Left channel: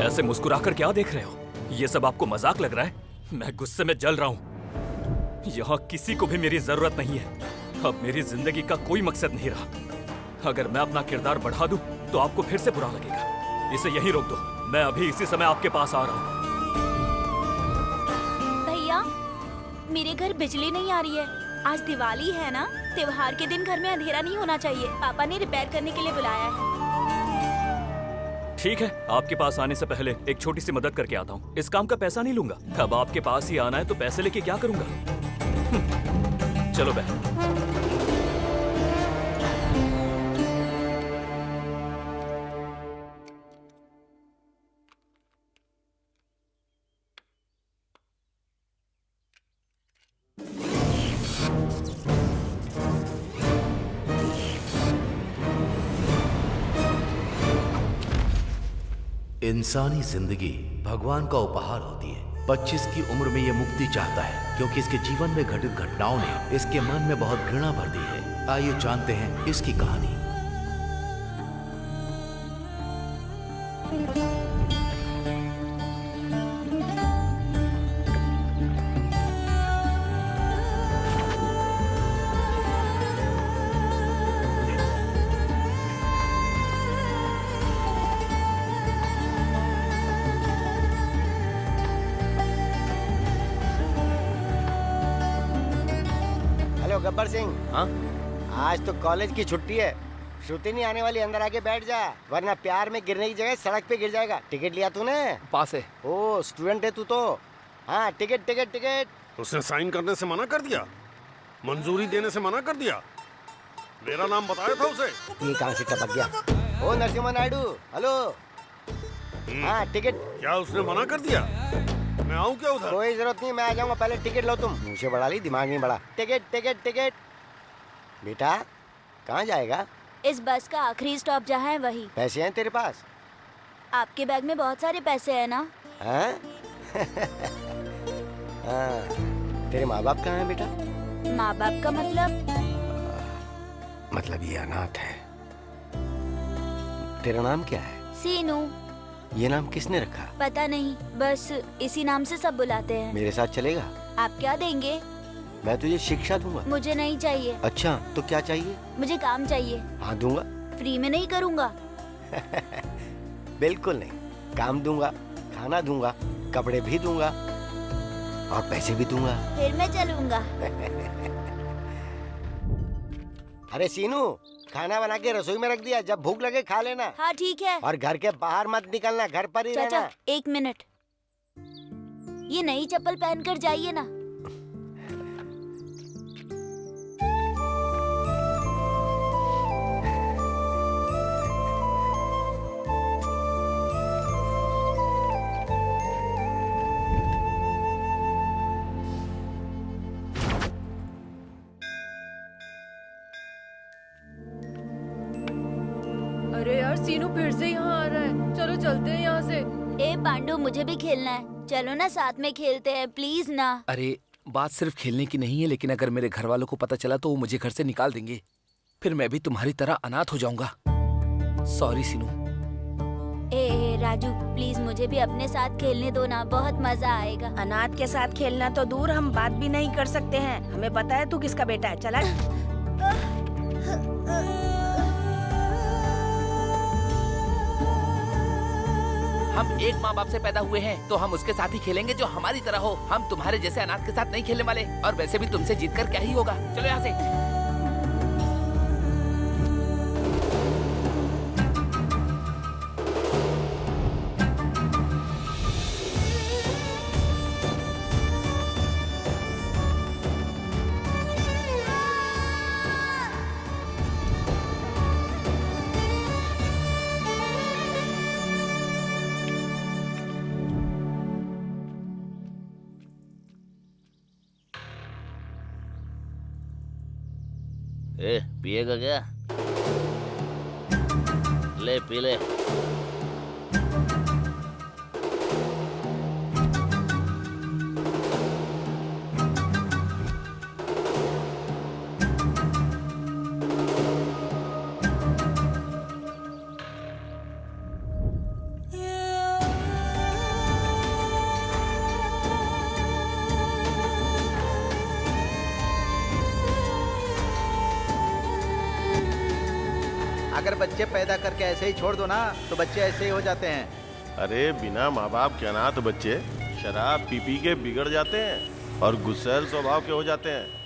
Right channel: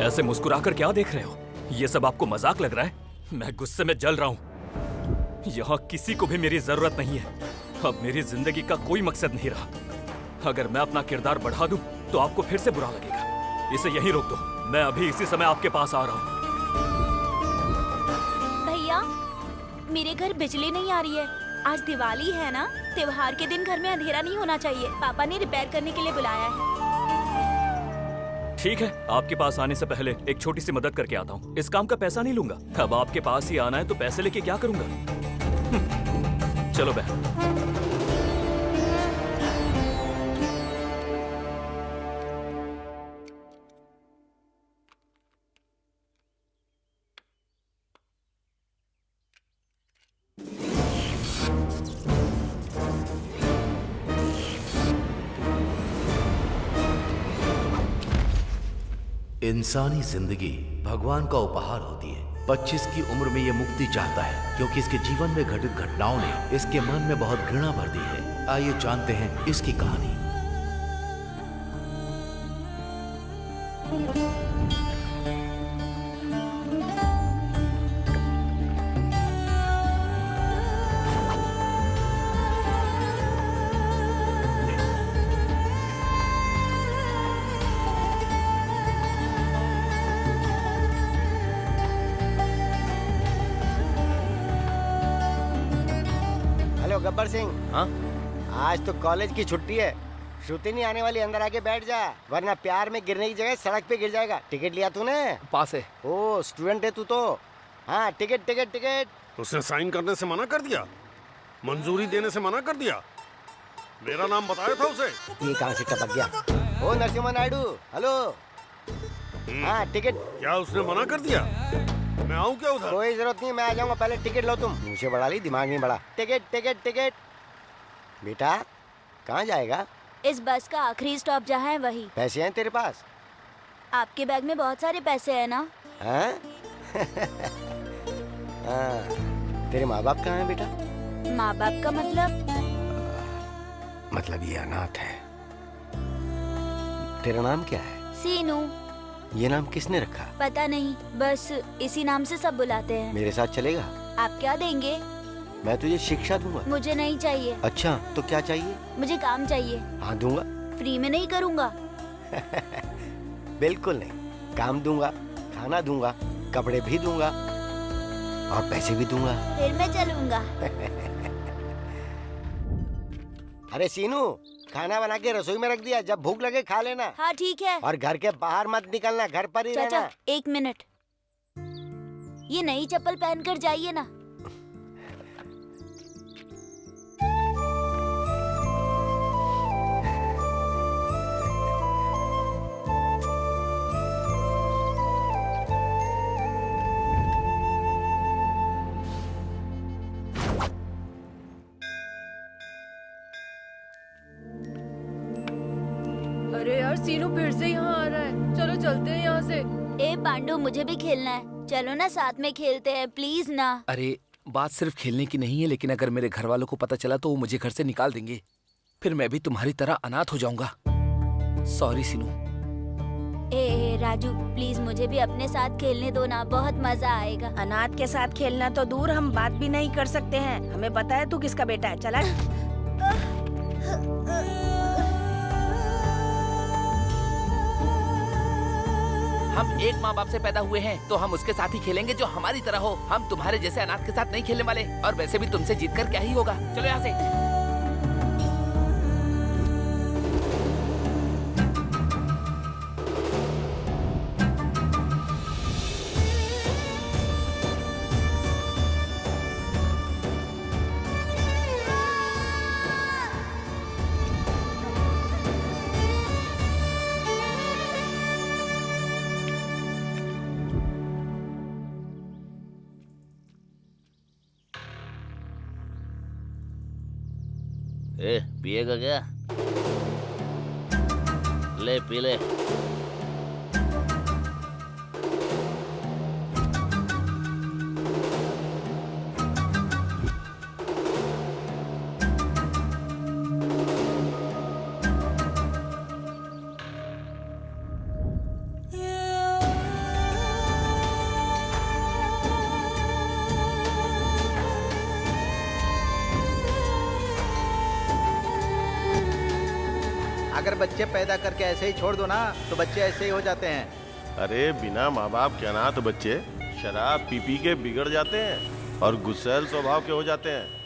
ऐसे मुस्कुराकर क्या देख रहे हो? ये सब आपको मजाक लग रहा है? मैं गुस्से में जल रहा हूँ। यहाँ किसी को भी मेरी जरूरत नहीं है। अब मेरी जिंदगी का कोई मकसद नहीं रहा। अगर मैं अपना किरदार बढ़ा दूं, तो आपको फिर से बुरा लगेगा। इसे यहीं रोक दो। मैं अभी इसी समय आपके पास आ रहा हूँ। भैया, मेरे घर बिजली नहीं आ रही है। आज दिवाली है ना, त्योहार के दिन घर में अंधेरा नहीं होना चाहिए। पापा ने रिपेयर करने के लिए बुलाया है। ठीक है, आपके पास आने से पहले एक छोटी सी मदद करके आता हूँ। इस काम का पैसा नहीं लूंगा। अब आपके पास ही आना है तो पैसे लेके क्या करूंगा? चलो बहन। इंसानी जिंदगी भगवान का उपहार होती है। 25 की उम्र में यह मुक्ति चाहता है क्योंकि इसके जीवन में घटित घटनाओं ने इसके मन में बहुत घृणा भर दी है। आइए जानते हैं इसकी कहानी। हेलो गब्बर सिंह। हाँ? आज तो कॉलेज की छुट्टी है। श्रुति नहीं आने वाली, अंदर आके बैठ जा, वरना प्यार में गिरने की जगह सड़क पे गिर जाएगा। टिकट लिया तूने? पास है। ओ स्टूडेंट है तू तो। हाँ, टिकट टिकट टिकट। उसने साइन करने से मना कर दिया, मंजूरी देने से मना कर दिया। मेरा नाम बताया था उसे। ये कहाँ से टपक गया? ओ नरसिम्हा नायडू, हेलो। हाँ टिकट। क्या उसने मना कर दिया? मैं आऊँ क्या उधर? कोई जरूरत नहीं, मैं आ जाऊंगा। पहले टिकट लो तुम। मुझे बढ़ा ली, दिमाग नहीं बढ़ा। Ticket ticket ticket. बेटा कहाँ जाएगा? इस बस का आखिरी स्टॉप जहाँ है वही। पैसे हैं तेरे पास? आपके बैग में बहुत सारे पैसे हैं ना? हाँ? हाँ। तेरे माँ बाप कहाँ हैं बेटा? माँ बाप का मतलब? मतलब ये अनाथ है। तेरा नाम क्या है? सीनू। ये नाम किसने रखा? पता नहीं, बस इसी नाम से सब बुलाते हैं। मेरे साथ चलेगा? आप क्या देंगे? मैं तुझे शिक्षा दूंगा। मुझे नहीं चाहिए। अच्छा तो क्या चाहिए? मुझे काम चाहिए। हाँ दूंगा। फ्री में नहीं करूँगा। बिल्कुल नहीं, काम दूंगा, खाना दूंगा, कपड़े भी दूंगा और पैसे भी दूंगा। फिर मैं चलूँगा। अरे सीनू, खाना बना के रसोई में रख दिया, जब भूख लगे खा लेना। हाँ ठीक है। और घर के बाहर मत निकलना, घर पर ही चाचा रहना। 1 मिनट, ये नई चप्पल पहन कर जाइए ना। अरे यार, सीनू फिर से यहाँ आ रहा है। चलो चलते हैं यहाँ से। ए पांडु, मुझे भी खेलना है। चलो ना, साथ में खेलते हैं, प्लीज ना। अरे बात सिर्फ खेलने की नहीं है, लेकिन अगर मेरे घर वालों को पता चला तो वो मुझे घर से निकाल देंगे। फिर मैं भी तुम्हारी तरह अनाथ हो जाऊंगा। सॉरी सीनू। ए राजू, प्लीज मुझे भी अपने साथ खेलने दो ना, बहुत मजा आएगा। अनाथ के साथ खेलना तो दूर, हम बात भी नहीं कर सकते हैं। हमें पता है तू किसका बेटा है। चला। हम एक माँ बाप से पैदा हुए हैं तो हम उसके साथ ही खेलेंगे जो हमारी तरह हो। हम तुम्हारे जैसे अनाथ के साथ नहीं खेलने वाले। और वैसे भी तुमसे जीतकर क्या ही होगा। चलो यहाँ से। पिएगा क्या? ले पी ले। अगर बच्चे पैदा करके ऐसे ही छोड़ दो ना तो बच्चे ऐसे ही हो जाते हैं। अरे बिना माँ बाप के अनाथ बच्चे शराब पी पी के बिगड़ जाते हैं और गुस्सैल स्वभाव के हो जाते हैं।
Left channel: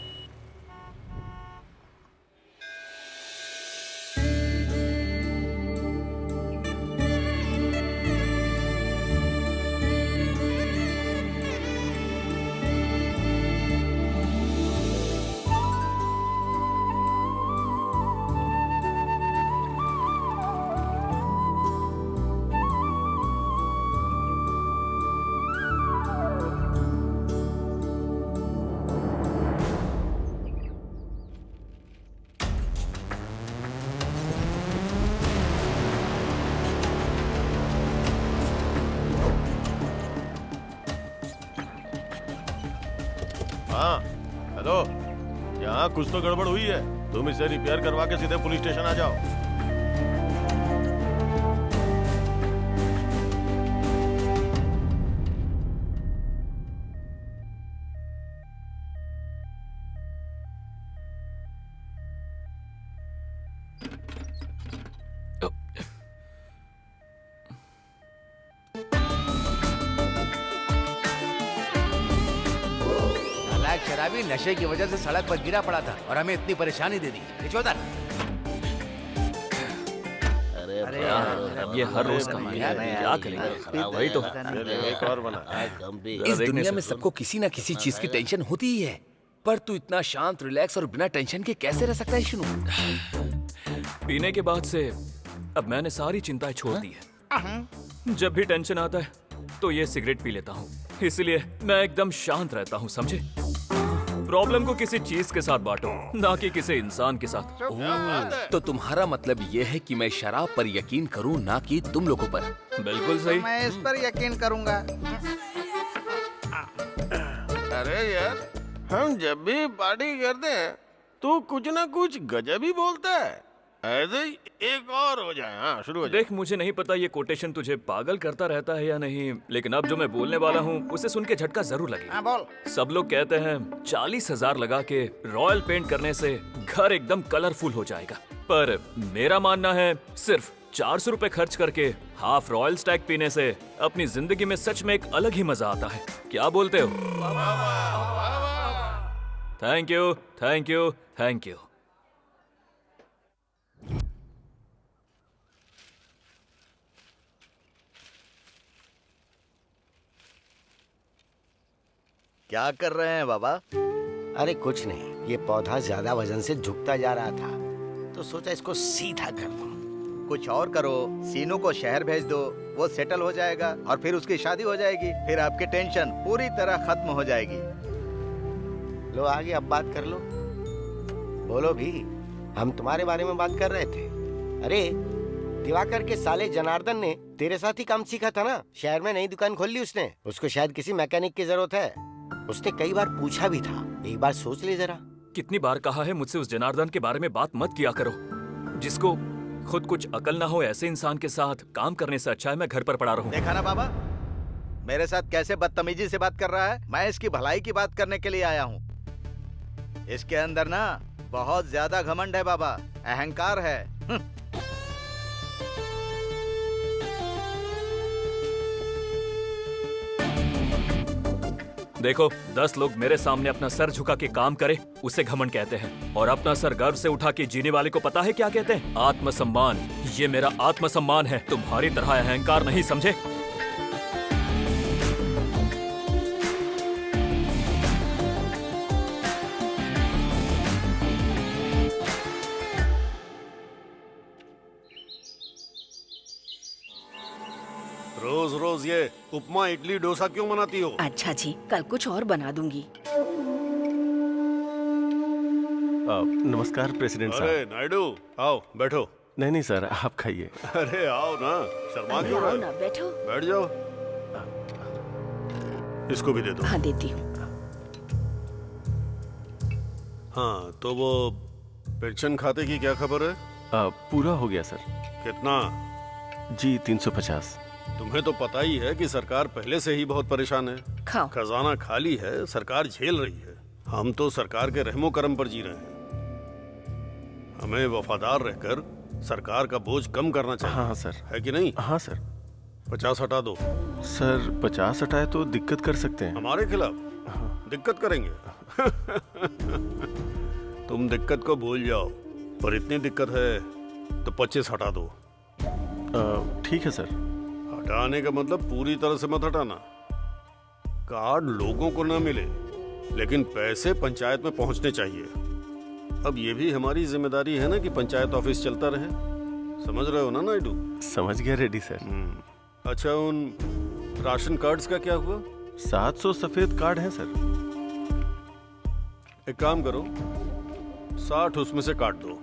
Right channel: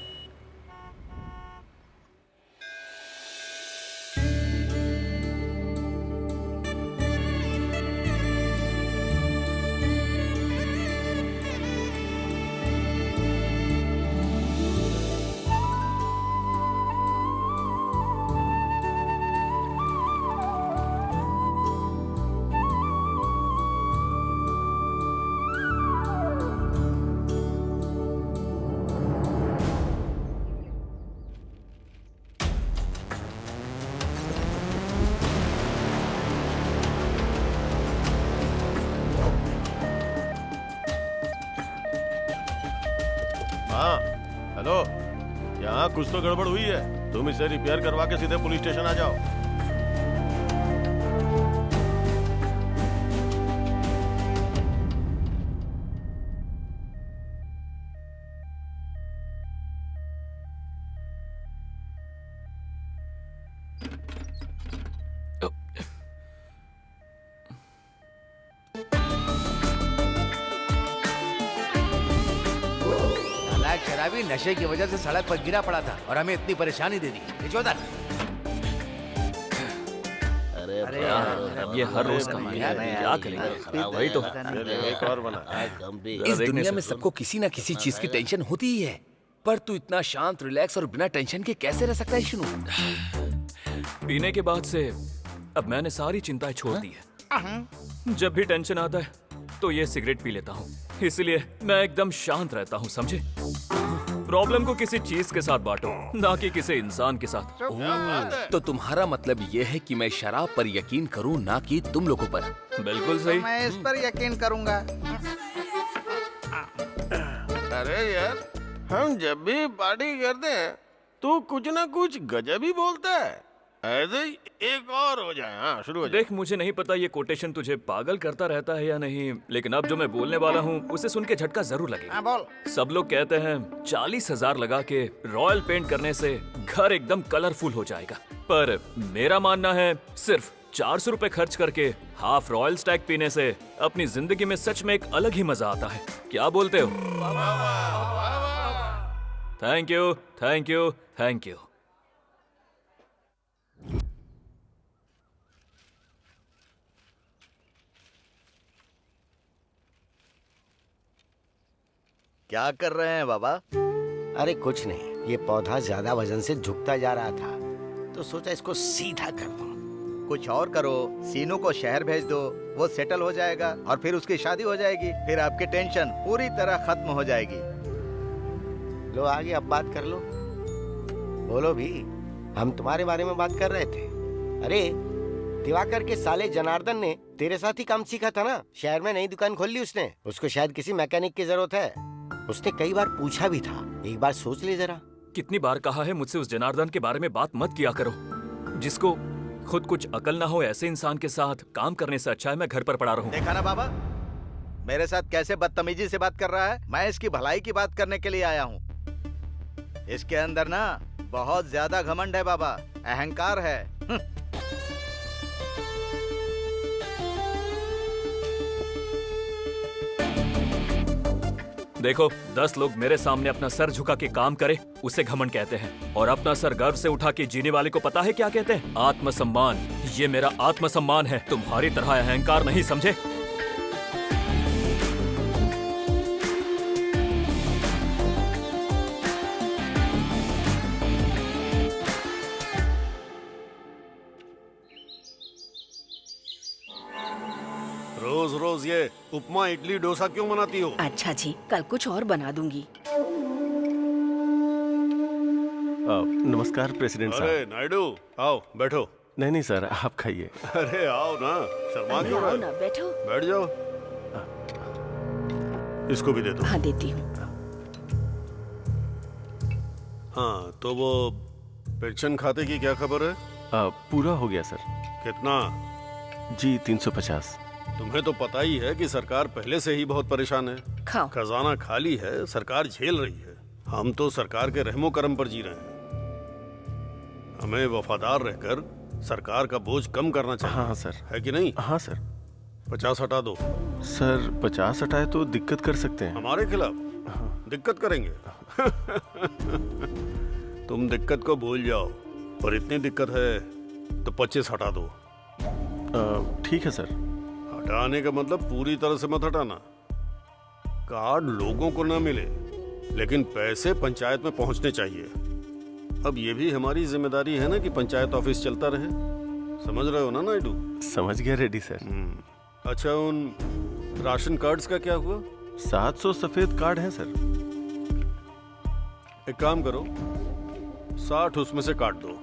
हाँ हेलो, यहाँ कुछ तो गड़बड़ हुई है। तुम इसे रिपेयर करवा के सीधे पुलिस स्टेशन आ जाओ। नालायक शराबी नशे की वजह से सड़क पर गिरा पड़ा था और हमें इतनी परेशानी दे दी। चौधर अरे यार, ये हर रोज का है, क्या करेंगे? वही तो। एक और बना। इस दुनिया में सबको किसी ना किसी चीज की टेंशन होती ही है, पर तू इतना शांत, रिलैक्स और बिना टेंशन के कैसे रह सकता है शिनू? पीने के बाद से अब मैंने सारी चिंताएं छोड़ दी है। जब भी टेंशन आता है तो ये सिगरेट पी लेता हूँ, इसलिए मैं एकदम शांत रहता हूँ, समझे? प्रॉब्लम को किसी चीज के साथ बांटो, ना कि किसी इंसान के साथ। तो तुम्हारा मतलब ये है कि मैं शराब पर यकीन करूं, ना कि तुम लोगों पर? बिल्कुल सही। मैं इस पर यकीन करूंगा। अरे यार, हम जब भी पार्टी करते हैं तो कुछ ना कुछ गजब ही बोलता है। ऐसे ही एक और हो जाए। हाँ, शुरू हो जाए। देख, मुझे नहीं पता ये कोटेशन तुझे पागल करता रहता है या नहीं, लेकिन अब जो मैं बोलने वाला हूँ उसे सुन के झटका जरूर लगेगा। हाँ बोल। सब लोग कहते हैं 40,000 लगा के रॉयल पेंट करने से घर एकदम कलरफुल हो जाएगा, पर मेरा मानना है सिर्फ 400 रुपए खर्च करके हाफ रॉयल स्टैग पीने से अपनी जिंदगी में सच में एक अलग ही मजा आता है। क्या बोलते हो? Thank you, thank you, thank you. क्या कर रहे हैं बाबा? अरे कुछ नहीं, ये पौधा ज्यादा वजन से झुकता जा रहा था तो सोचा इसको सीधा कर दूं। कुछ और करो, सीनू को शहर भेज दो, वो सेटल हो जाएगा और फिर उसकी शादी हो जाएगी। फिर आपकी टेंशन पूरी तरह खत्म हो जाएगी। लो आगे अब बात कर लो। बोलो भी, हम तुम्हारे बारे में बात कर रहे थे। अरे दिवाकर के साले जनार्दन ने तेरे साथ ही काम सीखा था ना। शहर में नई दुकान खोल ली उसने। उसको शायद किसी मैकेनिक की जरूरत है। उसने कई बार पूछा भी था, एक बार सोच ले जरा। कितनी बार कहा है मुझसे उस जनार्दन के बारे में बात मत किया करो, जिसको खुद कुछ अकल ना हो। ऐसे इंसान के साथ काम करने से अच्छा है मैं घर पर पड़ा रहूं। देखा ना बाबा, मेरे साथ कैसे बदतमीजी से बात कर रहा है। मैं इसकी भलाई की बात करने के लिए आया हूँ। इसके अंदर ना बहुत ज्यादा घमंड है बाबा, अहंकार है। देखो, 10 लोग मेरे सामने अपना सर झुका के काम करे उसे घमंड कहते हैं, और अपना सर गर्व से उठा के जीने वाले को पता है क्या कहते हैं? आत्मसम्मान। ये मेरा आत्मसम्मान है, तुम्हारी तरह अहंकार नहीं, समझे? रोज रोज ये उपमा इडली डोसा क्यों बनाती हो? अच्छा जी, कल कुछ और बना दूंगी। नमस्कार प्रेसिडेंट अरे साहब। नायडू, आओ बैठो। नहीं नहीं सर, आप खाइए। अरे आओ ना, शर्मा क्यों आओ रहे? ना, बैठो। बैठ जाओ। इसको भी दे दो। हाँ देती हूँ। हाँ तो वो पेंशन खाते की क्या खबर है? पूरा हो गया सर। कितना? जी 350। तुम्हें तो पता ही है कि सरकार पहले से ही बहुत परेशान है। खाओ। खजाना खाली है, सरकार झेल रही है। हम तो सरकार के रहमो करम पर जी रहे हैं। हमें वफादार रहकर सरकार का बोझ कम करना चाहिए। हाँ सर। है कि नहीं? हाँ सर। 50 हटा दो। सर 50 हटाए तो दिक्कत कर सकते हैं। हमारे खिलाफ दिक्कत करेंगे? तुम दिक्कत को भूल जाओ, पर इतनी दिक्कत है तो 25 हटा दो। ठीक है सर। हटाने का मतलब पूरी तरह से मत हटाना। कार्ड लोगों को ना मिले, लेकिन पैसे पंचायत में पहुंचने चाहिए। अब ये भी हमारी जिम्मेदारी है ना कि पंचायत ऑफिस चलता रहे। समझ रहे हो ना नायडू? समझ गया रेड्डी सर। अच्छा, उन राशन कार्ड्स का क्या हुआ? 700 सफेद कार्ड हैं सर। एक काम करो, 60 उसमें से काट दो,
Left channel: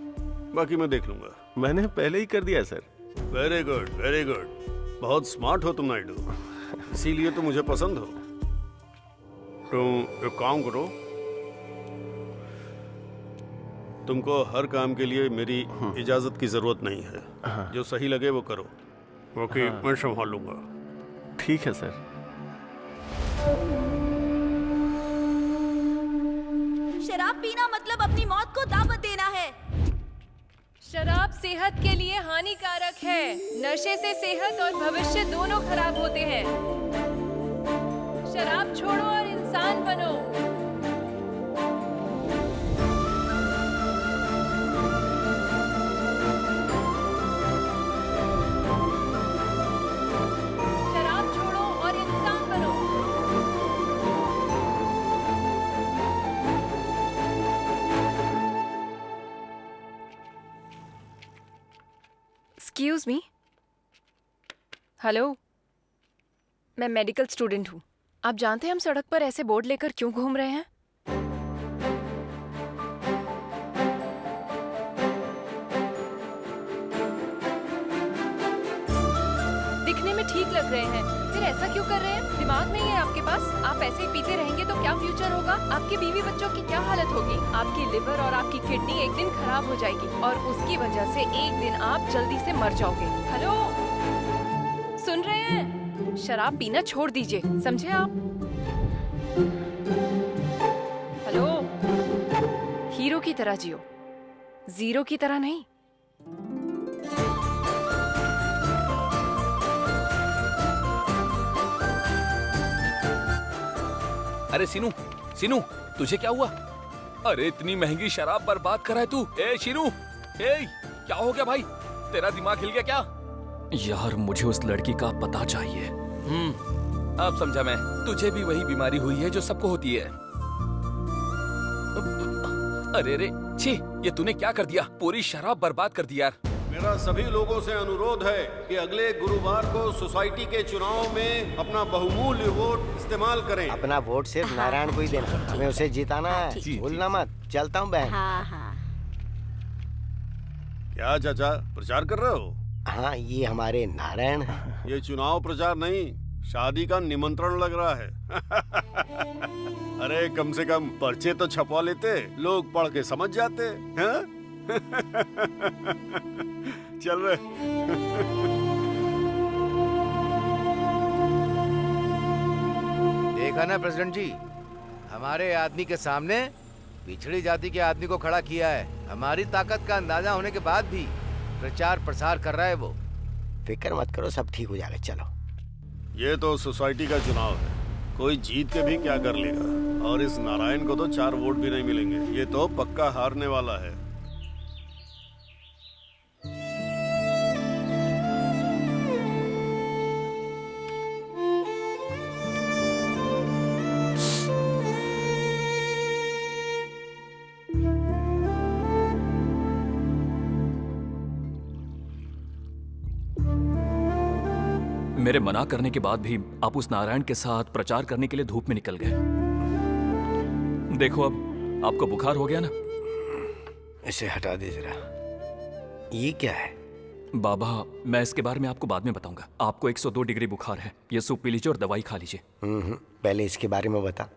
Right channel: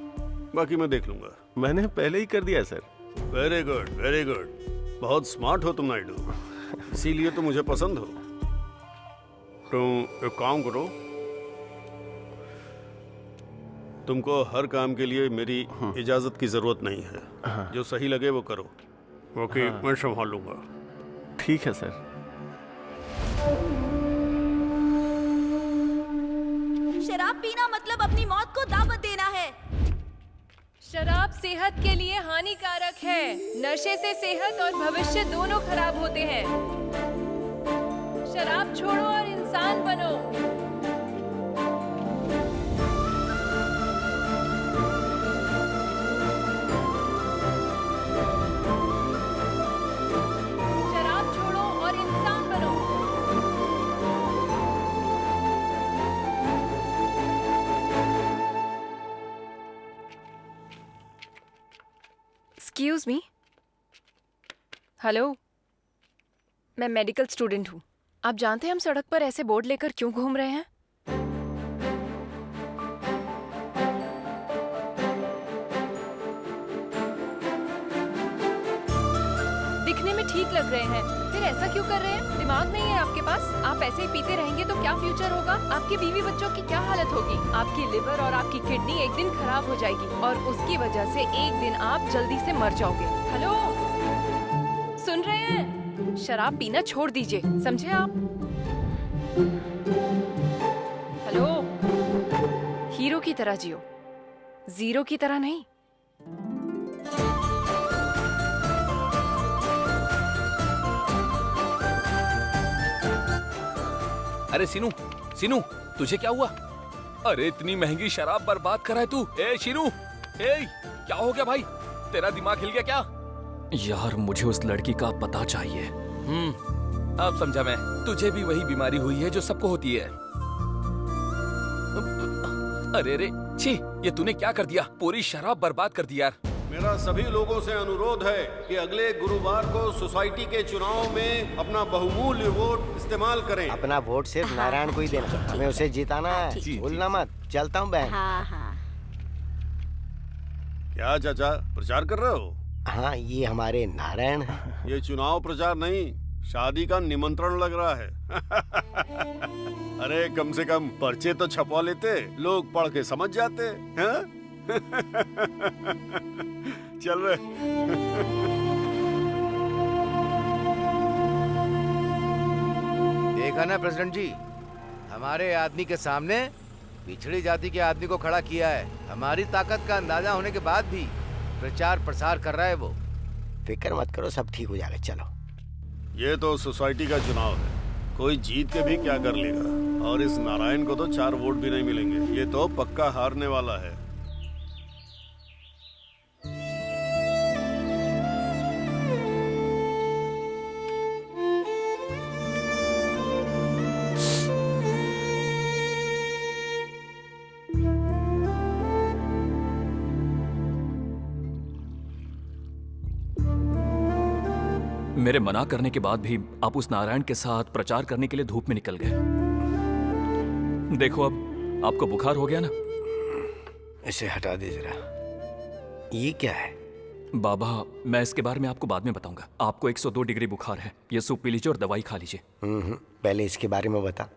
बाकी मैं देख लूंगा। मैंने पहले ही कर दिया sir. Very good, very good. बहुत स्मार्ट हो तुम नायडू, इसीलिए तो मुझे पसंद हो। तुम एक काम करो, तुमको हर काम के लिए मेरी इजाजत की जरूरत नहीं है। जो सही लगे वो करो, ओके? मैं संभाल लूंगा। ठीक है सर। शराब पीना मतलब अपनी मौत को दावत देना है। शराब सेहत के लिए हानिकारक है। नशे से सेहत और भविष्य दोनों खराब होते हैं। शराब छोड़ो और इंसान बनो। शराब छोड़ो और इंसान बनो। Excuse me. हेलो, मैं मेडिकल स्टूडेंट हूँ। आप जानते हैं हम सड़क पर ऐसे बोर्ड लेकर क्यों घूम रहे हैं? दिखने में ठीक लग रहे हैं, फिर ऐसा क्यों कर रहे हैं? दिमाग नहीं है आपके पास? आप ऐसे ही पीते रहेंगे तो क्या फ्यूचर होगा? आपके बीवी बच्चों की क्या हालत होगी? आपकी लिवर और आपकी किडनी एक दिन खराब हो जाएगी और उसकी वजह से एक दिन आप जल्दी से मर जाओगे। हेलो, सुन रहे हैं? शराब पीना छोड़ दीजिए, समझे आप? हेलो, हीरो की तरह जियो, जीरो की तरह नहीं। अरे सीनू, सीनू, तुझे क्या हुआ? अरे इतनी महंगी शराब बर्बाद कर रहा है तू। ए शीनू, ए क्या हो गया भाई? तेरा दिमाग हिल गया क्या? यार, मुझे उस लड़की का पता चाहिए। अब समझा मैं। तुझे भी वही बीमारी हुई है जो सबको होती है। अरे रे, छी, ये तूने क्या कर दिया? पूरी शराब बर्बाद कर दी यार। मेरा सभी लोगों से अनुरोध है कि अगले गुरुवार को सोसाइटी के चुनाव में अपना बहुमूल्य वोट इस्तेमाल करें। अपना वोट सिर्फ नारायण को ही देना, हमें उसे जिताना है। भूलना मत। चलता हूँ बहन। हाँ हाँ क्या चाचा, प्रचार कर रहे हो? हाँ, ये हमारे नारायण है। ये चुनाव प्रचार नहीं, शादी का निमंत्रण लग रहा है। अरे कम से कम पर्चे तो छपवा लेते, लोग पढ़ के समझ जाते हैं। चल रहे। देखा ना प्रेसिडेंट जी, हमारे आदमी के सामने पिछड़ी जाति के आदमी को खड़ा किया है। हमारी ताकत का अंदाजा होने के बाद भी प्रचार प्रसार कर रहा है वो। फिक्र मत करो, सब ठीक हो जाएगा। चलो। ये तो सोसाइटी का चुनाव है, कोई जीत के भी क्या कर लेगा। और इस नारायण को तो 4 वोट भी नहीं मिलेंगे। ये तो पक्का हारने वाला है। मेरे मना करने के बाद भी आप उस नारायण के साथ प्रचार करने के लिए धूप में निकल गए। देखो, अब आपको बुखार हो गया ना। इसे हटा दे जरा। ये क्या है? बाबा, मैं इसके बारे में आपको बाद में बताऊंगा। आपको 102 डिग्री बुखार है। ये सूप पी लीजिए और दवाई खा लीजिए। पहले इसके बारे में बता।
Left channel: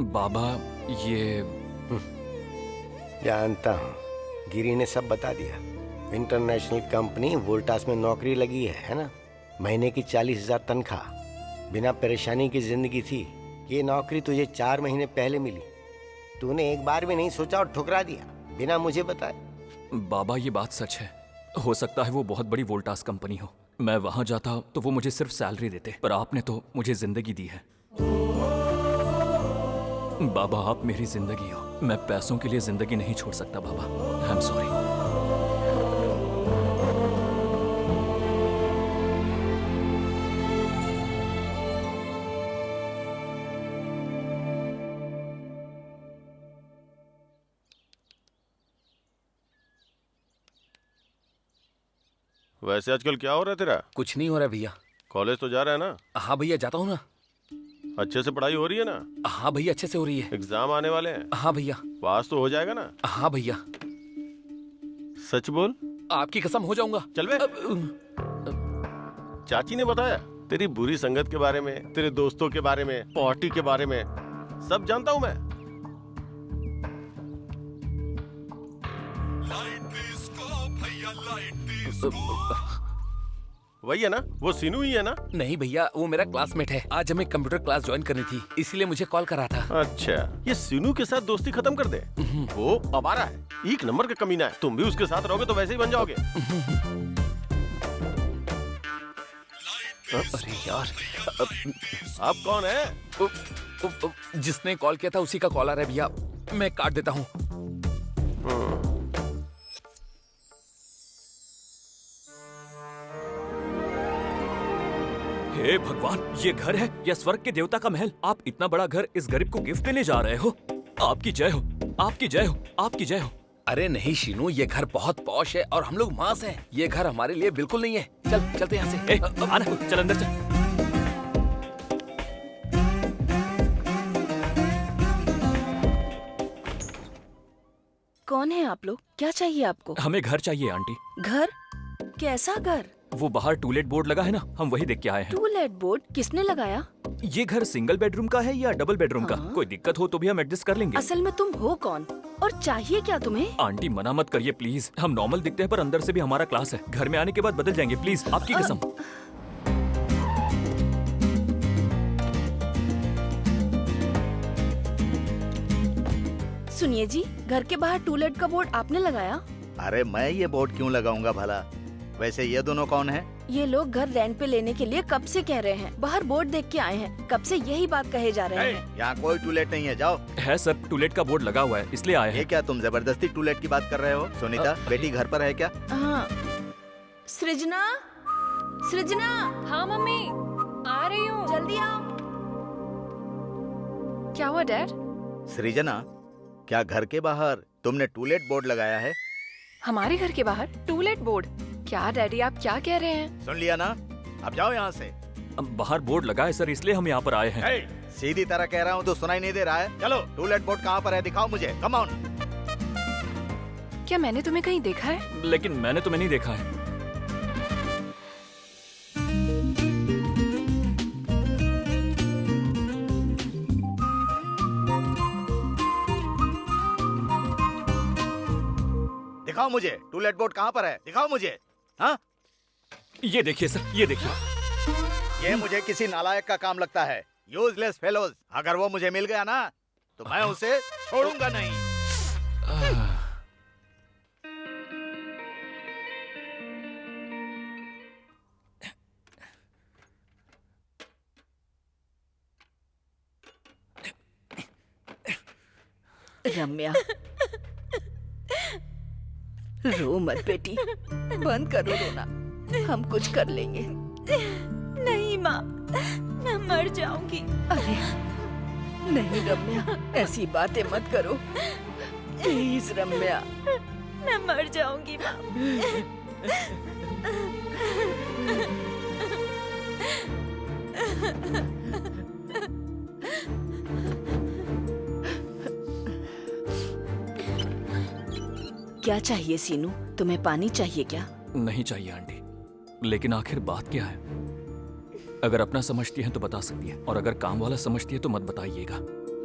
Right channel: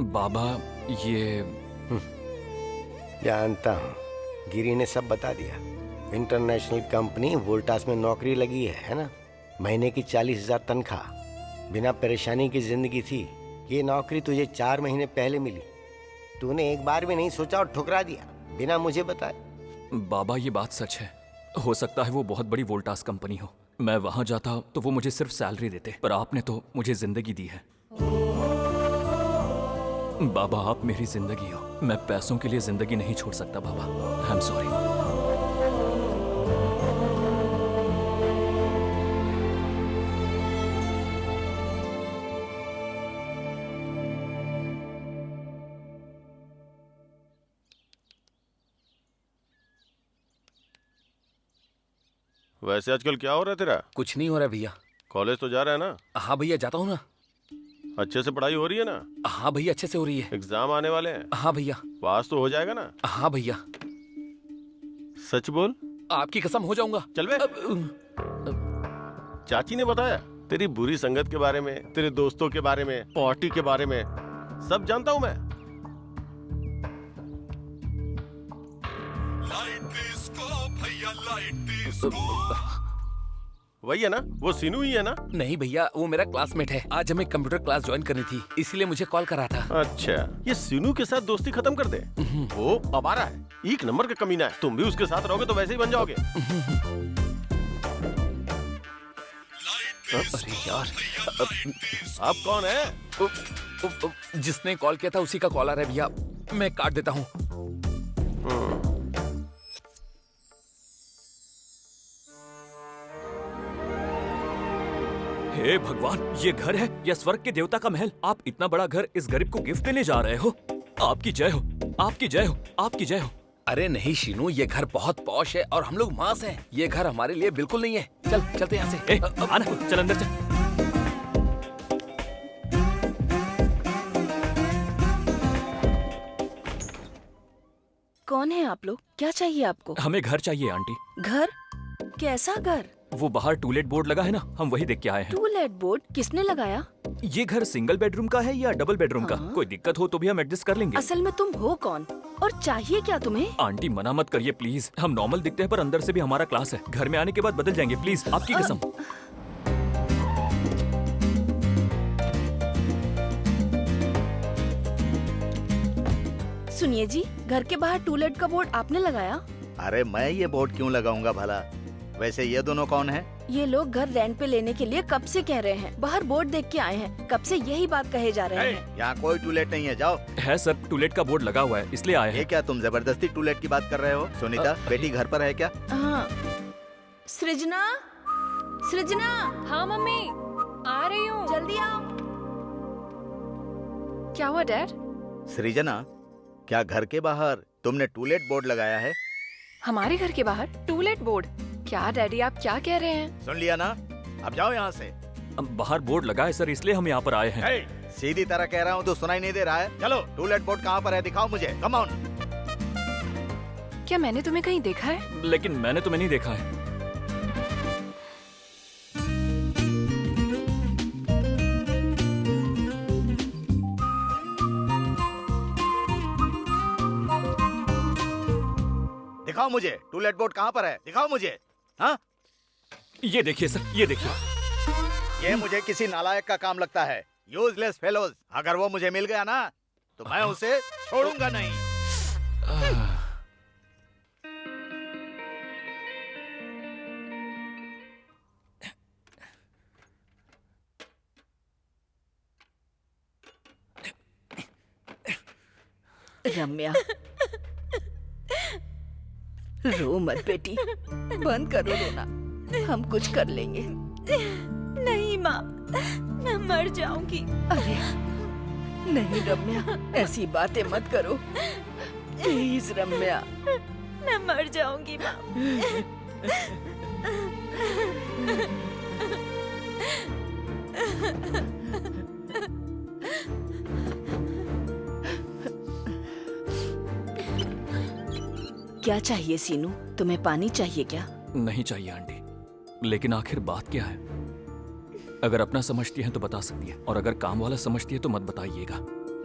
बाबा, ये जानता हूँ, गिरी ने सब बता दिया। इंटरनेशनल कंपनी वोल्टास में नौकरी लगी है ना? महीने की 40,000 तनख्वाह, बिना परेशानी की जिंदगी थी। ये नौकरी तुझे 4 महीने पहले मिली। तूने एक बार भी नहीं सोचा और ठुकरा दिया बिना मुझे बताए। बाबा, ये बात सच है। हो सकता है वो बहुत बड़ी वोल्टास कंपनी हो। मैं वहां जाता तो वो मुझे सिर्फ सैलरी देते, पर आपने तो मुझे जिंदगी दी है। बाबा, आप मेरी जिंदगी हो। मैं पैसों के लिए जिंदगी नहीं छोड़ सकता बाबा। I am sorry. वैसे आजकल क्या हो रहा है तेरा? कुछ नहीं हो रहा भैया। कॉलेज तो जा रहा है ना? हाँ भैया, जाता हूँ ना। अच्छे से पढ़ाई हो रही है ना? हाँ भैया, अच्छे से हो रही है। एग्जाम आने वाले हैं। हाँ भैया। पास तो हो जाएगा ना? हाँ भैया। सच बोल। आपकी कसम हो जाऊंगा। चल बे। चाची ने बताया तेरी बुरी संगत के बारे में, तेरे दोस्तों के बारे में, पार्टी के बारे में, सब जानता हूँ मैं। वही है ना? वो सीनू ही है ना? नहीं भैया, वो मेरा क्लासमेट है। आज हमें कंप्यूटर क्लास ज्वाइन करनी थी, इसीलिए मुझे कॉल करा था। अच्छा, ये सीनू के साथ दोस्ती खत्म कर दे। वो आवारा है, एक नंबर का कमीना है। तुम भी उसके साथ रहोगे तो वैसे ही बन जाओगे। अरे यार, आप कौन है? जिसने कॉल किया था उसी का कॉल आ रहा है भैया। मैं काट देता हूँ। हे भगवान, ये घर है या स्वर्ग के देवता का महल? आप इतना बड़ा घर इस गरीब को गिफ्ट देने जा रहे हो? आपकी जय हो, आपकी जय हो, आपकी जय हो। अरे नहीं शीनू, ये घर बहुत पॉश है और हम लोग मांस हैं। ये घर हमारे लिए बिल्कुल नहीं है। चल चलते यहाँ से। आना, चल अंदर चल। कौन है आप लोग? क्या चाहिए आपको? हमें घर चाहिए आंटी। घर? कैसा घर? वो बाहर टूलेट बोर्ड लगा है ना, हम वही देख के आए हैं। टूलेट बोर्ड किसने लगाया? ये घर सिंगल बेडरूम का है या डबल बेडरूम का? कोई दिक्कत हो तो भी हम एडजस्ट कर लेंगे। असल में तुम हो कौन और चाहिए क्या तुम्हें? आंटी मना मत करिए प्लीज। हम नॉर्मल दिखते हैं पर अंदर से भी हमारा क्लास है। घर में आने के बाद बदल जाएंगे प्लीज, आपकी कसम। सुनिए जी, घर के बाहर टूलेट का बोर्ड आपने लगाया? अरे मैं ये बोर्ड क्यों लगाऊंगा भला? वैसे ये दोनों कौन है? ये लोग घर रेंट पे लेने के लिए कब से कह रहे हैं। बाहर बोर्ड देख के आए हैं, कब से यही बात कहे जा रहे हैं। यहाँ कोई टूलेट नहीं है, जाओ। है सर, टूलेट का बोर्ड लगा हुआ है इसलिए आए ये हैं। क्या तुम जबरदस्ती टूलेट की बात कर रहे हो? सुनीता, बेटी घर पर है क्या? हाँ। सृजना, सृजना। हाँ मम्मी, आ रही हूँ। जल्दी आओ। क्या हुआ डैड? सृजना, क्या घर के बाहर तुमने टूलेट बोर्ड लगाया है? हमारे घर के बाहर टूलेट बोर्ड? क्या डैडी, आप क्या कह रहे हैं? सुन लिया ना, अब जाओ यहाँ से। बाहर बोर्ड लगा है सर, इसलिए हम यहाँ पर आए हैं। सीधी तरह कह रहा हूँ तो सुनाई नहीं दे रहा है? चलो, टूलेट बोर्ड कहाँ पर है दिखाओ मुझे, कम ऑन। क्या मैंने तुम्हें कहीं देखा है? लेकिन मैंने तुम्हें नहीं देखा है। दिखाओ मुझे, टूलेट बोर्ड कहाँ पर है, दिखाओ मुझे। हाँ, ये देखिए सर, ये देखिए। ये मुझे किसी नालायक का काम लगता है। Useless fellows. अगर वो मुझे मिल गया ना तो मैं उसे छोड़ूंगा नहीं। रम्या, रो मत बेटी, बंद करो रोना, हम कुछ कर लेंगे। नहीं माँ, मैं मर जाऊंगी। अरे नहीं रम्या, ऐसी बातें मत करो प्लीज रम्या। मैं मर जाऊंगी माँ। क्या चाहिए सीनू? तुम्हें पानी चाहिए क्या? नहीं चाहिए आंटी, लेकिन आखिर बात क्या है? अगर अपना समझती हैं तो बता सकती है, और अगर काम वाला समझती है तो मत बताइएगा।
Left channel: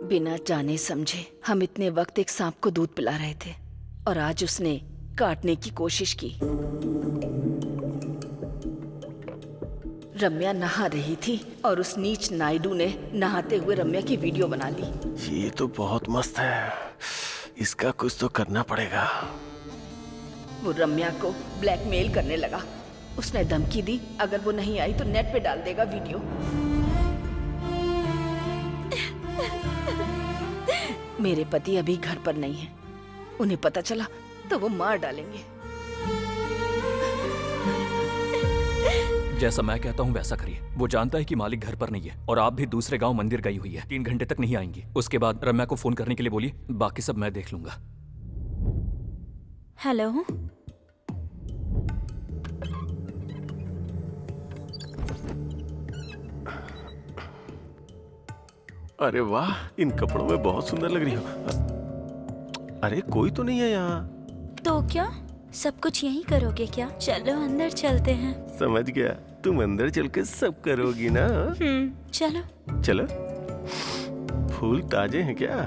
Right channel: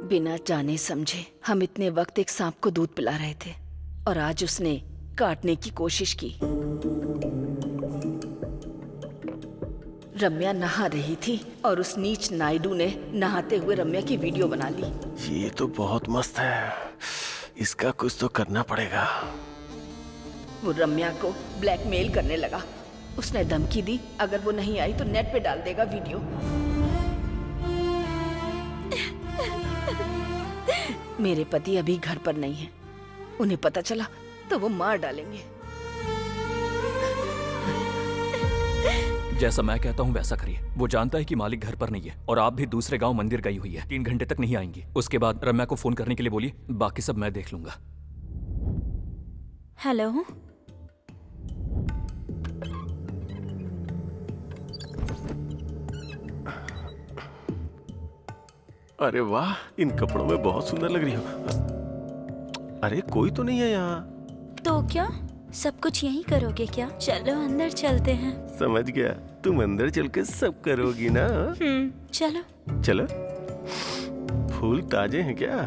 बिना जाने समझे हम इतने वक्त एक सांप को दूध पिला रहे थे और आज उसने काटने की कोशिश की। रम्या नहा रही थी और उस नीच नायडू ने नहाते हुए रम्या की वीडियो बना ली। ये तो बहुत मस्त है, इसका कुछ तो करना पड़ेगा। वो रम्या को ब्लैकमेल करने लगा। उसने धमकी दी अगर वो नहीं आई तो नेट पे डाल देगा वीडियो। मेरे पति अभी घर पर नहीं है, उन्हें पता चला तो वो मार डालेंगे। जैसा मैं कहता हूँ वैसा करिए। वो जानता है कि मालिक घर पर नहीं है और आप भी दूसरे गांव मंदिर गई हुई है। 3 घंटे तक नहीं आएंगी। उसके बाद रम्या को फोन करने के लिए बोलिए, बाकी सब मैं देख लूंगा। हेलो, अरे वाह, इन कपड़ों में बहुत सुंदर लग रही हो। अरे कोई तो नहीं है यहाँ। तो क्या सब कुछ यहीं करोगे क्या? चलो अंदर चलते हैं। समझ गया, तुम अंदर चल के सब करोगी ना। चलो। चलो। फूल ताजे हैं क्या?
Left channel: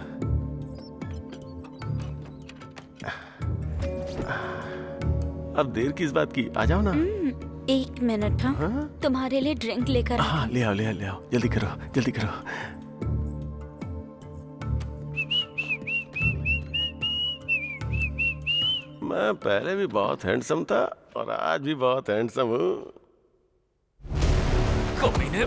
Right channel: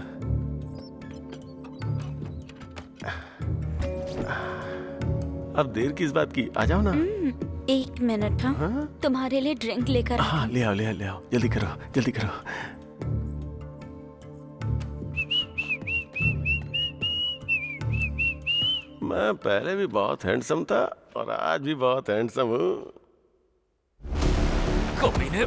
अब देर किस बात की, आ जाओ ना। 1 मिनट। हाँ? तुम्हारे लिए ड्रिंक लेकर हाँ, ले आओ ले आओ ले आओ, जल्दी करो जल्दी करो। मैं पहले भी बहुत हैंडसम था और आज भी बहुत हैंडसम हूँ। कमीने।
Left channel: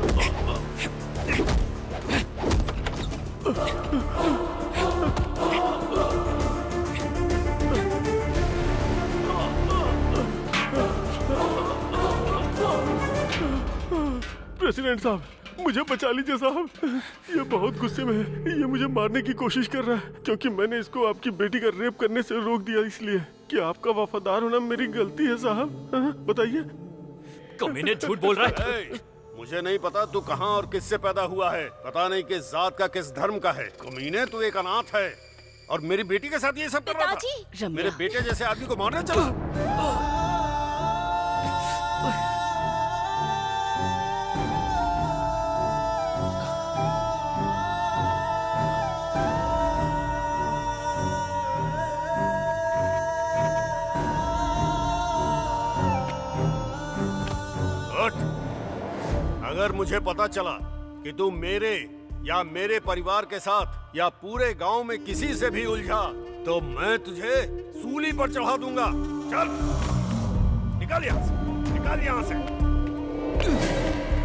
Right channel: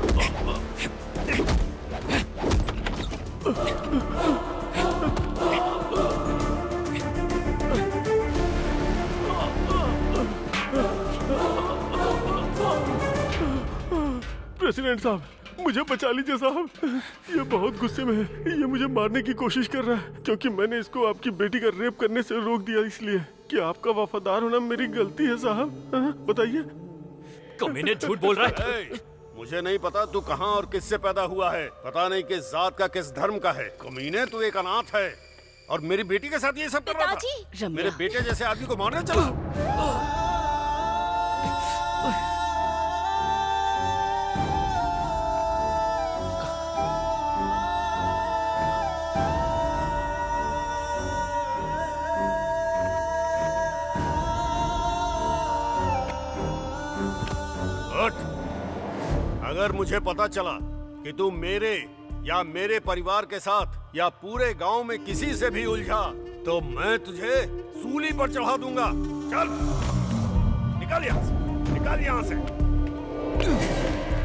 प्रेसिडेंट साहब, मुझे बचा लीजिए साहब। ये बहुत गुस्से में है। ये मुझे मारने की कोशिश कर रहा है क्योंकि मैंने इसको आपकी बेटी का रेप करने से रोक दिया। इसलिए क्या आपका वफादार होना मेरी गलती है साहब? बताइए। कमीने झूठ बोल रहा है। मुझे नहीं पता तू कहाँ और किससे पैदा हुआ है, पता नहीं किस जात का किस धर्म का है। कमीने, तू एक अनाथ है और मेरी बेटी के साथ ये सब कर रहा था। मेरे बेटे जैसे आदमी को मारने चला। अगर मुझे पता चला कि तू मेरे या मेरे परिवार के साथ या पूरे गांव में किसी से भी उलझा तो मैं तुझे सूली पर चढ़ा दूंगा। चल निकल यहां से, निकल यहां से।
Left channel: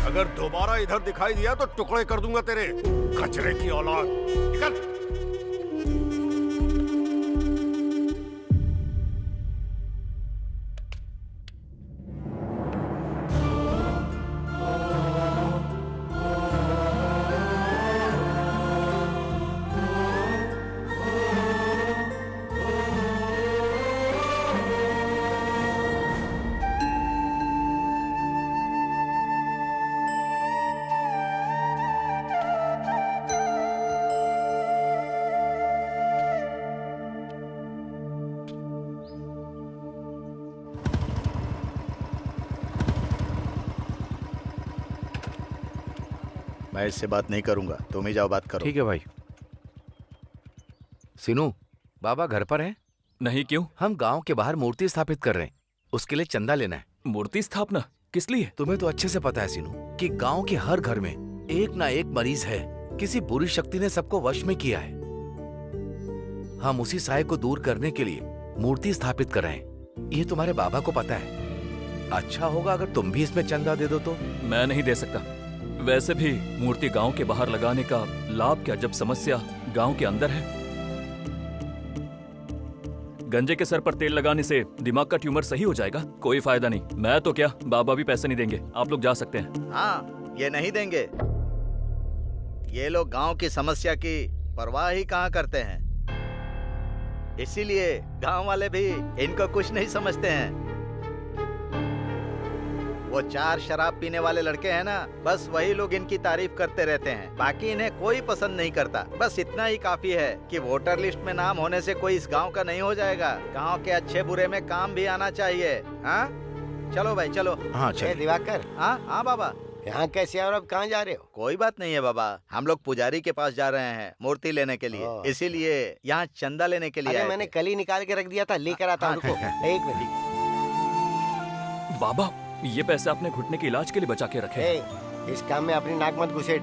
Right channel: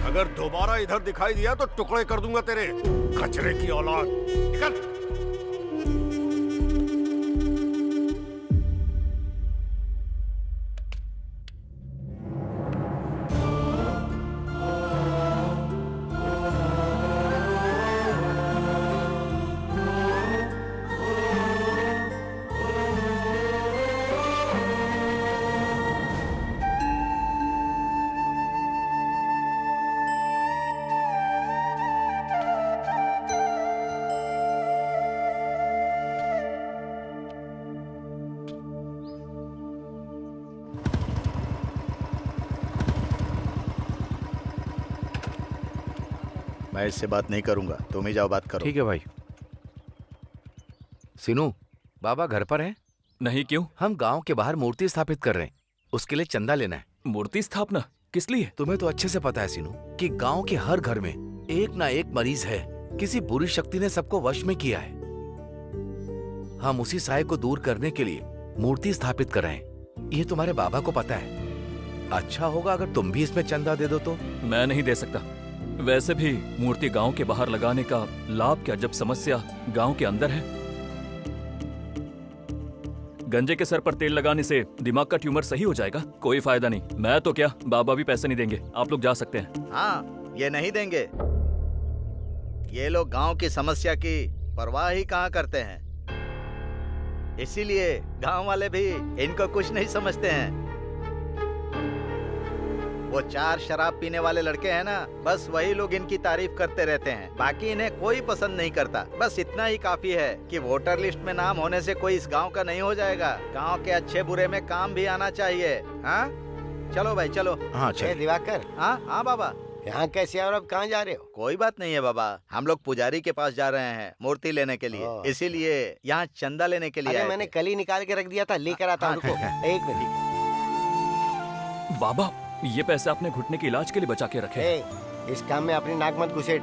अगर दोबारा इधर दिखाई दिया तो टुकड़े कर दूंगा तेरे, कचरे की औलाद। निकल। मैं इससे बात नहीं करूंगा, तुम ही जाओ बात करो। ठीक है भाई। सिनू, बाबा घर पर है? नहीं, क्यों? हम गांव के बाहर मूर्ति स्थापित कर रहे हैं, उसके लिए चंदा लेना है। मूर्ति स्थापना किस लिए? तुम्हें तो अच्छे से पता है सिनू कि गांव के हर घर में एक ना एक मरीज है। किसी बुरी शक्ति ने सबको वश में किया है। हम उसी साय को दूर करने के लिए मूर्ति स्थापित कर रहे हैं। ये तुम्हारे बाबा को पता है। अच्छा होगा अगर तुम भी इसमें चंदा दे दो तो। मैं नहीं दे सकता। वैसे भी मूर्ति गांव के बाहर लगाने का लाभ क्या जब समस्या गांव के अंदर है? गंजे के सर पर तेल लगाने से दिमाग का ट्यूमर सही हो जाएगा? कोई फायदा नहीं। मैं तो क्या, बाबा भी पैसे नहीं देंगे। आप लोग जा सकते हैं। हाँ, ये नहीं देंगे। ये लोग गांव की समस्या की परवाह ही कहाँ करते हैं। इसीलिए गांव वाले भी इनको कुछ नहीं समझते हैं। वो 4 शराब पीने वाले लड़के हैं ना, बस वही लोग इनकी तारीफ करते रहते हैं। बाकी इन्हें कोई पसंद नहीं करता। बस इतना ही काफी है कि वोटर लिस्ट में नाम होने से कोई इस गांव का नहीं हो जाएगा। गांव के अच्छे बुरे में काम भी आना चाहिए। हाँ, चलो भाई चलो। हाँ ए दिवाकर। हाँ बाबा। यहाँ कैसे और अब कहाँ जा रहे हो? कोई बात नहीं है बाबा, हम लोग पुजारी के पास जा रहे हैं मूर्ति लेने के लिए। इसीलिए यहाँ चंदा लेने के लिए अरे आए मैंने थे। कल ही निकाल के रख दिया था, लेकर आता हूँ। रुको 1 मिनट। बाबा, ये पैसे आपने घुटने के इलाज के लिए बचा के रखे हैं। इस काम में अपनी नाक मत घुसेड़।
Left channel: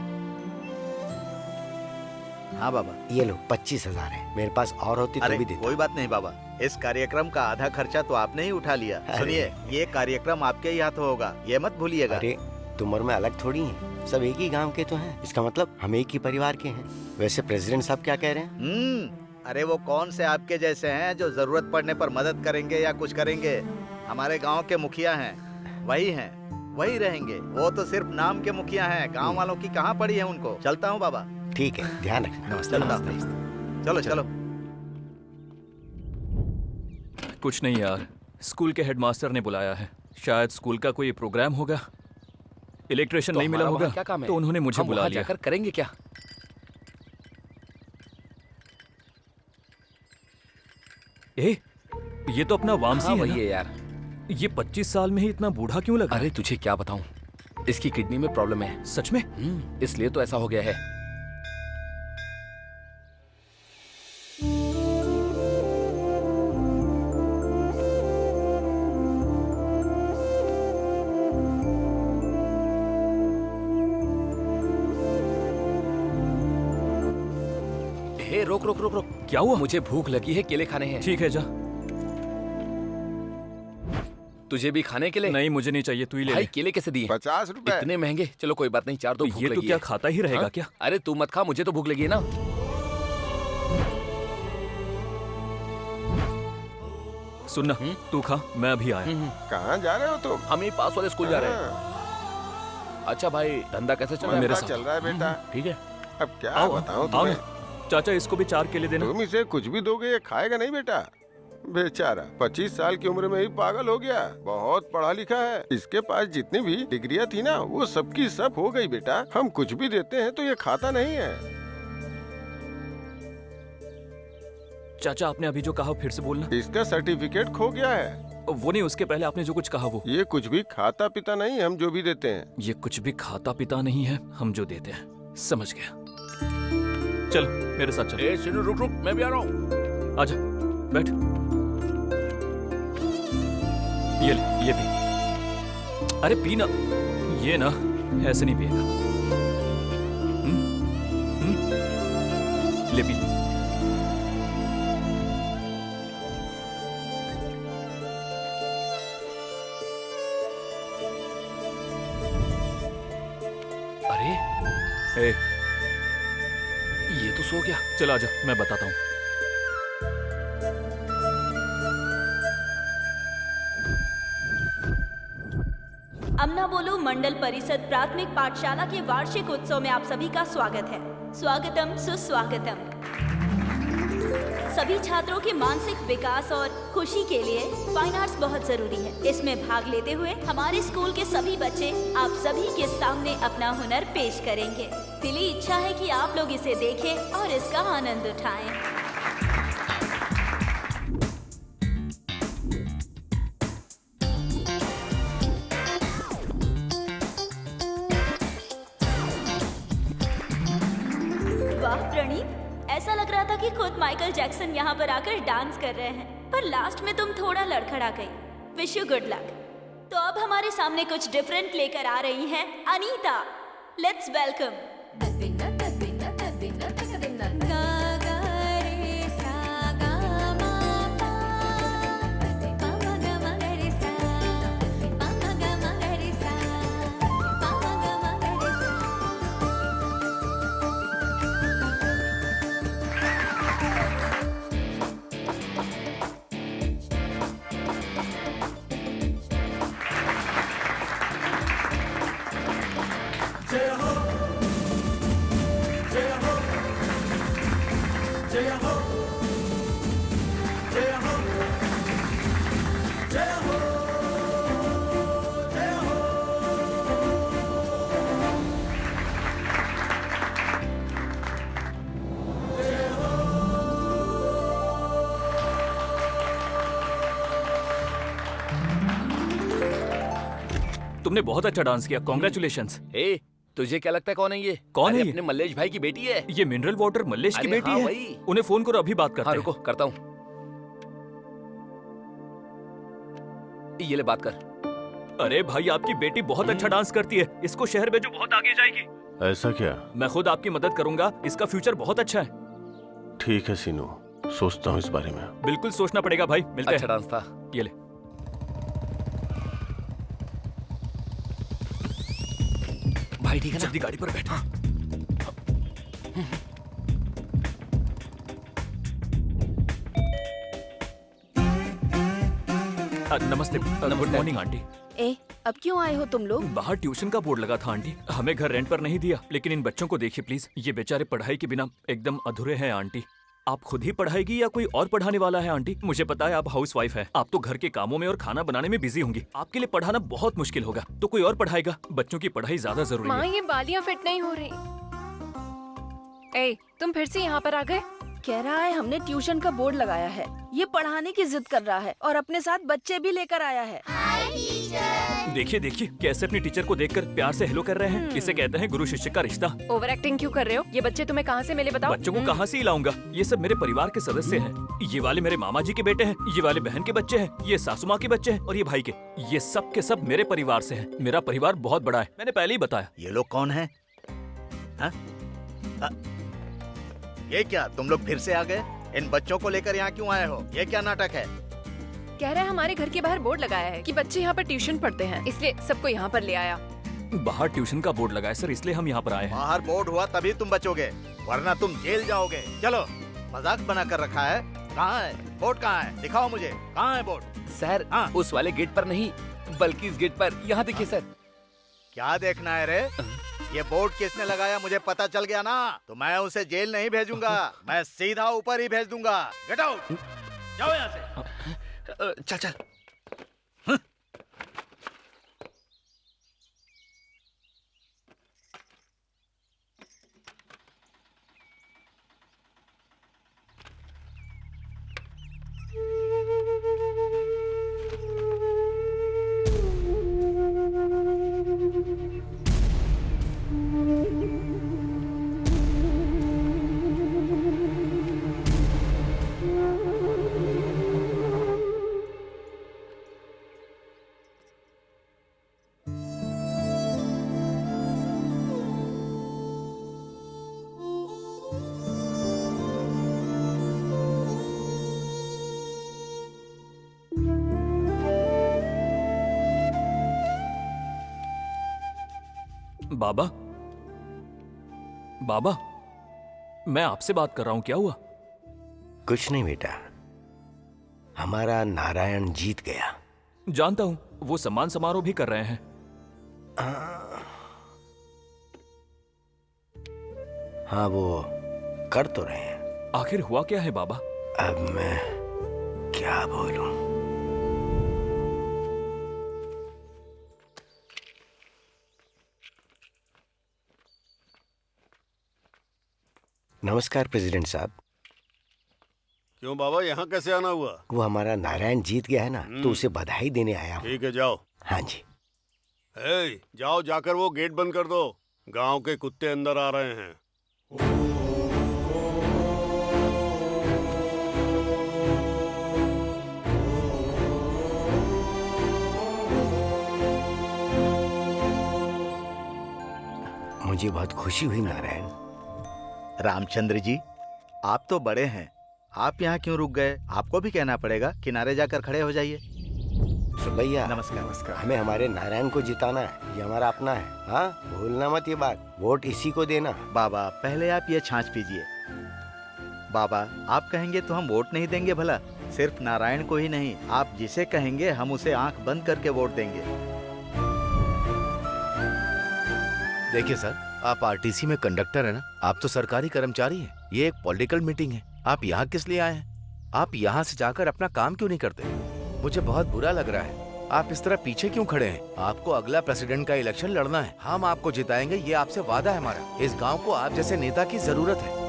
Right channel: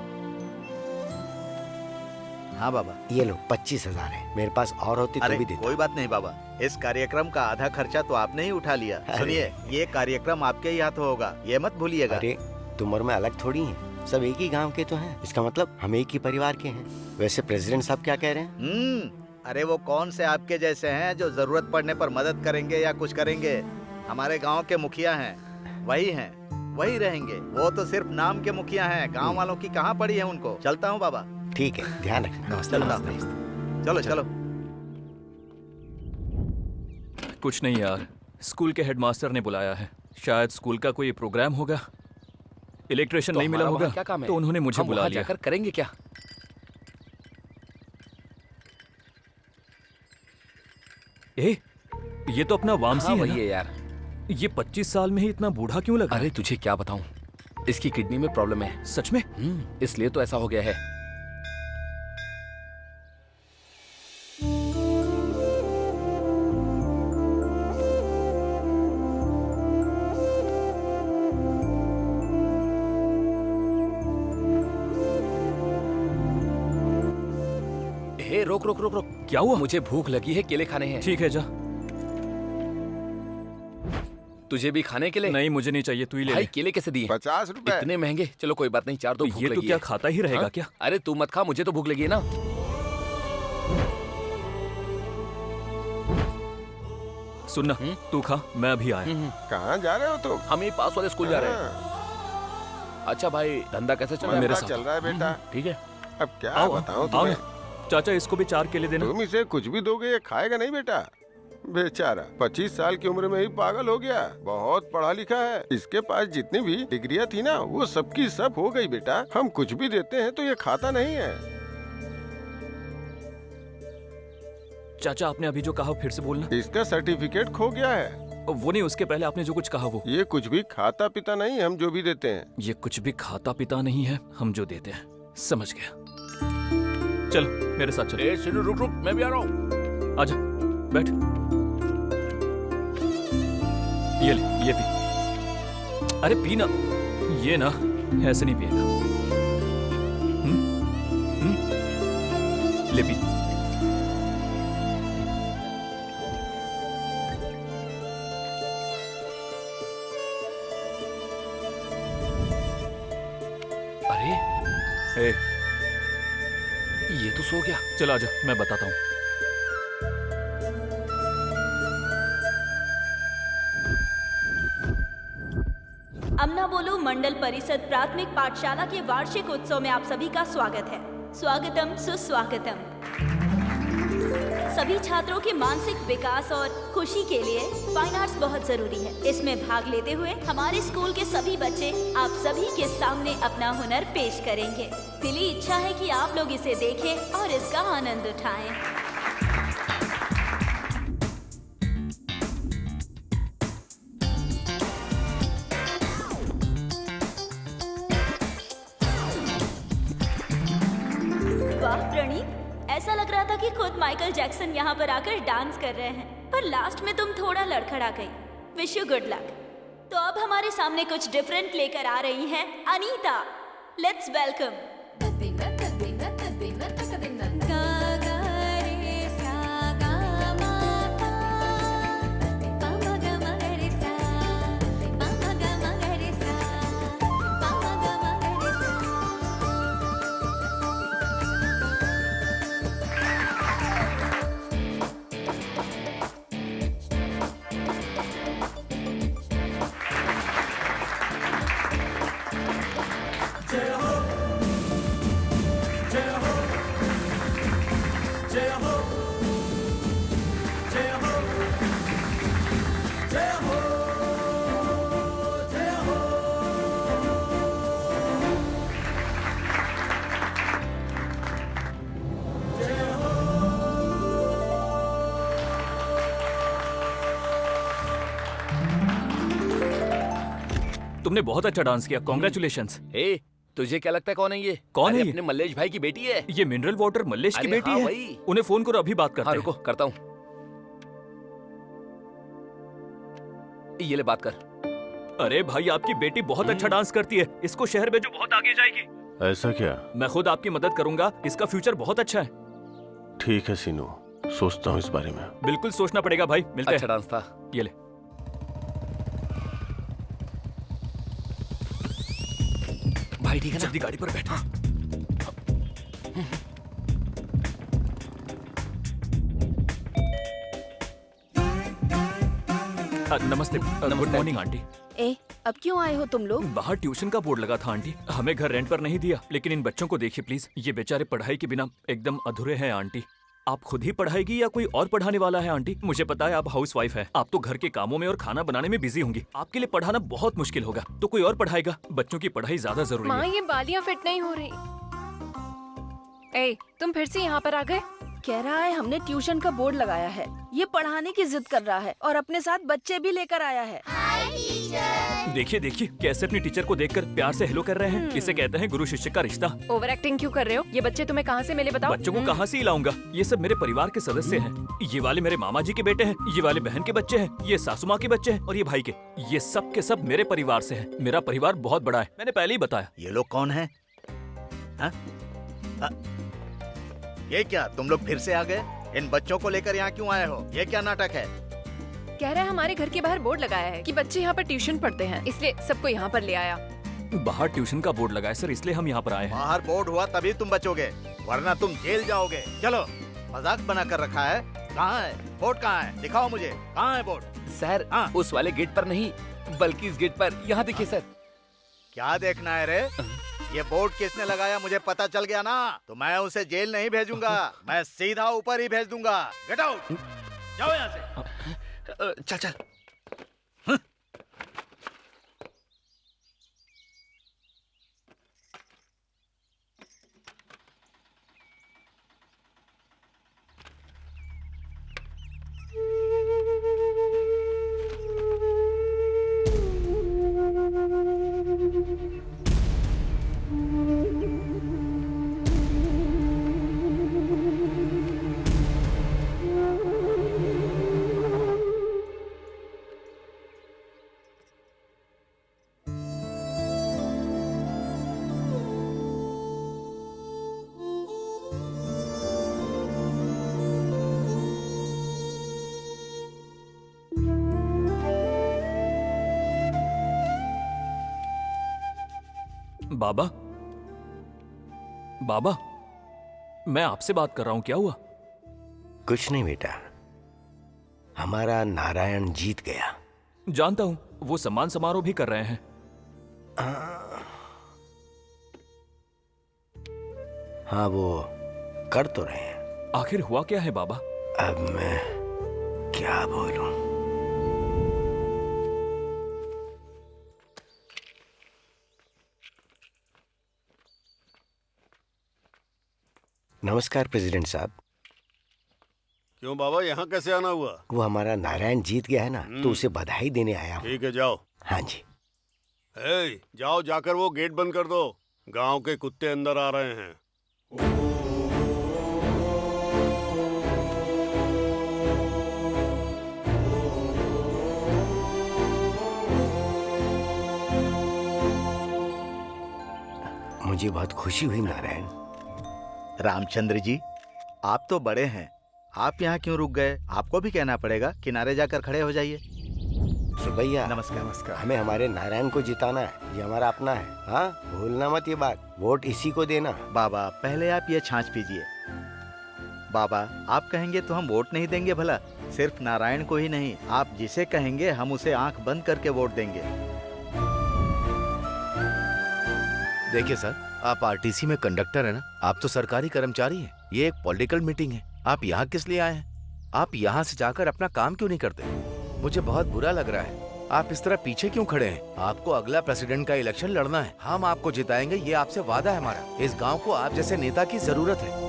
हाँ बाबा। ये लो 25,000 है, मेरे पास और होती तो अरे भी देता। कोई बात नहीं बाबा, इस कार्यक्रम का आधा खर्चा तो आपने ही उठा लिया। अरे। सुनिए, ये कार्यक्रम आपके ही हाथों होगा, ये मत भूलिएगा। अरे तुम और मैं अलग थोड़ी हैं, सब एक ही गांव के तो हैं। इसका मतलब हम एक ही परिवार के हैं। वैसे प्रेसिडेंट साहब क्या कह रहे हैं? अरे वो कौन से आपके जैसे हैं जो जरूरत पड़ने पर मदद करेंगे या कुछ करेंगे। हमारे गांव के मुखिया हैं, वही रहेंगे। वो तो सिर्फ नाम के मुखिया हैं, गांव वालों की कहाँ पड़ी है उनको। चलता हूँ बाबा। ठीक है, ध्यान रखना। नमस्ते। चलता हूँ। चलो चलो। कुछ नहीं यार, स्कूल के हेडमास्टर ने बुलाया है, शायद स्कूल का कोई प्रोग्राम होगा। इलेक्ट्रिशियन नहीं मिला होगा क्या काम है? तो उन्होंने मुझे हम बुला वहाँ लिया। जाकर करेंगे क्या? ये तो अपना वामसी हाँ, है वही ना? है यार। ये 25 साल में ही इतना बूढ़ा क्यों लगा? अरे तुझे क्या बताऊं, इसकी किडनी में प्रॉब्लम है। सच में? इसलिए तो ऐसा हो गया है। हे रोक रोक रोक रोक। क्या हुआ? मुझे भूख लगी है, केले खाने हैं। ठीक है, जा। तुझे भी खाने के लिए? नहीं, मुझे नहीं चाहिए, तू ही ले भाई ले। केले कैसे दिए? 50 रुपए। इतने महंगे? चलो कोई बात नहीं, 4 दो। तो भूख ये तो लगी क्या है। खाता ही रहेगा क्या? अरे तू मत खा, मुझे तो भूख लगी है ना। सुनना, तू खा, मैं अभी आया। कहाँ जा रहे हो तुम? हम यही पास वाले स्कूल जा रहे हैं। अच्छा भाई, धंधा कैसे चल रहा है? मेरे चल रहा है बेटा। ठीक है। अब क्या आओ, बताऊं आओ तुम्हें? ना। चाचा, इसको भी 4 केले देना। तुम इसे कुछ भी दोगे ये खाएगा नहीं बेटा। बेचारा 25 साल की उम्र में ही पागल हो गया। बहुत पढ़ा लिखा है, इसके पास जितनी भी डिग्रियां थी ना वो सबकी सब हो गई बेटा। हम कुछ भी देते हैं तो ये खाता नहीं है। चाचा, आपने अभी जो कहा फिर से बोलना। इसका सर्टिफिकेट खो गया है। वो नहीं, उसके पहले आपने जो कुछ कहा वो। ये कुछ भी खाता पीता नहीं, हम जो भी देते हैं। ये कुछ भी खाता पीता नहीं है, हम जो देते हैं। समझ गया। चलो मेरे साथ चलो। ए सिनू, रुक रुक, मैं भी आ रहा हूँ। आजा, बैठ। ये ले, ये पी। अरे पी ना। ये ना ऐसे नहीं पिएगा। ले पी। अरे ए, ये तो सो गया। चल आजा, मैं बताता हूँ। अमना बोलो मंडल परिषद प्राथमिक पाठशाला के वार्षिक उत्सव में आप सभी का स्वागत है। स्वागतम सुस्वागतम। सभी छात्रों के मानसिक विकास और खुशी के लिए फाइन आर्ट्स बहुत जरूरी है। इसमें भाग लेते हुए हमारे स्कूल के सभी बच्चे आप सभी के सामने अपना हुनर पेश करेंगे। दिली इच्छा है कि आप लोग इसे देखें और इसका आनंद उठाएं। वाह प्रणीत, ऐसा लग रहा था कि खुद माइकल जैक्सन यहाँ पर आकर डांस कर रहे हैं, पर लास्ट में तुम थोड़ा लड़खड़ा गई। Wish you good luck. तो अब हमारे सामने कुछ डिफरेंट लेकर आ रही हैं अनीता। Let's welcome. तुमने बहुत अच्छा डांस किया, कॉन्ग्रेचुलेशंस। ए, तुझे क्या लगता है कौन है ये? कौन अरे है ये? अपने मल्लेश भाई की बेटी है। ये मिनरल वाटर मल्लेश की अरे बेटी हाँ, है। वही। उन्हें फोन करो, अभी बात करते हाँ हैं। रुको, करता हूँ। ये ले बात कर। अरे भाई, आपकी बेटी बहुत अच्छा डांस करती है, इसको शहर में जो बहुत आगे जाएगी। ऐसा क्या? मैं खुद आपकी मदद करूंगा, इसका फ्यूचर बहुत अच्छा है। ठीक है सीनू, सोचता हूँ इस बारे में। बिल्कुल सोचना पड़ेगा भाई, मिलते अच्छा हैं। डांस था। ये ले। भाई ठीक है ना? जल्दी गाड़ी पर बैठ। नमस्ते। Good morning aunty. ए, अब क्यों आए हो तुम लोग? बाहर ट्यूशन का बोर्ड लगा था आंटी, हमें घर रेंट पर नहीं दिया, लेकिन इन बच्चों को देखिए प्लीज, ये बेचारे पढ़ाई के बिना एकदम अधूरे हैं आंटी। आप खुद ही पढ़ाएगी या कोई और पढ़ाने वाला है आंटी? मुझे पता है आप हाउस वाइफ है, आप तो घर के कामों में और खाना बनाने में बिजी होंगी, आपके लिए पढ़ाना बहुत मुश्किल होगा, तो कोई और पढ़ाएगा। बच्चों की पढ़ाई ज्यादा जरूरी माँ है। ये बालियाँ फिट नहीं हो रही। ए, तुम फिर से यहाँ पर आ गए? कह रहा है हमने ट्यूशन का बोर्ड लगाया है, ये पढ़ाने की जिद कर रहा है और अपने साथ बच्चे भी लेकर आया है। देखिए देखिए कैसे अपनी टीचर को देखकर प्यार से हेलो कर रहे हैं, इसे कहते हैं गुरु शिष्य का रिश्ता। ओवर एक्टिंग क्यों कर रहे हो? ये बच्चे तुम्हें कहाँ से मिले बताओ? बच्चों को कहाँ से ही लाऊंगा, ये सब मेरे परिवार के सदस्य हैं। ये वाले मेरे मामा जी के बेटे हैं, ये वाले बहन के बच्चे हैं, ये सासू माँ के बच्चे हैं और ये भाई के। ये सब के सब मेरे परिवार से हैं। मेरा परिवार बहुत बड़ा है, मैंने पहले ही बताया। ये लोग कौन है? ये क्या तुम लोग फिर से आ गए? इन बच्चों को लेकर यहाँ क्यों आए हो? ये क्या नाटक है? कह रहा है हमारे घर के बाहर बोर्ड लगाया है कि बच्चे यहाँ पर ट्यूशन पढ़ते हैं, इसलिए सबको यहाँ पर ले आया। बाहर ट्यूशन का बोर्ड लगा है सर, इसलिए हम यहाँ पर आए हैं। बाहर बोर्ड हुआ तभी तुम बचोगे, वरना तुम जेल जाओगे। चलो, मजाक बना कर रखा है। कहाँ है बोर्ड? कहाँ है? दिखाओ मुझे, कहाँ है बोर्ड? सर उस वाले गेट पर नहीं, बल्कि इस गेट पर। यहाँ देखिए सर। क्या देखना है रे? ये बोर्ड किसने लगाया मुझे पता चल गया ना, तो मैं उसे जेल नहीं भेजूंगा, मैं सीधा ऊपर ही भेज दूंगा। गेट आउट, जाओ यहाँ से। चल चल। बाबा, बाबा, मैं आपसे बात कर रहा हूँ, क्या हुआ? कुछ नहीं बेटा, हमारा नारायण जीत गया। जानता हूँ, वो सम्मान समारोह भी कर रहे हैं। हाँ वो कर तो रहे हैं। आखिर हुआ क्या है बाबा? अब मैं क्या बोलूं? नमस्कार प्रेसिडेंट साहब। क्यों बाबा, यहाँ कैसे आना हुआ? वो हमारा नारायण जीत गया है ना, तो उसे बधाई देने आया हूँ। ठीक है जाओ। हाँ जी। जाओ, जाकर वो गेट बंद कर दो, गांव के कुत्ते अंदर आ रहे हैं। मुझे बहुत खुशी हुई नारायण। रामचंद्र जी, आप तो बड़े हैं, आप यहाँ क्यों रुक गए? आपको भी कहना पड़ेगा, किनारे जाकर खड़े हो जाइए। सुबैया, नमस्कार। नमस्कार। हमें हमारे नारायण को जिताना है, ये हमारा अपना है। हाँ, भूलना मत ये बात, वोट इसी को देना। बाबा पहले आप ये छाछ पीजिए। बाबा आप कहेंगे तो हम वोट नहीं देंगे भला? सिर्फ नारायण को ही नहीं, आप जिसे कहेंगे हम उसे आंख बंद करके वोट देंगे। देखिए सर, आप आरटीसी में कंडक्टर है ना, आप तो सरकारी कर्मचारी हैं। ये एक पॉलिटिकल मीटिंग है, आप यहाँ किस लिए आए हैं? आप यहाँ से जाकर अपना काम क्यों नहीं करते? मुझे बहुत बुरा लग रहा है, आप इस तरह पीछे क्यों खड़े हैं? आपको अगला प्रेसिडेंट का इलेक्शन लड़ना है, हम आपको जिताएंगे, ये आपसे वादा है हमारा। इस गाँव को आप जैसे नेता की जरूरत है।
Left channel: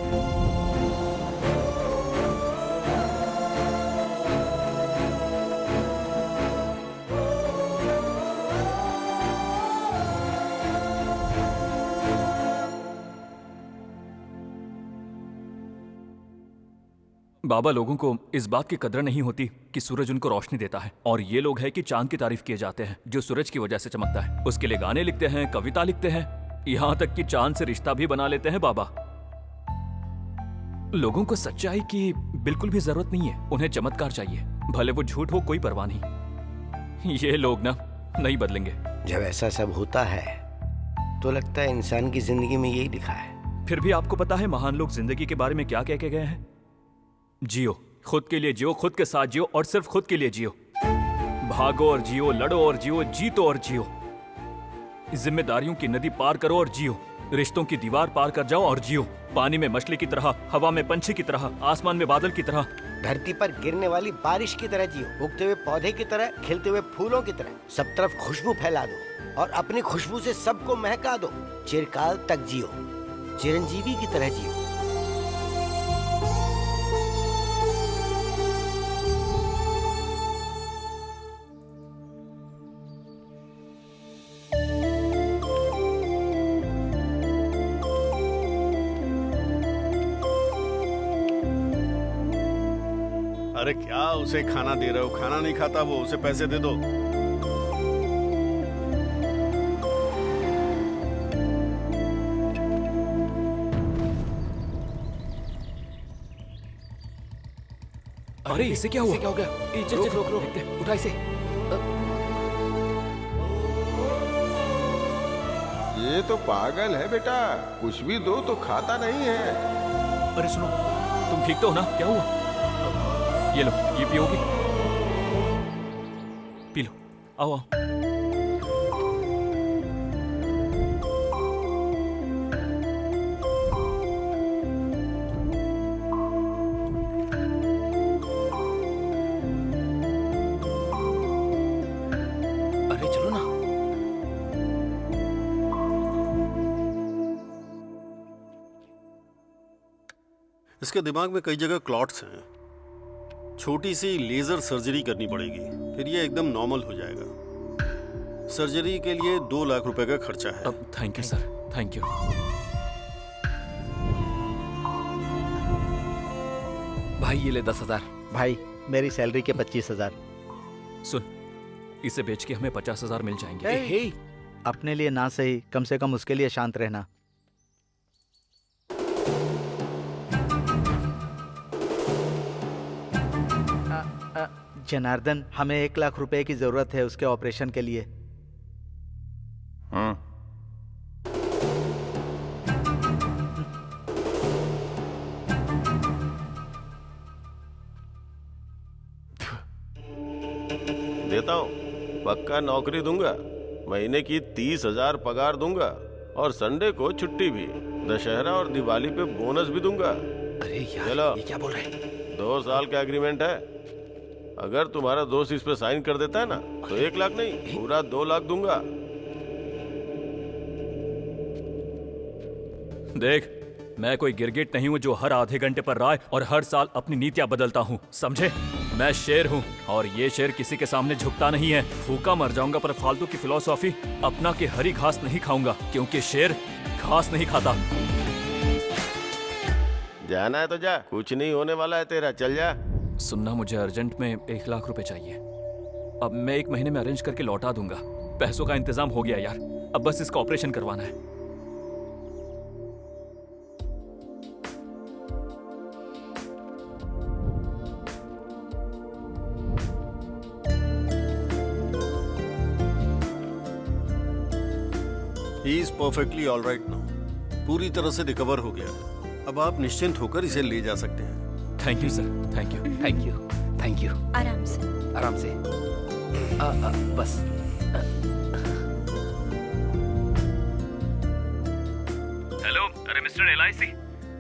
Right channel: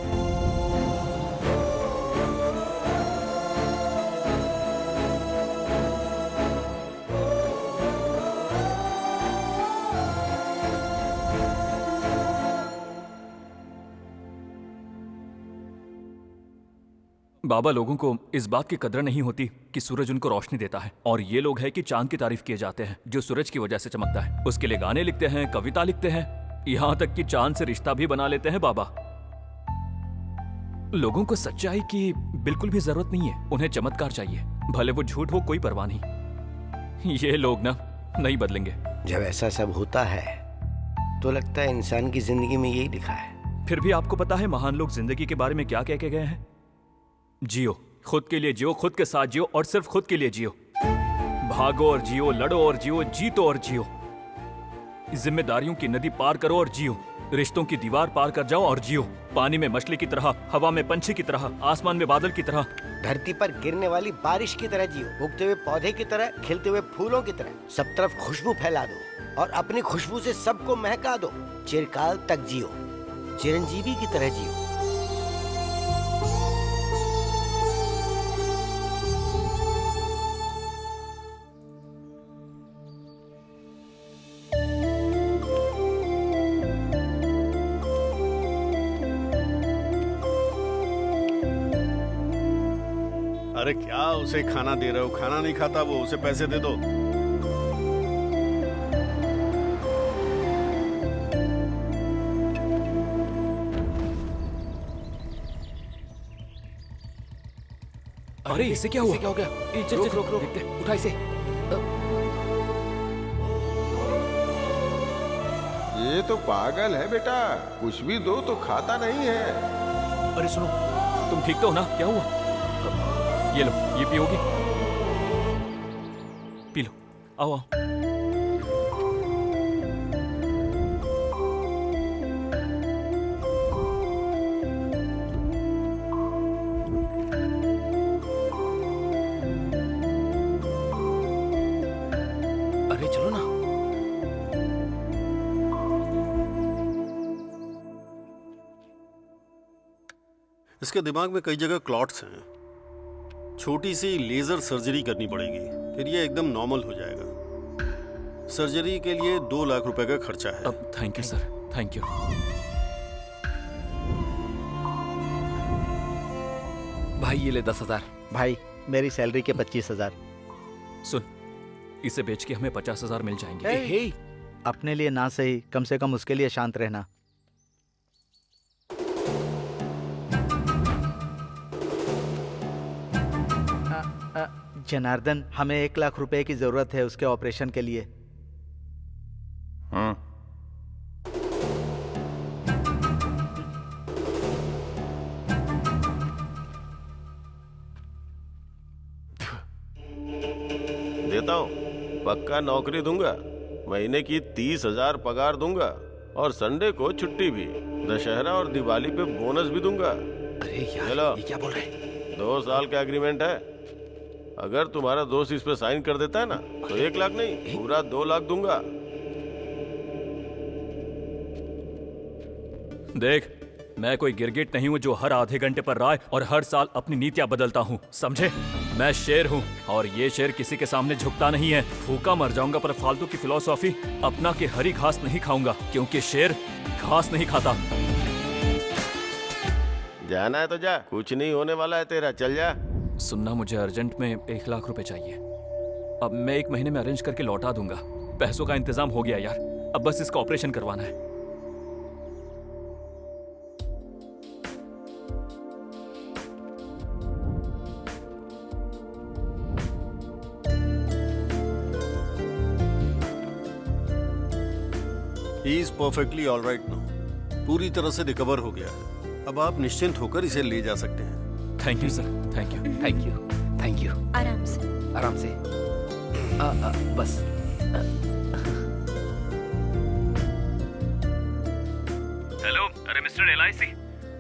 बाबा, लोगों को इस बात की कदर नहीं होती कि सूरज उनको रोशनी देता है, और ये लोग हैं कि चांद की तारीफ किए जाते हैं जो सूरज की वजह से चमकता है। उसके लिए गाने लिखते हैं, कविता लिखते हैं, यहां तक कि चांद से रिश्ता भी बना लेते हैं बाबा। लोगों को सच्चाई की बिल्कुल भी जरूरत नहीं है, उन्हें चमत्कार चाहिए, भले वो झूठ हो कोई परवाह नहीं। ये लोग ना नहीं बदलेंगे। जब ऐसा सब होता है तो लगता है इंसान की जिंदगी में यही लिखा है। फिर भी आपको पता है महान लोग जिंदगी के बारे में क्या कह के गए हैं? जियो, खुद के लिए जियो, खुद के साथ जियो और सिर्फ खुद के लिए जियो। भागो और जियो, लड़ो और जियो, जीतो और जियो। जिम्मेदारियों की नदी पार करो और जियो, रिश्तों की दीवार पार कर जाओ और जियो। पानी में मछली की तरह, हवा में पंछी की तरह, आसमान में बादल की तरह, धरती पर गिरने वाली बारिश की तरह जियो, उगते हुए पौधे की तरह, खिलते हुए फूलों की तरह। सब तरफ खुशबू फैला दो और अपनी खुशबू से सबको महका दो। चिरकाल तक जियो, चिरंजीवी की तरह जियो। अरे क्या उसे खाना दे रहे हो? खाना नहीं खाता वो, उसे पैसे दे दो। अरे इसे क्या हुआ? क्या हो गया? रोक रोक रोक, देखते, उठा इसे। ये तो पागल है बेटा, कुछ भी दो तो खाता नहीं है। अरे सुनो, तुम ठीक तो हो ना? क्या हुआ? ये लो, ये पियोगी? पी लो, आओ आओ। अरे चलो ना। इसके दिमाग में कई जगह क्लॉट्स हैं, छोटी सी लेजर सर्जरी करनी पड़ेगी, फिर ये एकदम नॉर्मल हो जाएगा। सर्जरी के लिए 2 लाख रुपए का खर्चा है। अब thank you sir, thank you. भाई ये ले 10,000। भाई मेरी सैलरी के 25,000। सुन, इसे बेच के हमें 50,000 मिल जाएंगे। हे, अपने लिए ना सही, कम से कम उसके लिए शांत रहना। जनार्दन, हमें 1 लाख रुपए की जरूरत है उसके ऑपरेशन के लिए। देता हूँ, पक्का नौकरी दूंगा, महीने की 30,000 पगार दूंगा और संडे को छुट्टी भी, दशहरा और दिवाली पे बोनस भी दूंगा। अरे यार, चलो, ये क्या बोल रहा है? 2 साल का एग्रीमेंट है। अगर तुम्हारा दोस्त इस पे साइन कर देता है ना तो 1 लाख नहीं, पूरा 2 लाख दूंगा। देख, मैं कोई गिरगिट नहीं हूं जो हर आधे घंटे पर राय और हर साल अपनी नीतियां बदलता हूं, समझे? मैं शेर हूं और ये शेर किसी के सामने झुकता नहीं है। भूखा मर जाऊंगा पर फालतू की फिलॉसफी अपना के हरी घास नहीं खाऊंगा, क्योंकि शेर घास नहीं खाता। जाना है तो जा, कुछ नहीं होने वाला है तेरा, चल जा। सुनना, मुझे अर्जेंट में 1 लाख रुपए चाहिए। अब मैं 1 महीने में अरेंज करके लौटा दूंगा। पैसों का इंतजाम हो गया यार, अब बस इसका ऑपरेशन करवाना है। He is perfectly all right now, पूरी तरह से रिकवर हो गया है। अब आप निश्चिंत होकर इसे ले जा सकते हैं। Thank you sir, thank you. Thank you, thank you. आराम से। आराम से। बस। हेलो, अरे मिस्टर LIC,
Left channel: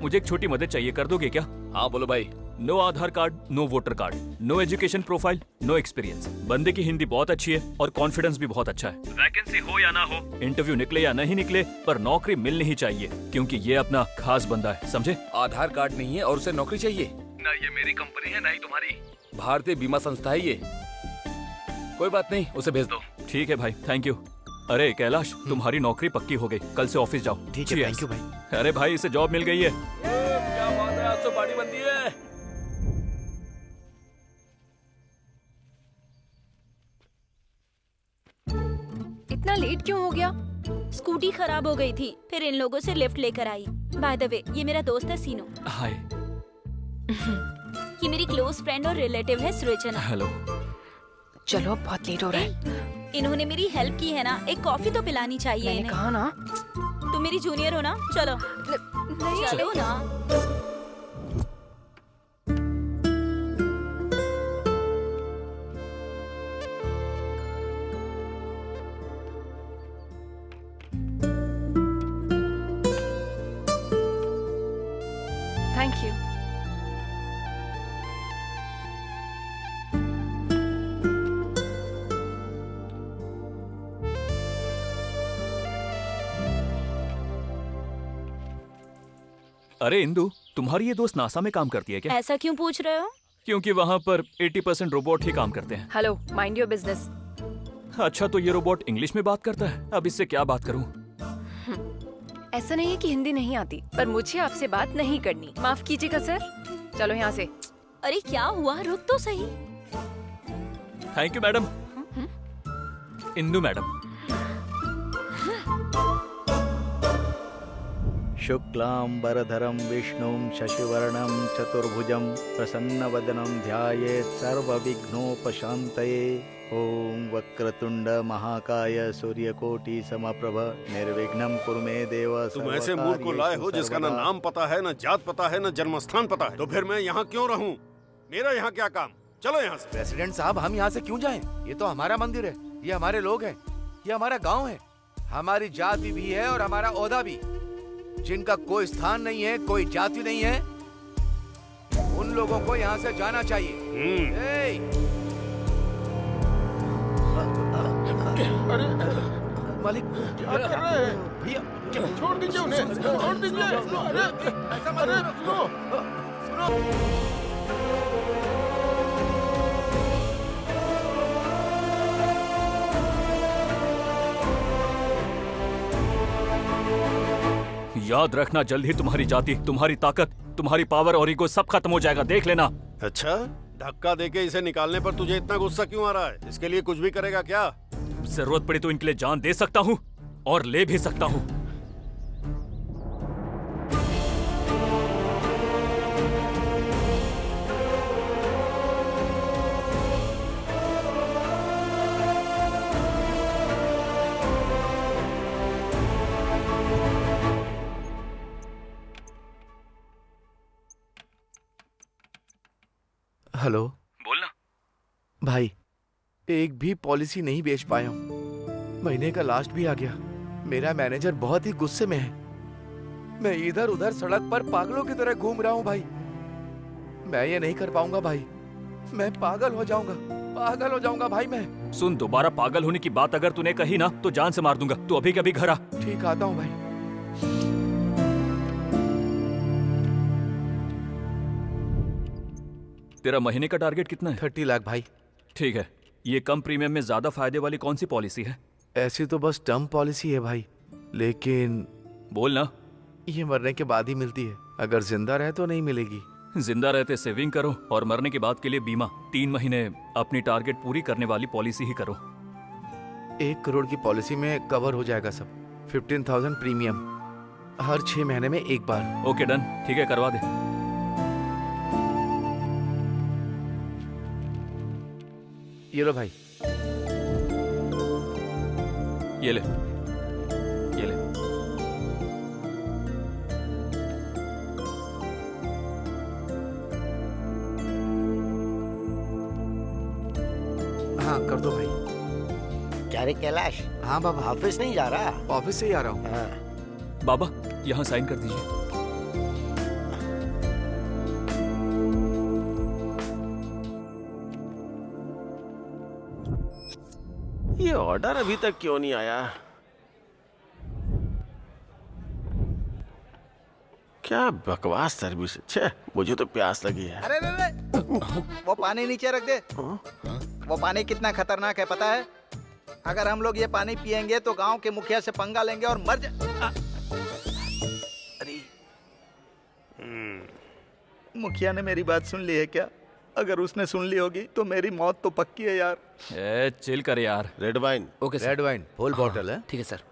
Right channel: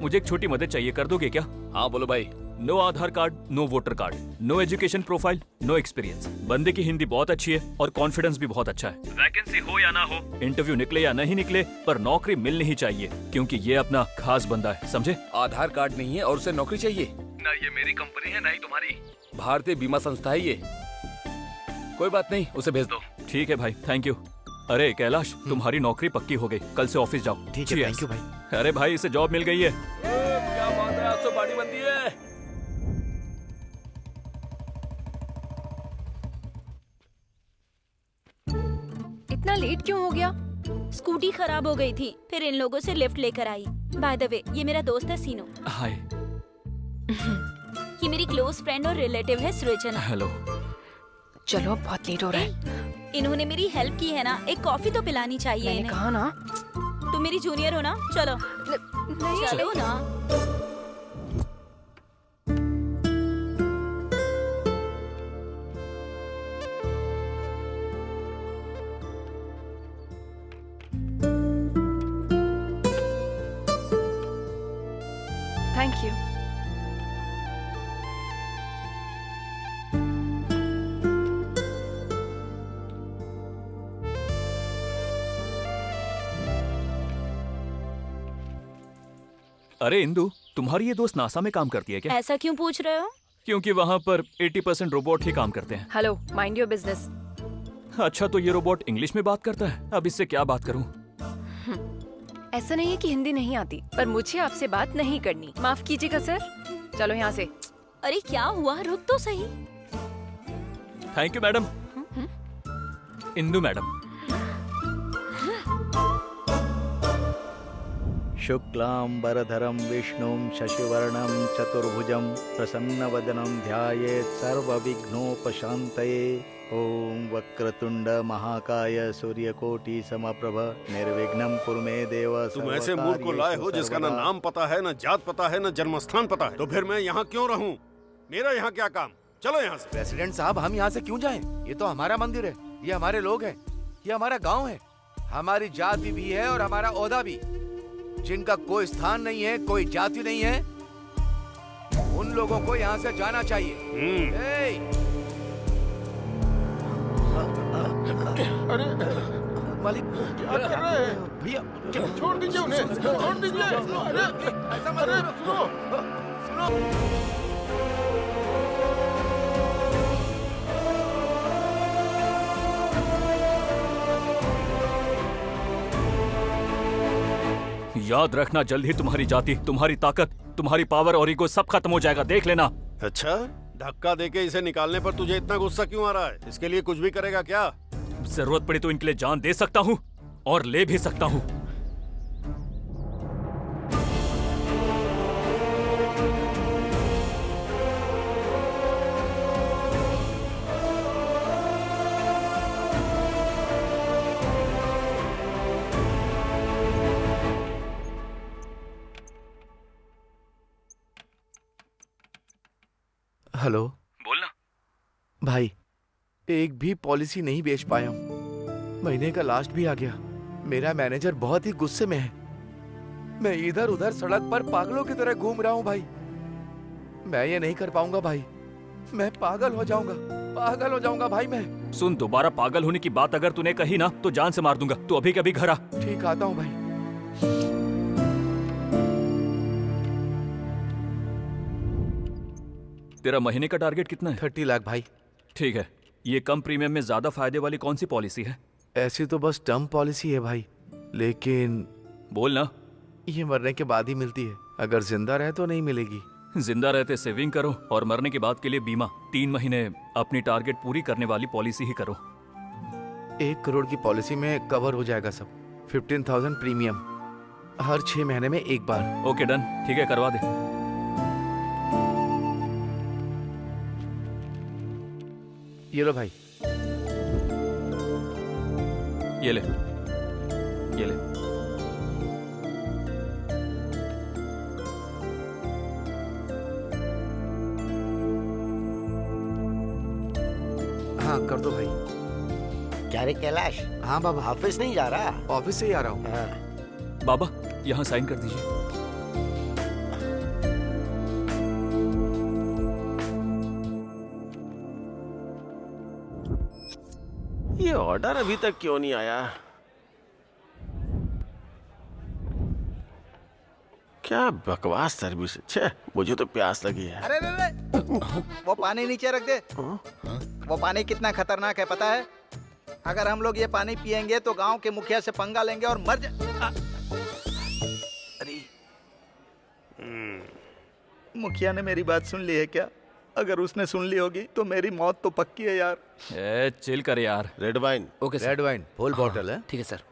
मुझे एक छोटी मदद चाहिए, कर दोगे क्या? हाँ बोलो भाई। No Aadhaar card, no voter card, no education profile, no experience. बंदे की हिंदी बहुत अच्छी है और कॉन्फिडेंस भी बहुत अच्छा है। वैकेंसी हो या ना हो, इंटरव्यू निकले या नहीं निकले, पर नौकरी मिलनी ही चाहिए, क्योंकि ये अपना खास बंदा है, समझे? आधार कार्ड नहीं है और उसे नौकरी चाहिए? ना ये मेरी कंपनी है ना ही तुम्हारी, भारतीय बीमा संस्था है ये। कोई बात नहीं, उसे भेज दो। ठीक है भाई, थैंक यू। अरे कैलाश, तुम्हारी नौकरी पक्की हो गई, कल से ऑफिस जाओ। ठीक है, थैंक यू भाई। अरे भाई, इसे जॉब मिल गई है। क्या बात है, आज तो पार्टी बनती है। इतना लेट क्यों हो गया? स्कूटी खराब हो गई थी, फिर इन लोगों से लिफ्ट लेकर आई। बाय द वे, ये मेरा दोस्त है सीनो। हाय। ये मेरी क्लोज फ्रेंड और रिलेटिव है सृजना। हेलो। चलो अब बहुत लेट हो रहा है। इन्होंने मेरी हेल्प की है ना, एक कॉफी तो पिलानी चाहिए मैंने इन्हें। कहा ना। तुम मेरी जूनियर हो ना, चलो। नहीं चलो ना। Thank you. अरे इंदु, तुम्हारी ये दोस्त नासा में काम करती है क्या? ऐसा क्यों पूछ रहे हो? क्योंकि वहाँ पर 80% रोबोट ही काम करते हैं। Hello, mind your business. अच्छा, तो ये रोबोट इंग्लिश में बात करता है। अब इससे क्या बात करूँ? ऐसा नहीं है कि हिंदी नहीं आती, पर मुझे आपसे बात नहीं करनी। माफ कीजिएगा सर, चलो यहाँ से। अरे क्या हुआ, रुक तो सही। Thank you madam. Indu madam. शुक्लांबरधरं विष्णुं शशिवर्णं चतुर्भुजं प्रसन्नवदनं ध्यायेत् सर्वविघ्नोपशान्तये। ओम वक्रतुंड महाकाय सूर्यकोटि समप्रभ निर्विघ्नं कुरु मे देव। तुम ऐसे मूर्ख को लाए हो जिसका ना नाम पता है, ना जात पता है, ना जन्मस्थान पता है, तो फिर मैं यहाँ क्यों रहूँ? मेरा यहाँ क्या काम? चलो यहाँ से। प्रेसिडेंट साहब, हम यहाँ से क्यों जाएं? ये तो हमारा मंदिर है, ये हमारे लोग हैं, ये हमारा गांव है, हमारी जाति भी है और हमारा ओहदा भी। जिनका कोई स्थान नहीं है, कोई जाति नहीं है, उन लोगों को यहाँ से जाना चाहिए। अरे मालिक, क्या कर रहे हैं भैया? छोड़ दीजिए उन्हें, छोड़ दीजिए। अरे ऐसा मत अरे करो। सुनो सुनो। याद रखना, जल्द ही तुम्हारी जाति, तुम्हारी ताकत, तुम्हारी पावर और ईगो सब खत्म हो जाएगा, देख लेना। अच्छा, धक्का देके इसे निकालने पर तुझे इतना गुस्सा क्यों आ रहा है? इसके लिए कुछ भी करेगा क्या? जरूरत पड़ी तो इनके लिए जान दे सकता हूँ और ले भी सकता हूँ। हेलो। बोलना। भाई, एक भी पॉलिसी नहीं बेच पाया हूँ। महीने का लास्ट भी आ गया। मेरा मैनेजर बहुत ही गुस्से में है। मैं इधर उधर सड़क पर पागलों की तरह घूम रहा हूँ भाई। मैं ये नहीं कर पाऊंगा भाई। मैं पागल हो जाऊंगा भाई मैं। सुन, दोबारा पागल होने की बात अगर तूने कही ना तो जान से मार दूंगा। तू अभी कभी घर आ। ठीक, आता हूँ भाई। तेरा महीने का टारगेट कितना है? 30 लाख भाई। ठीक है। ये कम प्रीमियम में ज्यादा फायदे वाली कौन सी पॉलिसी है? ऐसी तो बस टर्म पॉलिसी है भाई, लेकिन बोलना। ये मरने के बाद ही मिलती है, अगर जिंदा रहे तो नहीं मिलेगी। जिंदा रहते सेविंग करो और मरने के बाद के लिए बीमा। 3 महीने अपनी टारगेट पूरी करने वाली पॉलिसी ही करो। 1 करोड़ की पॉलिसी में कवर हो जाएगा सब। 15,000 प्रीमियम, हर 6 महीने में एक बार। ओके डन, ठीक है, करवा दे। ये लो भाई। ये ले, ये ले। हाँ, कर दो भाई। क्या रे कैलाश? हाँ बाबा। ऑफिस नहीं जा रहा? ऑफिस से ही आ रहा हूँ। हाँ। बाबा, यहाँ साइन कर दीजिए। ये ऑर्डर अभी तक क्यों नहीं आया? क्या बकवास सर्विस है। छे, मुझे तो प्यास लगी है। अरे रे, वो पानी नीचे रख दे। वो पानी कितना खतरनाक है पता है? अगर हम लोग ये पानी पिएंगे तो गांव के मुखिया से पंगा लेंगे और मर अरे मुखिया ने मेरी बात सुन ली है क्या? अगर उसने सुन ली होगी तो मेरी मौत तो पक्की है यार। चिल कर यार। Red wine. Okay sir. Red wine full bottle है। ठीक है सर।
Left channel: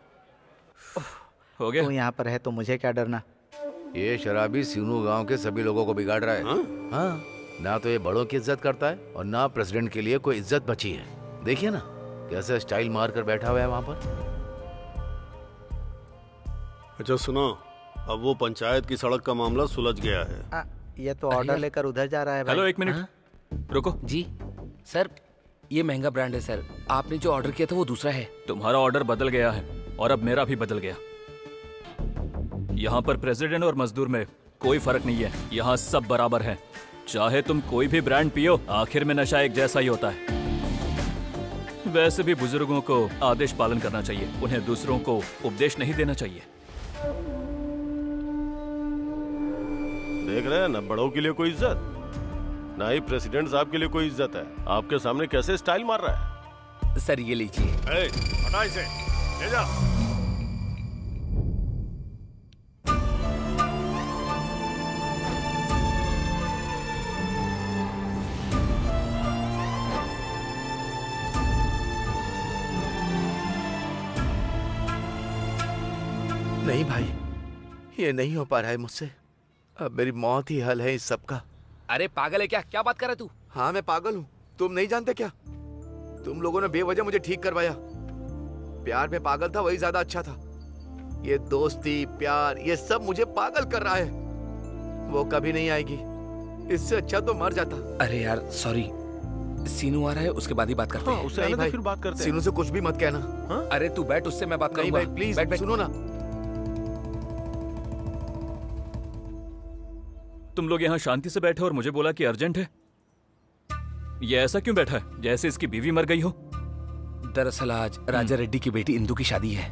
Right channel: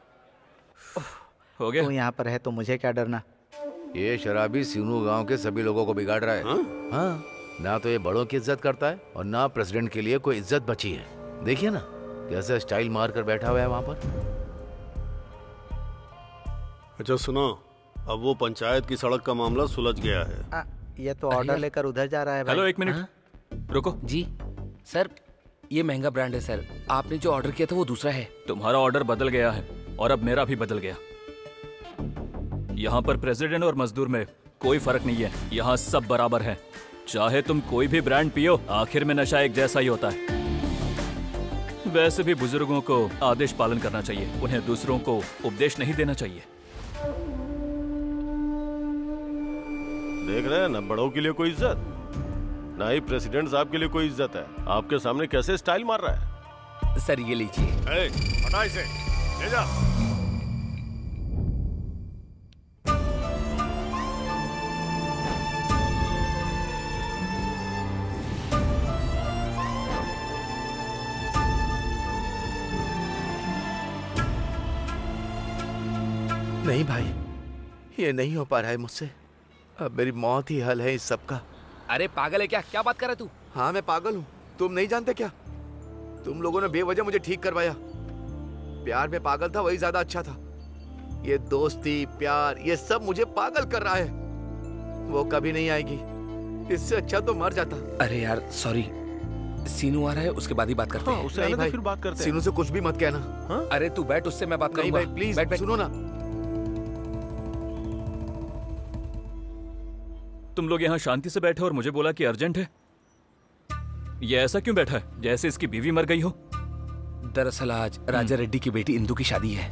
हो गया? तू यहाँ पर है तो मुझे क्या डरना। ये शराबी सीनू गांव के सभी लोगों को बिगाड़ रहा है। हाँ, ना तो ये बड़ों की इज्जत करता है और ना प्रेसिडेंट के लिए कोई इज्जत बची है। देखिए ना कैसे स्टाइल मार कर बैठा हुआ है वहां पर। अच्छा सुनो, अब वो पंचायत की सड़क का मामला सुलझ गया है। ये तो ऑर्डर लेकर उधर जा रहा है भाई। हेलो, एक मिनट रुको। जी सर, ये महंगा ब्रांड है सर। आपने जो ऑर्डर किया था वो दूसरा है। तुम्हारा ऑर्डर बदल गया है और अब मेरा भी बदल गया। यहाँ पर प्रेसिडेंट और मजदूर में कोई फर्क नहीं है। यहाँ सब बराबर हैं। चाहे तुम कोई भी ब्रांड पियो, आखिर में नशा एक जैसा ही होता है। वैसे भी बुजुर्गों को आदेश पालन करना चाहिए, उन्हें दूसरों को उपदेश नहीं देना चाहिए। देख रहे हैं ना, बड़ों के लिए कोई इज्जत, ना ही प्रेसिडेंट साहब के लिए कोई इज्जत है। आपके सामने कैसे स्टाइल मार रहा है। सर ये लीजिए। हटा इसे, ले जा। नहीं भाई, ये नहीं हो पा रहा है मुझसे। अब मेरी मौत ही हल है इस सब का। अरे पागल है क्या? क्या बात कर रहा है तू? हाँ मैं पागल हूँ, तुम नहीं जानते क्या? तुम लोगों ने बेवजह मुझे ठीक करवाया। प्यार में पागल था वही ज्यादा अच्छा था। ये दोस्ती प्यार ये सब मुझे पागल कर रहा है। वो कभी नहीं आएगी, इससे अच्छा तो मर जाता। अरे यार सॉरी, सीनू आ रहा है, उसके बाद ही बात करते हैं। उससे आने दो, फिर बात करते हैं। सीनू से कुछ भी मत कहना। हाँ? अरे तू बैठ, उससे मैं बात नहीं करूंगा। भाई प्लीज बैठ, बैठ। सुनो ना। तुम लोग यहाँ शांति से बैठे और मुझे बोला कि अर्जेंट है। ये ऐसा क्यों बैठा है जैसे इसकी बीवी मर गई हो? दरअसल आज राजा रेड्डी की बेटी इंदु की शादी है।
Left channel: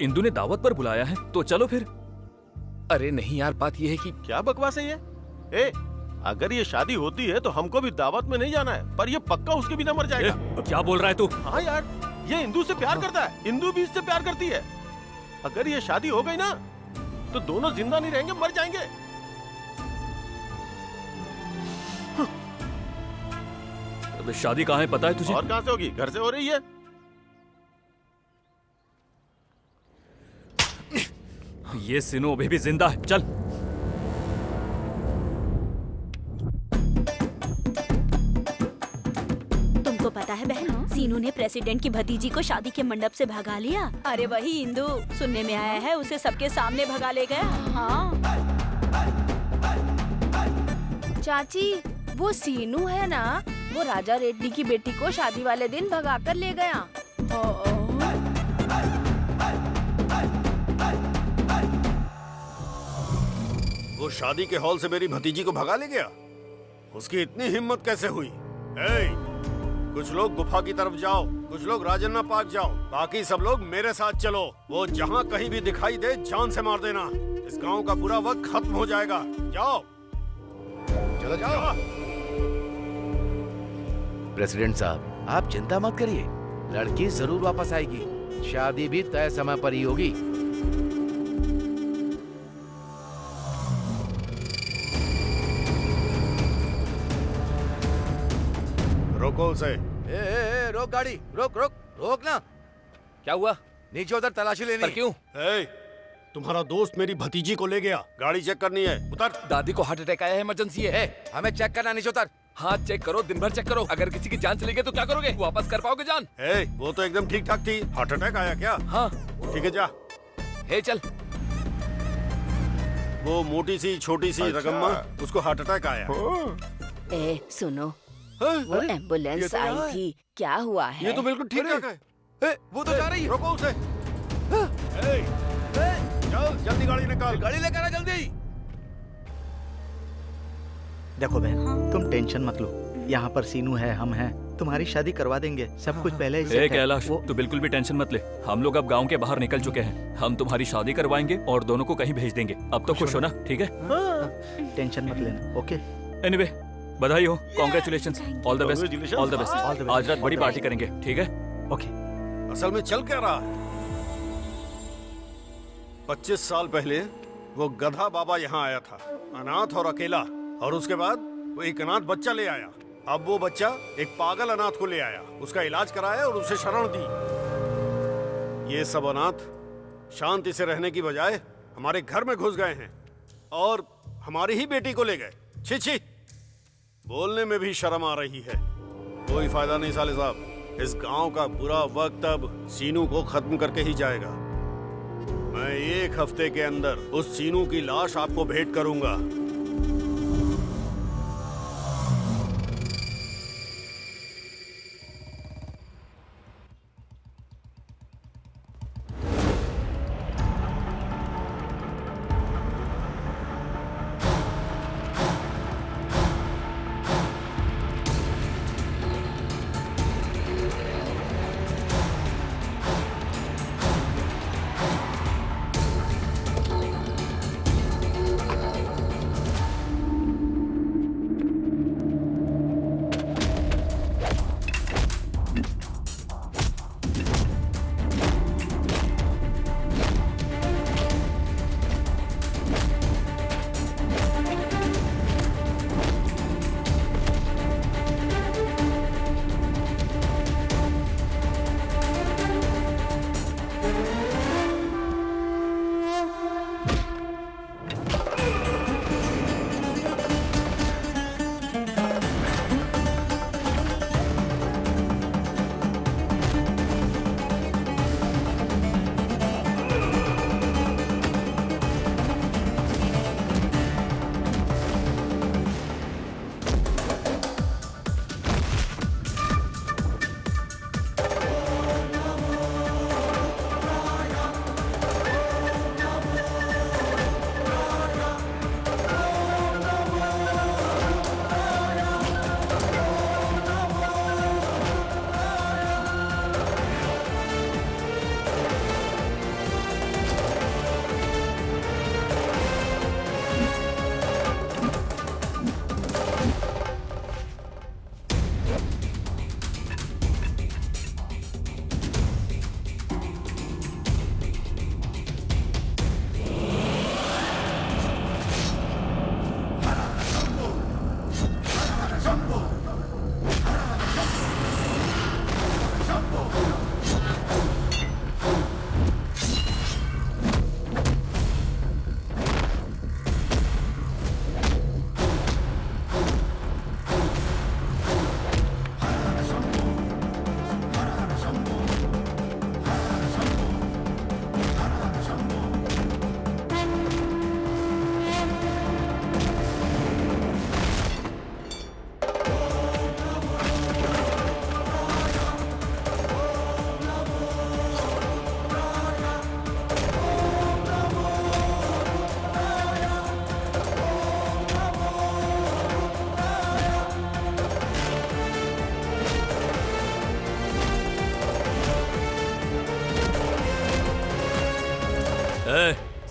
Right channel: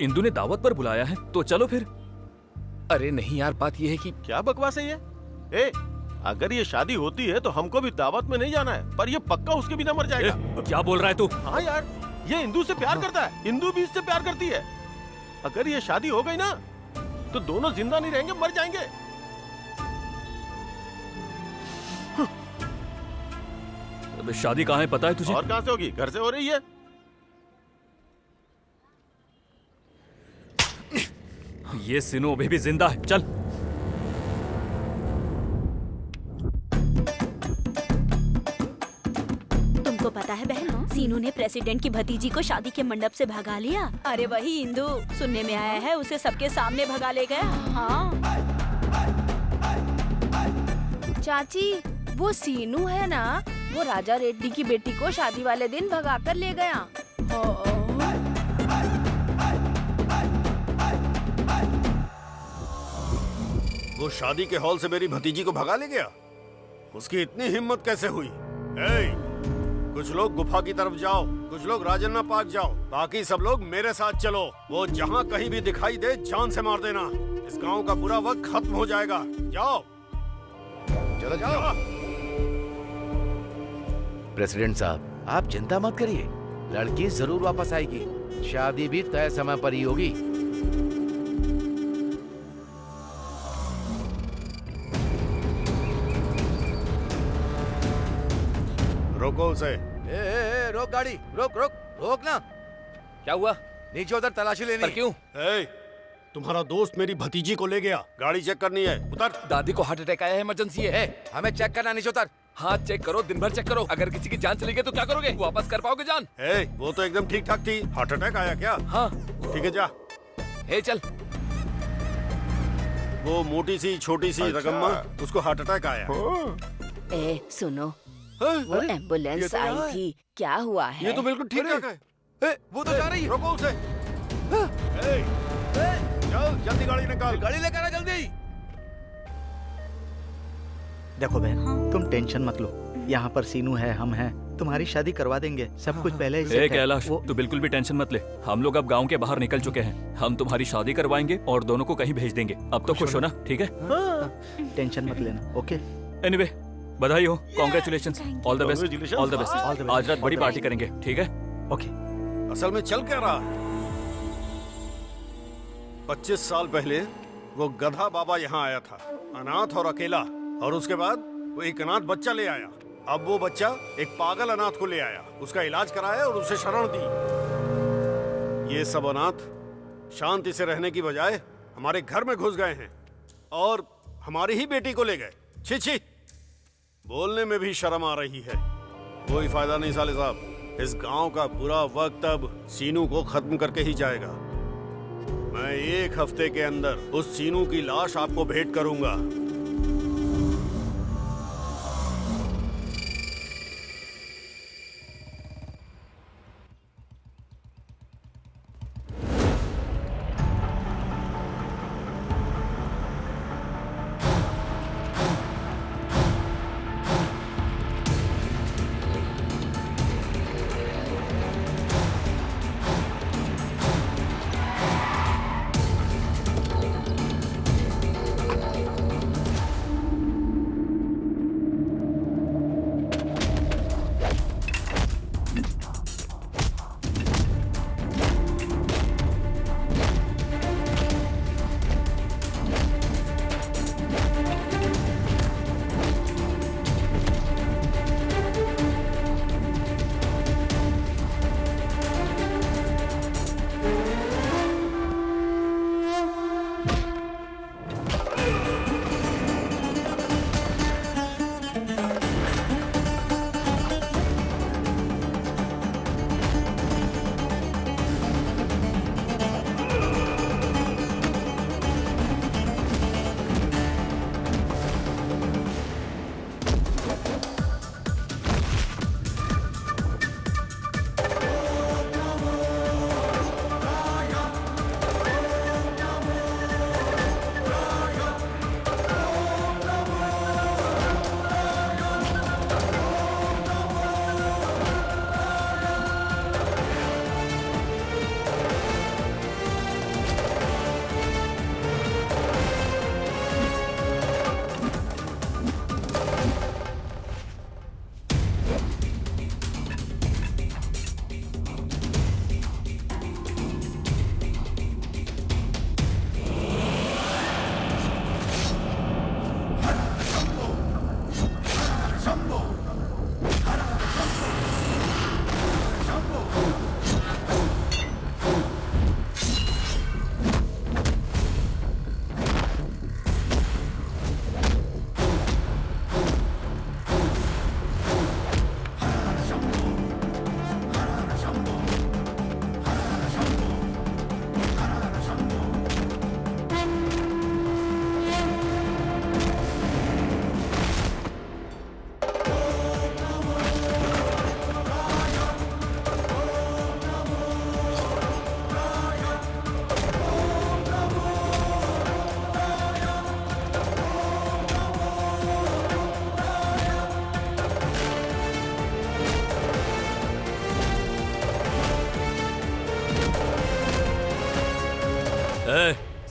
इंदु ने दावत पर बुलाया है, तो चलो फिर। अरे नहीं यार, बात यह है कि क्या बकवास है ये? ए, अगर ये शादी होती है तो हमको भी दावत में नहीं जाना है, पर ये पक्का उसके बिना मर जाएगा। क्या बोल रहा है तू? हाँ यार, ये इंदु से प्यार करता है, इंदु भी इससे प्यार करती है। अगर ये शादी हो गई ना तो दोनों जिंदा नहीं रहेंगे, मर जाएंगे। अब शादी कहाँ है पता है तुझे? और कहाँ से होगी? घर से हो रही है। ये सिनो अभी भी जिंदा है। चल। तुमको पता है बहन, सीनू ने प्रेसिडेंट की भतीजी को शादी के मंडप से भगा लिया। अरे वही इंदु, सुनने में आया है उसे सबके सामने भगा ले गया। हाँ चाची, वो सीनू है ना, वो राजा रेड्डी की बेटी को शादी वाले दिन भगा कर ले गया। वो शादी के हॉल से मेरी भतीजी को भगा ले गया? उसकी इतनी हिम्मत कैसे हुई? कुछ लोग गुफा की तरफ जाओ, कुछ लोग राजन्ना पार्क जाओ, बाकी सब लोग मेरे साथ चलो। वो जहाँ कहीं भी दिखाई दे जान से मार देना। इस गांव का बुरा वक्त खत्म हो जाएगा। जाओ चलो जाओ। प्रेसिडेंट साहब आप चिंता मत करिए, लड़की जरूर वापस आएगी। शादी भी तय समय पर ही होगी। रोको उसे। रोक गाड़ी, रोक रोक रोक ना। क्या हुआ? नीचे उधर तलाशी लेनी। पर क्यों? तुम्हारा दोस्त मेरी भतीजी को ले गया, गाड़ी चेक करनी है। उतर। दादी को हार्ट अटैक आया है, इमरजेंसी है। हमें चेक करना, नीचे उतर। हाँ चेक करो, दिन भर चेक करो। अगर किसी की जान चली गई तो क्या करोगे? वापस कर पाओगे जान? वो तो एकदम ठीक ठाक थी। हार्ट अटैक आया क्या? हाँ ठीक है जा। चल। वो मोटी सी छोटी सी रकम्मा, उसको हार्ट अटैक आया। ए सुनो, वो एम्बुलेंस आई थी, क्या हुआ है? ये तो बिल्कुल ठीक ठाक है। वो तो जा रही है। रोको उसे। चल जल्दी गाड़ी निकाल। गाड़ी लेकर आ जल्दी। देखो बहन, तुम टेंशन मत लो। यहाँ पर सीनू है, हम हैं, तुम्हारी शादी करवा देंगे। सब कुछ पहले ही सेट है। कैलाश, तू बिल्कुल भी टेंशन मत ले। हम लोग अब गांव के बाहर निकल चुके हैं। हम तुम्हारी शादी करवाएंगे और दोनों को कहीं भेज देंगे। अब तो खुश हो ना? ठीक है, टेंशन मत लेना। ओके। एनीवे, बधाई हो, congratulations, all the best, all the best. आज रात बड़ी पार्टी करेंगे, ठीक है? ओके। असल में चल क्या रहा है? 25 साल पहले वो गधा बाबा यहाँ आया था, अनाथ और अकेला, और उसके बाद वो एक अनाथ बच्चा ले आया। अब वो बच्चा एक पागल अनाथ को ले आया, उसका इलाज कराया और उसे शरण दी। ये सब अनाथ शांति से रहने की बजाय हमारे घर में घुस गए हैं और हमारी ही बेटी को ले गए। छी छी, बोलने में भी शर्म आ रही है। कोई फायदा नहीं साले साहब, इस गांव का बुरा वक्त अब सीनू को खत्म करके ही जाएगा। मैं 1 हफ्ते के अंदर उस सीनू की लाश आपको भेंट करूंगा।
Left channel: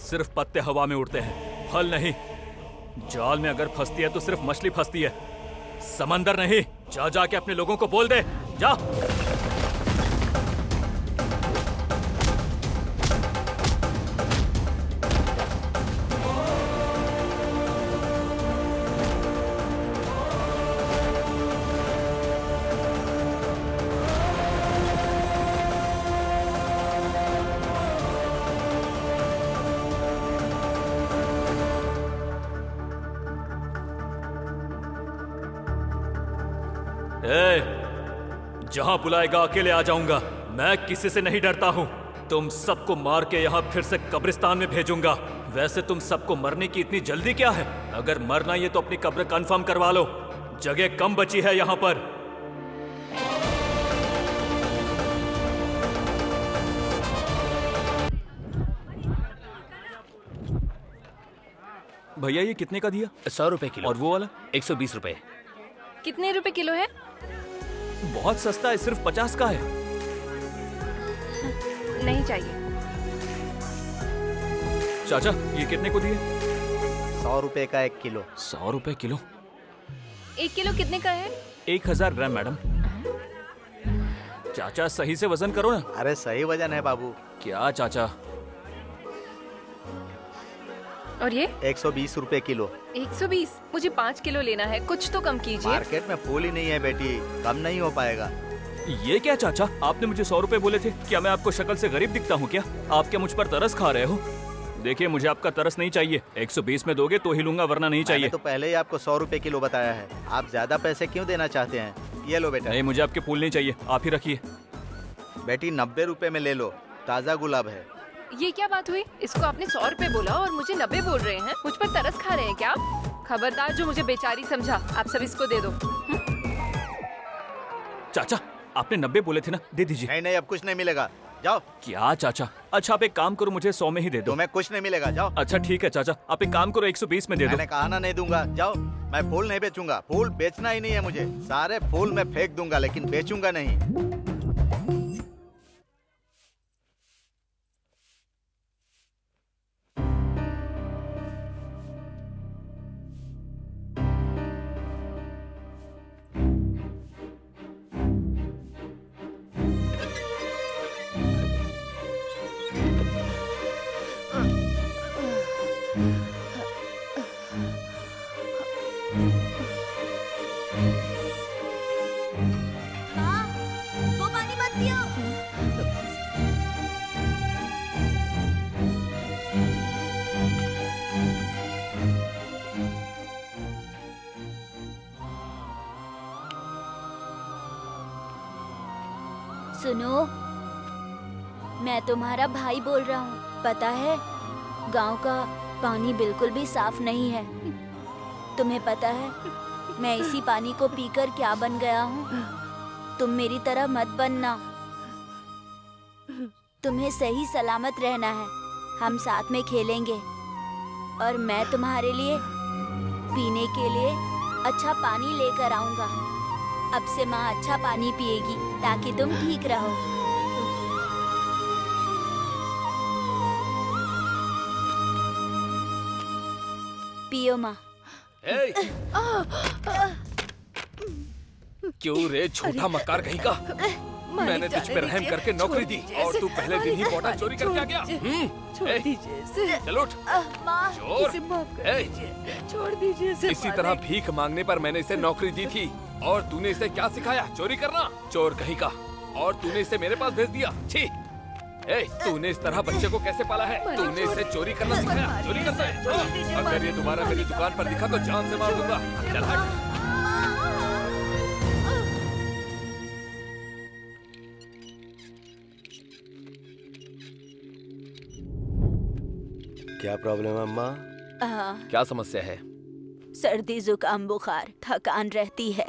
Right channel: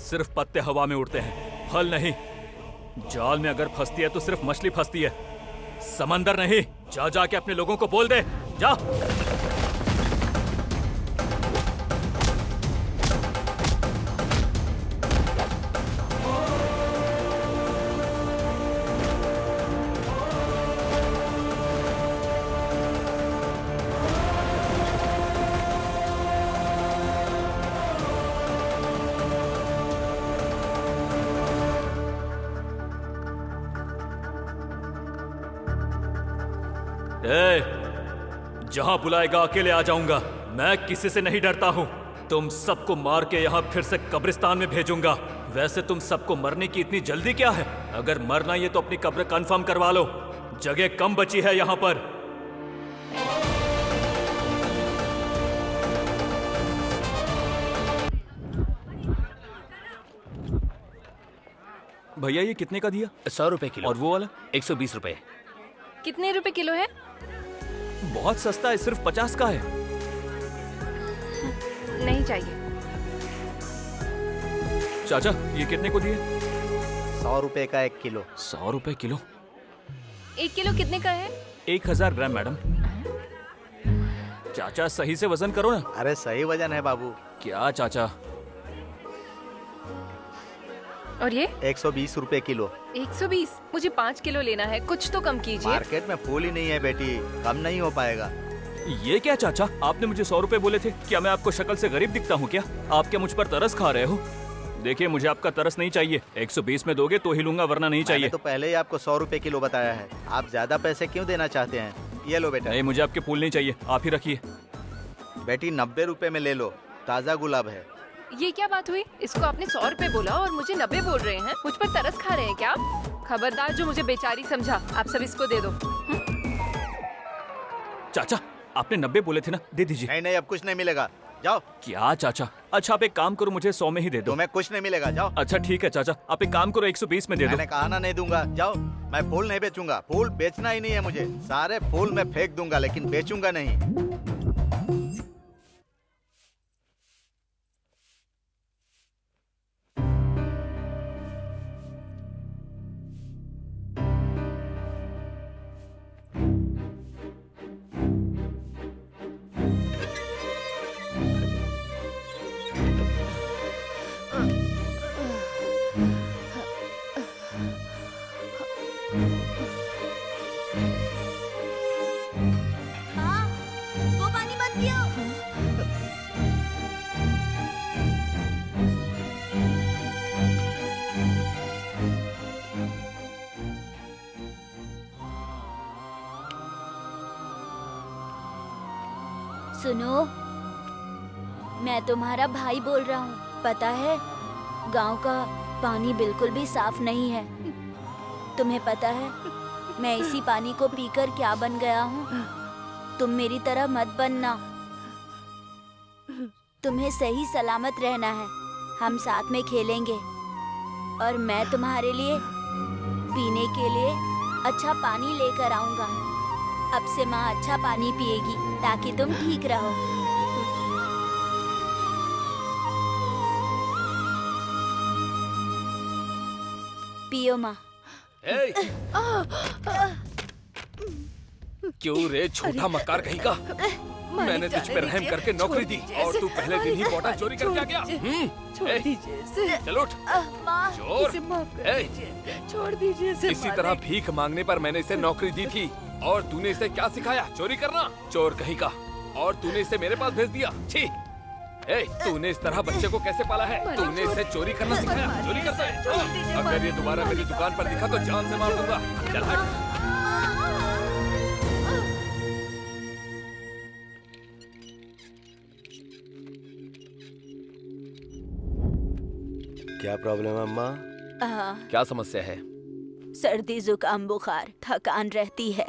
सिर्फ पत्ते हवा में उड़ते हैं, फल नहीं। जाल में अगर फंसती है तो सिर्फ मछली फंसती है, समंदर नहीं। जा जाके अपने लोगों को बोल दे, जा। जहां बुलाएगा अकेले आ जाऊंगा। मैं किसी से नहीं डरता हूं। तुम सबको मार के यहां फिर से कब्रिस्तान में भेजूंगा। वैसे तुम सबको मरने की इतनी जल्दी क्या है? अगर मरना ही है तो अपनी कब्र कंफर्म करवा लो, जगह कम बची है यहां पर। भैया ये कितने का दिया? 100 रुपए किलो। और वो वाला? 120 रुपए। कितने रुपए किलो है? बहुत सस्ता है, सिर्फ 50 का है। नहीं चाहिए। चाचा ये कितने को दिए? 100 रुपए का 1 किलो। 100 रुपए किलो? 1 किलो कितने का है? 1000 ग्राम मैडम। चाचा सही से वजन करो ना। अरे सही वजन है बाबू। क्या चाचा? और ये? 120 रुपए किलो। 120? मुझे 5 किलो लेना है, कुछ तो कम कीजिए। मार्केट में फूल ही नहीं है बेटी, कम नहीं हो पाएगा। ये क्या चाचा, आपने मुझे 100 रुपए बोले थे। क्या मैं आपको शक्ल से गरीब दिखता हूँ क्या? आप क्या मुझ पर तरस खा रहे हो? देखिए मुझे आपका तरस नहीं चाहिए। 120 में दोगे तो ही लूंगा, वरना नहीं चाहिए। मैंने तो पहले ही आपको 100 रुपए किलो बताया है। आप ज्यादा पैसे क्यों देना चाहते हैं? ये लो बेटा। नहीं, मुझे आपके फूल नहीं चाहिए, आप ही रखिए। बेटी 90 रुपए में ले लो, ताज़ा गुलाब है। ये क्या बात हुई? इसको आपने 100 रुपए बोला और मुझे 90 बोल रहे हैं। मुझ पर तरस खा रहे हैं क्या आप? खबरदार जो मुझे बेचारी समझा। आप सब इसको दे दो। चाचा, आपने 90 बोले थे ना, दे दीजिए। नहीं नहीं, अब कुछ नहीं मिलेगा, जाओ। क्या चाचा? अच्छा आप एक काम करो, मुझे 100 में ही दे दो। तुम्हें कुछ नहीं मिलेगा, जाओ। अच्छा ठीक है चाचा, आप एक काम करो, 120 में दे दो। मैंने कहा ना नहीं दूंगा, जाओ। मैं फूल नहीं बेचूंगा, फूल बेचना ही नहीं है मुझे। सारे फूल मैं फेंक दूंगा, लेकिन बेचूंगा नहीं। माँ, वो पानी मत पियो। सुनो, मैं तुम्हारा भाई बोल रहा हूँ। पता है, गांव का पानी बिल्कुल भी साफ नहीं है। तुम्हें पता है मैं इसी पानी को पीकर क्या बन गया हूँ? तुम मेरी तरह मत बनना। तुम्हें सही सलामत रहना है। हम साथ में खेलेंगे और मैं तुम्हारे लिए पीने के लिए अच्छा पानी लेकर आऊंगा। अब से माँ अच्छा पानी पिएगी ताकि तुम ठीक रहो। पियो माँ। क्यों रे छोटा मक्कार कहीं का? मैंने तुझ पे रहम करके नौकरी दी और तू पहले दिन ही बोतल चोरी करके आ गया। छोड़ दीजिए इसे। चल उठ। माँ, चोर। इसे माफ कर दीजिए। छोड़ दीजिए इसे। इसी तरह भीख मांगने पर मैंने इसे नौकरी दी थी और तूने इसे क्या सिखाया? चोरी करना। चोर कहीं का। और तूने इसे मेरे पास भेज दिया। छी। तूने इस तरह बच्चे को कैसे पाला है? तूने इसे चोरी करना सिखाया? चोरी करता है? अगर ये दोबारा मेरी दुकान पर दिखा तो जान से मार दूंगा। चल हट। क्या प्रॉब्लम है अम्मा? क्या समस्या है? सर्दी, जुकाम, बुखार, थकान रहती है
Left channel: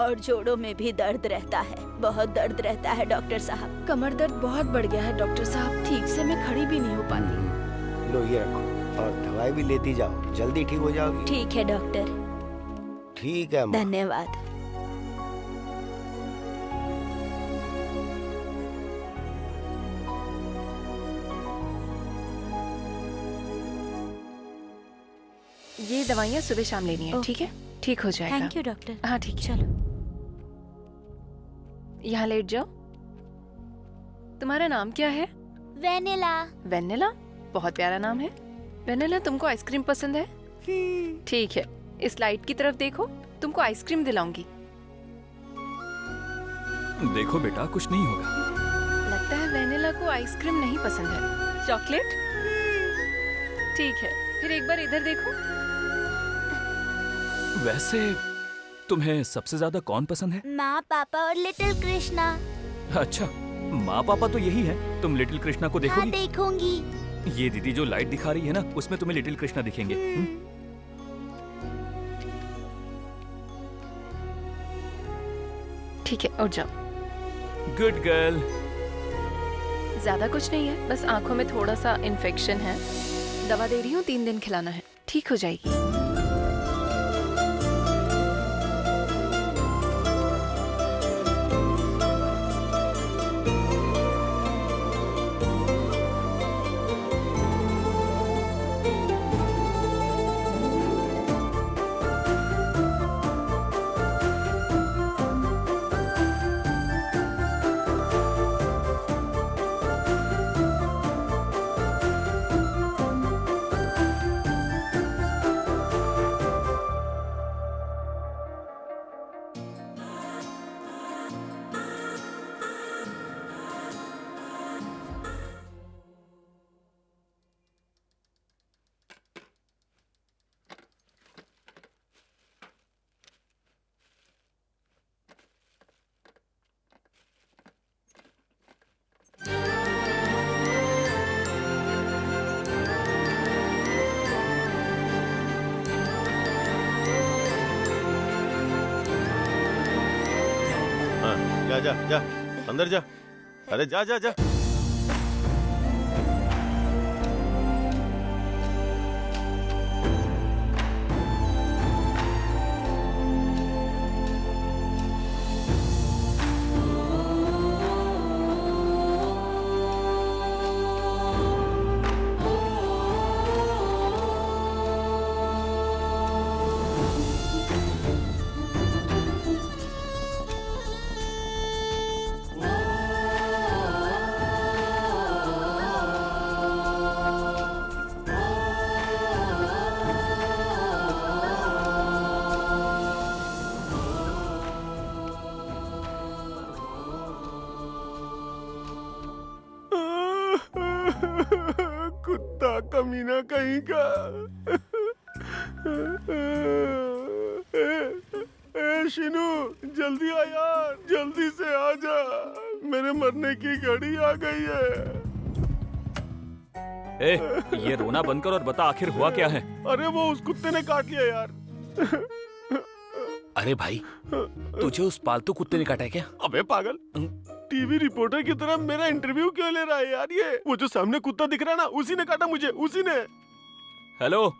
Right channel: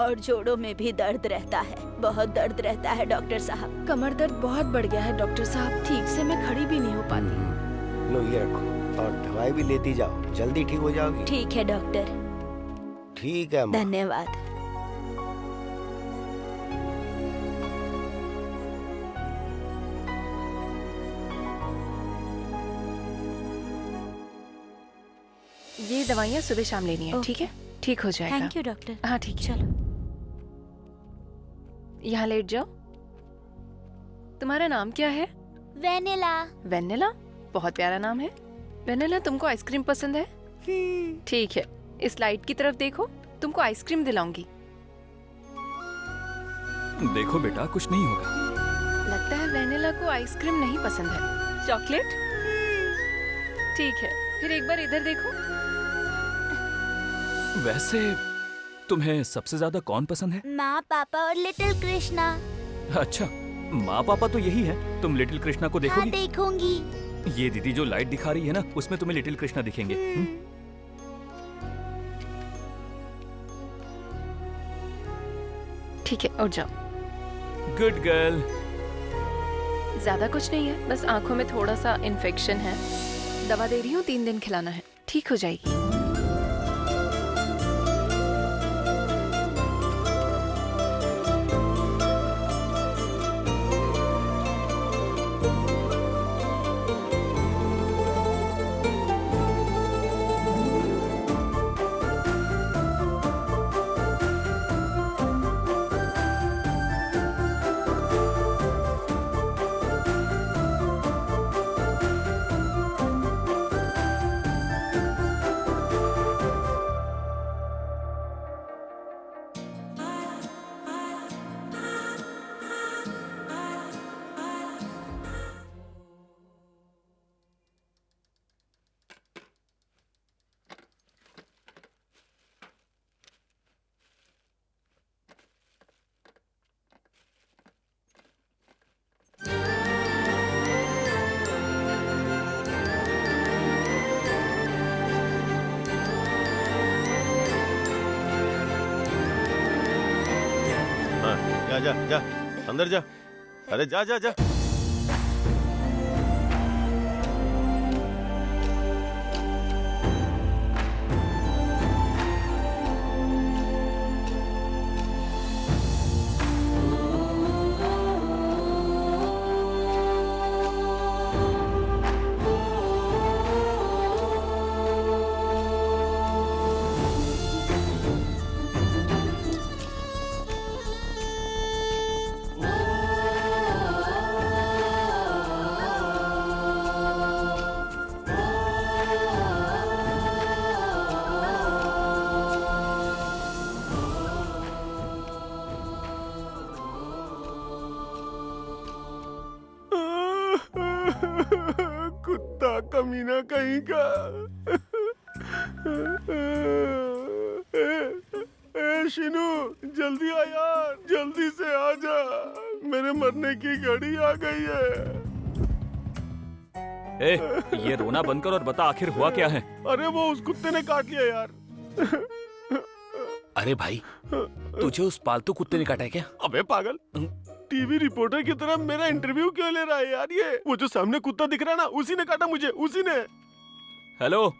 और जोड़ों में भी दर्द रहता है। बहुत दर्द रहता है डॉक्टर साहब। कमर दर्द बहुत बढ़ गया है डॉक्टर साहब। ठीक से मैं खड़ी भी नहीं हो पाती। लो ये रखो और दवाई भी लेती जाओ, जल्दी ठीक हो जाओगी। ठीक है डॉक्टर। ठीक है अम्मा। धन्यवाद। ये दवाइयाँ सुबह शाम लेनी है, ठीक है? ठीक हो जाएगा। Thank you doctor. हाँ ठीक है। चलो यहाँ लेट जाओ। तुम्हारा नाम क्या है? वेनिला। वेनिला? बहुत प्यारा नाम है। वेनिला, तुमको आइसक्रीम पसंद है? ठीक है, इस लाइट की तरफ देखो, तुमको आइसक्रीम दिलाऊंगी। देखो बेटा, कुछ नहीं होगा। लगता है वेनिला को आइसक्रीम नहीं पसंद है। चॉकलेट? ठीक है, फिर एक बार इधर देखो। वैसे तुम्हें सबसे ज्यादा कौन पसंद है? माँ, पापा और लिटिल कृष्णा। अच्छा, माँ पापा तो यही है। तुम लिटिल कृष्णा को हाँ, देखोगी? देखूंगी। ये दीदी जो लाइट दिखा रही है ना, उसमें तुम्हें लिटिल कृष्णा दिखेंगे। ठीक है, उठ जाओ। Good girl. ज्यादा कुछ नहीं है, बस आंखों में थोड़ा सा इन्फेक्शन है। दवा दे रही हूँ, 3 दिन खिलाना है, ठीक हो जाएगी। हाँ, जा जा जा अंदर जा। अरे जा जा जा। कुत्ता कमीना कहीं का। शिनू जल्दी आ यार, जल्दी से आ जा, मेरे मरने की घड़ी आ गई है। ये रोना बंद कर और बता आखिर हुआ क्या है। अरे वो उस कुत्ते ने काट लिया यार। अरे भाई, तुझे उस पालतू कुत्ते ने काटा है क्या? अबे पागल, टीवी रिपोर्टर की तरह मेरा इंटरव्यू क्यों ले रहा है यार? ये वो जो सामने कुत्ता दिख रहा है ना, उसी ने काटा मुझे, उसी ने। हेलो,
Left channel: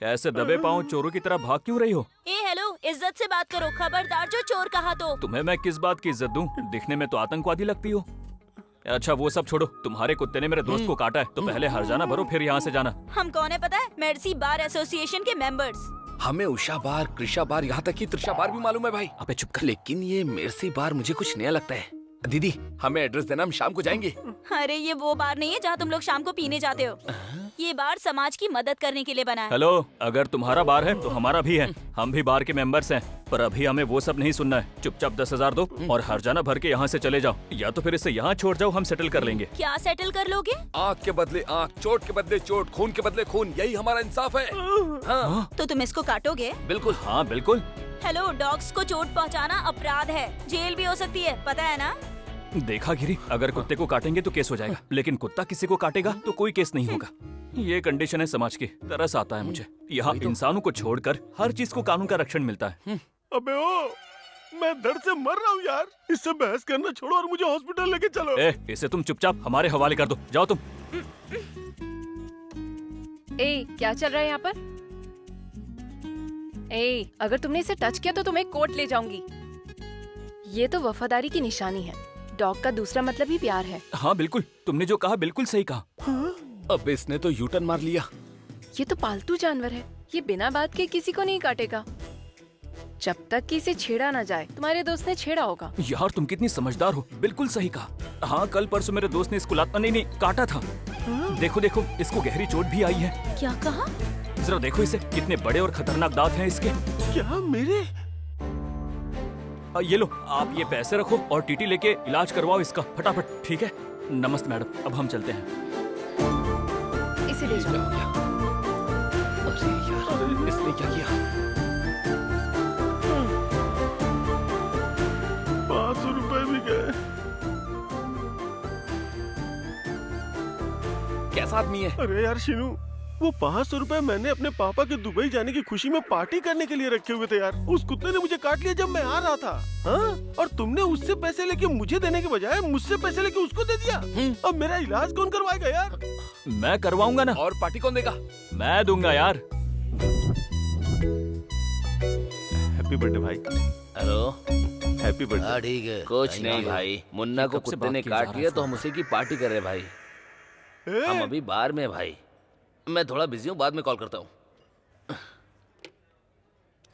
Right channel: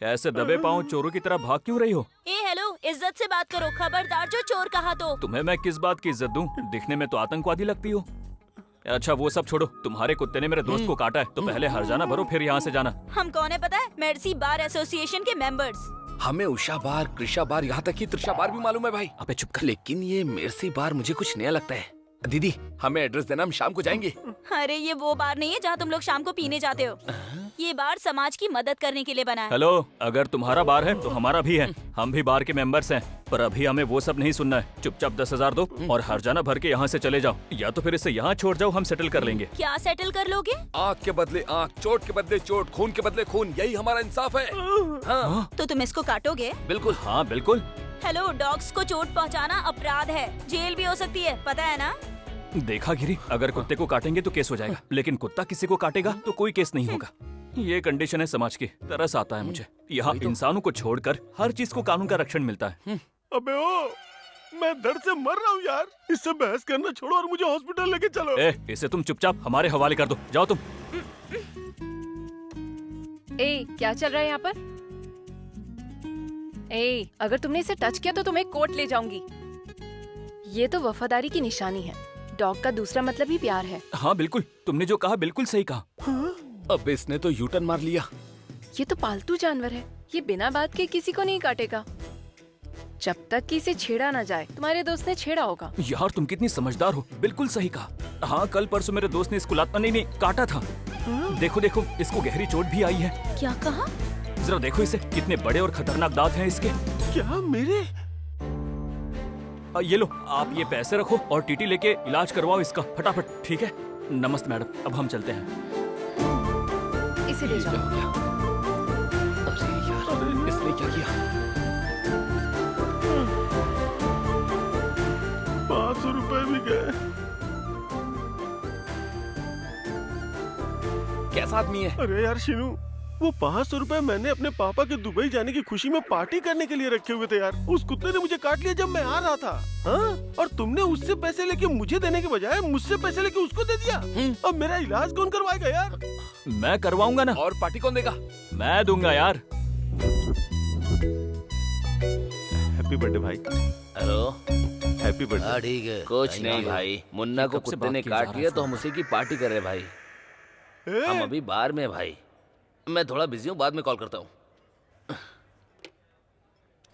ऐसे दबे पांव चोरों की तरह भाग क्यों रही हो? हेलो, इज्जत से बात करो, खबरदार जो चोर कहा तो। तुम्हें मैं किस बात की इज्जत दूं? दिखने में तो आतंकवादी लगती हो। अच्छा वो सब छोड़ो, तुम्हारे कुत्ते ने मेरे दोस्त को काटा है तो पहले हर्जाना भरो फिर यहाँ से जाना। हम कौन है पता है? मेर्सी बार एसोसिएशन के मेंबर्स। हमें उषा बार, कृषा बार, यहाँ तक कि त्रिशा बार भी मालूम है भाई। अबे चुप कर। लेकिन ये मेर्सी बार मुझे कुछ नया लगता है। दीदी हमें एड्रेस देना, हम शाम को जाएंगे। अरे ये वो बार नहीं है जहाँ तुम लोग शाम को पीने जाते हो। ये बार समाज की मदद करने के लिए बना है। हेलो, अगर तुम्हारा बार है तो हमारा भी है, हम भी बार के मेंबर्स हैं। पर अभी हमें वो सब नहीं सुनना है। चुपचाप 10,000 दो और हर्जाना भर के यहाँ से चले जाओ, या तो फिर इसे यहाँ छोड़ जाओ, हम सेटल कर लेंगे। क्या सेटल कर लोगे? आँख के बदले आँख, चोट के बदले चोट, खून के बदले खून, यही हमारा इंसाफ है। हाँ। तो तुम इसको काटोगे? बिल्कुल। हाँ बिल्कुल। हेलो, डॉग्स को चोट पहुँचाना अपराध है, जेल भी हो सकती है, पता है ना? देखा गिरी, अगर कुत्ते को काटेंगे तो केस हो जाएगा, लेकिन कुत्ता किसी को काटेगा तो कोई केस नहीं होगा। ये कंडीशन है समाज की। तरस आता है मुझे, यहाँ इंसानों को छोड़कर हर चीज को कानून का रक्षण मिलता है। अबे ओ, मैं दर्द से मर रहा हूँ यार, इससे बहस करना छोड़ो और मुझे हॉस्पिटल लेके चलो। इसे तुम चुपचाप हमारे हवाले कर दो, जाओ तुम। क्या चल रहा है यहाँ पर? अगर तुमने इसे टच किया तो तुम्हें कोर्ट ले जाऊंगी। ये तो वफादारी की निशानी है। डॉग का दूसरा मतलब ही प्यार है। हाँ बिल्कुल, तुमने जो कहा बिल्कुल सही कहा। अब इसने तो यूटर्न मार लिया। ये तो पालतू जानवर है, ये बिना बात के किसी को नहीं काटेगा जब तक कि इसे छेड़ा ना जाए। तुम्हारे दोस्त ने छेड़ा होगा। यार तुम कितनी समझदार हो, बिल्कुल सही कहा। हाँ कल परसों मेरे दोस्त ने इसको नहीं काटा था। देखो देखो, इसको गहरी चोट भी आई है। क्या कहा? जरा देखो इसे, कितने बड़े और खतरनाक दांत हैं इसके। क्या मेरे? ये लो, आप ये पैसे रखो और टीटी लेके इलाज करवाओ इसका फटाफट, ठीक है? नमस्ते मैडम, अब हम चलते हैं। इसे ले जाओ। अरे यार, इसने क्या किया? 500 रुपए भी गए। कैसा आदमी है? अरे यार शिनू, वो 500 रुपए मैंने अपने पापा के दुबई जाने की खुशी में पार्टी करने के लिए रखे हुए थे यार। उस कुत्ते ने मुझे काट लिया जब मैं आ रहा था। हाँ? और तुमने उससे पैसे लेके मुझे देने के बजाय मुझसे पैसे लेके उसको दे दिया। अब मेरा इलाज कौन करवाएगा यार? मैं करवाऊंगा ना। और पार्टी कौन देगा? मैं दूंगा यार। हैप्पी बर्थडे भाई। Hello, happy birthday. ठीक है। कुछ नहीं भाई, मुन्ना को कुत्ते ने काट लिया तो हम उसी की पार्टी कर रहे भाई। हम अभी बाहर में भाई, मैं थोड़ा बिजी हूँ, बाद में कॉल करता हूँ।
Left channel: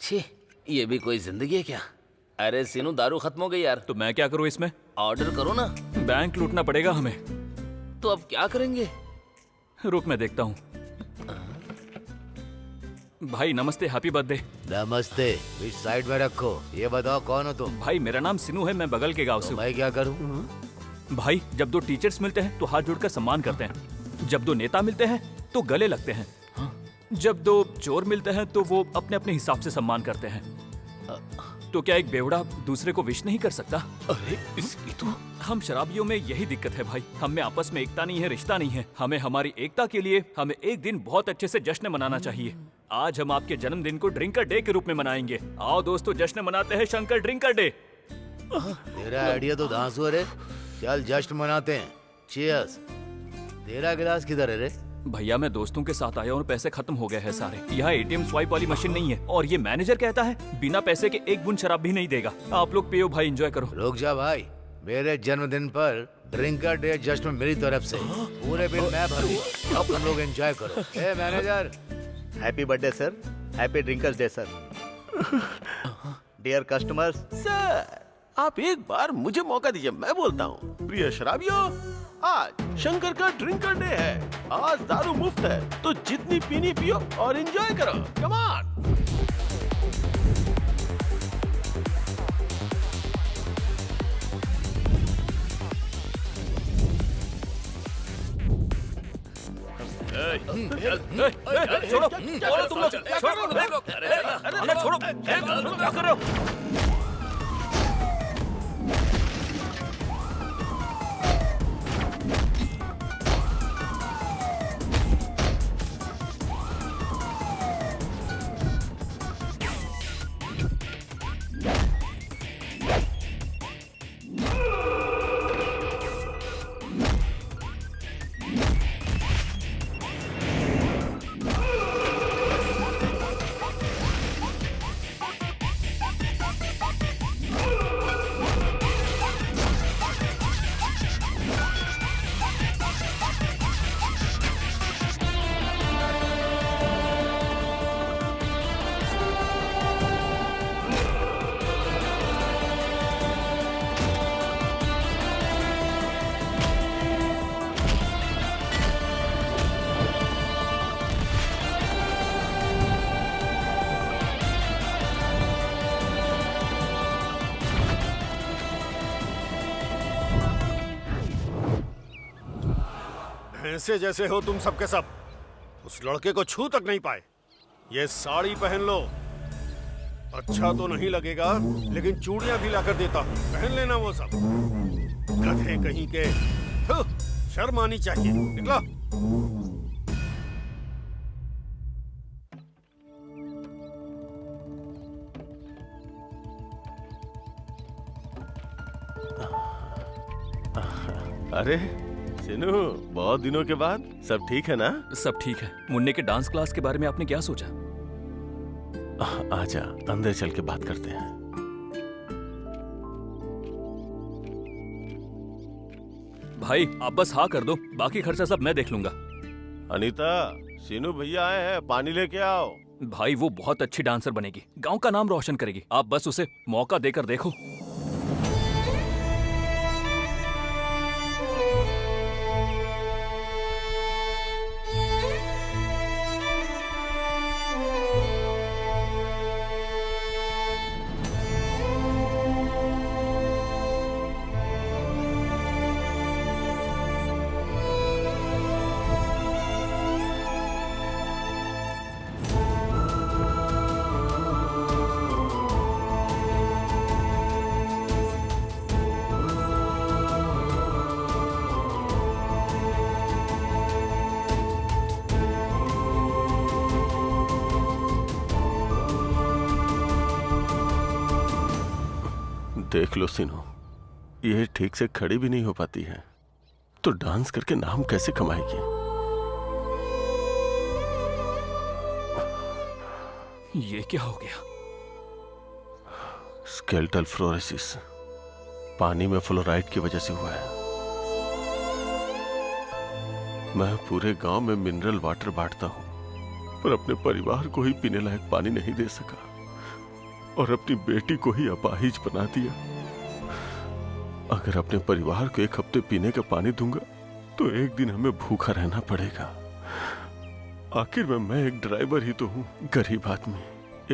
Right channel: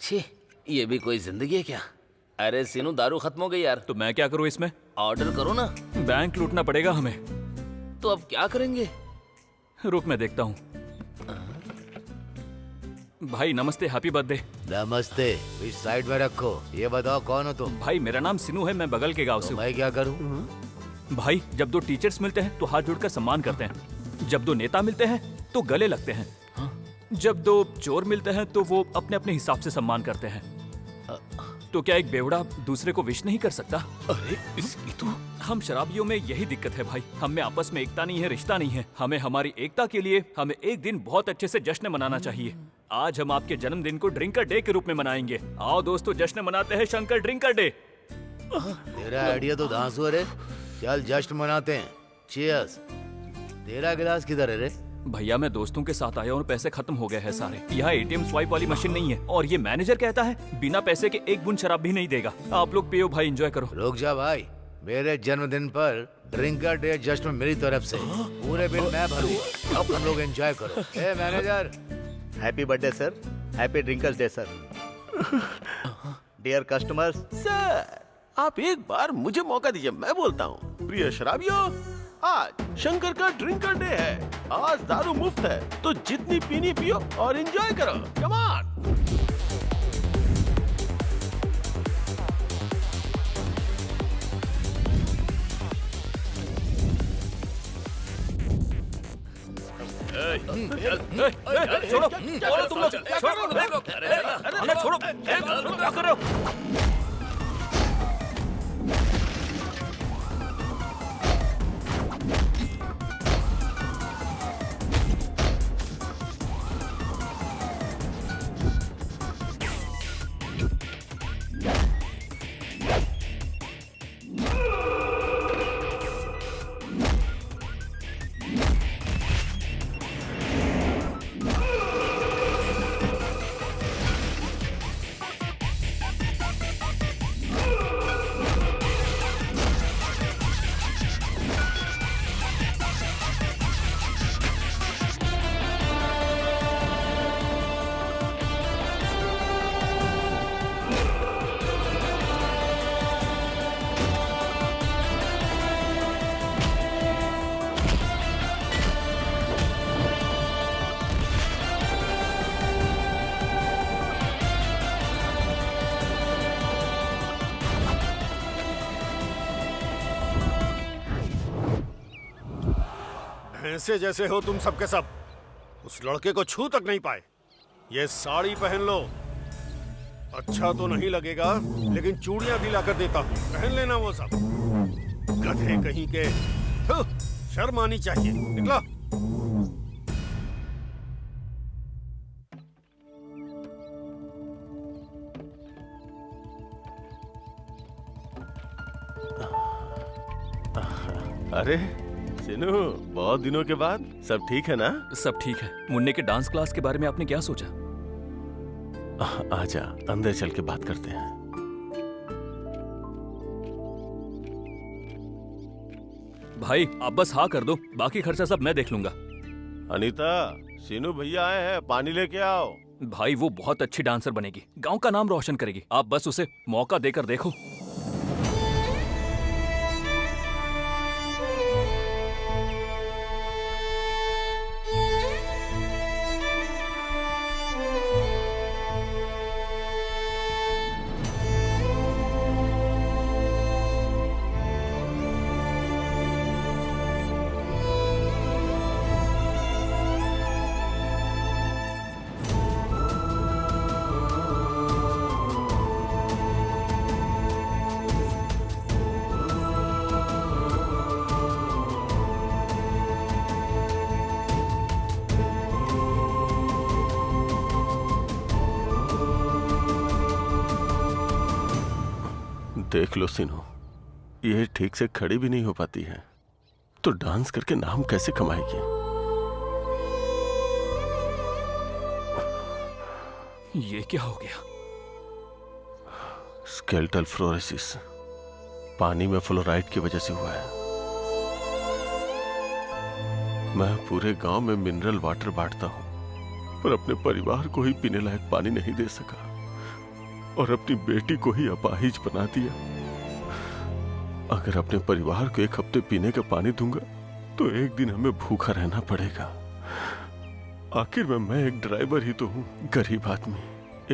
छी, ये भी कोई जिंदगी है क्या? अरे सीनू, दारू खत्म हो गई यार। तो मैं क्या करूँ इसमें? ऑर्डर करो ना। बैंक लूटना पड़ेगा हमें। तो अब क्या करेंगे? रुक मैं देखता हूँ। भाई नमस्ते, हैप्पी बर्थडे। नमस्ते, इस साइड में रखो। ये बताओ कौन हो तुम? भाई मेरा नाम सिनू है, मैं बगल के गांव से हूँ। मैं क्या करूँ? भाई जब दो टीचर्स मिलते हैं तो हाथ जोड़कर सम्मान करते हैं, जब दो नेता मिलते हैं तो गले लगते हैं, जब दो चोर मिलते हैं तो वो अपने अपने हिसाब से सम्मान करते हैं। तो क्या एक बेवड़ा दूसरे को विश नहीं कर सकता? अरे इसकी तो हम शराबियों में यही दिक्कत है भाई, हम में आपस में एकता नहीं है, रिश्ता नहीं है। हमें हमारी एकता के लिए हमें एक दिन बहुत अच्छे से जश्न मनाना चाहिए। आज हम आपके जन्मदिन को ड्रिंकर डे के रूप में मनाएंगे। आओ दोस्तों, जश्न मनाते हैं शंकर ड्रिंकर डे। तेरा आइडिया तो धांसू है रे। चल जश्न मनाते हैं। चीयर्स। तेरा गिलास किधर है रे? भैया मैं दोस्तों के साथ आया और पैसे खत्म हो गए हैं सारे। यहाँ एटीएम स्वाइप वाली मशीन नहीं है और ये मैनेजर कहता है बिना पैसे के एक बूंद शराब भी नहीं देगा। आप लोग पियो भाई, एंजॉय करो। रुक जा भाई, मेरे जन्मदिन पर ड्रिंकर डे जश्न मेरी तरफ से, पूरे बिल मैं भरूँ। अब तुम लोग एंजॉय करो। ए manager, happy birthday sir, happy drinkers day sir. Dear customers. Sir आप एक बार मुझे मौका दीजिए, मैं बोलता हूँ। प्रिय शराबियों, आज शंकर का ड्रिंकर डे है। आज दारू मुफ्त है, तो जितनी पीनी पियो और एंजॉय करो। Come on. छोड़ो, तुम लोग छोड़ो, क्या कर रहे हो? भैंसे जैसे हो तुम सबके सब। उस लड़के को छू तक नहीं पाए। ये साड़ी पहन लो। अच्छा तो नहीं लगेगा, लेकिन चूड़ियां भी लाकर देता हूँ, पहन लेना वो सब। गधे कहीं के। शर्म आनी चाहिए। निकलो। अरे सिनू, बहुत दिनों के बाद। सब ठीक है ना? सब ठीक है। मुन्ने के डांस क्लास के बारे में आपने क्या सोचा? आजा, अंदर चल के बात करते हैं। भाई आप बस हाँ कर दो, बाकी खर्चा सब मैं देख लूंगा। अनीता, सिनू भैया आए हैं, पानी लेके आओ। भाई वो बहुत अच्छी डांसर बनेगी, गांव का नाम रोशन करेगी। आप बस उसे मौका देकर देखो। देख लो सिनू, ये ठीक से खड़ी भी नहीं हो पाती है, तो डांस करके नाम कैसे कमाएगी? ये क्या हो गया? स्केलेटल फ्लोरोसिस, पानी में फ्लोराइड की वजह से हुआ है। मैं पूरे गांव में मिनरल वाटर बांटता हूं, पर अपने परिवार को ही पीने लायक पानी नहीं दे सका और अपनी बेटी को ही अपाहिज बना दिया। अगर अपने परिवार को एक हफ्ते पीने का पानी दूंगा तो एक दिन हमें भूखा रहना पड़ेगा। आखिर में मैं एक ड्राइवर ही तो हूँ, गरीब आदमी।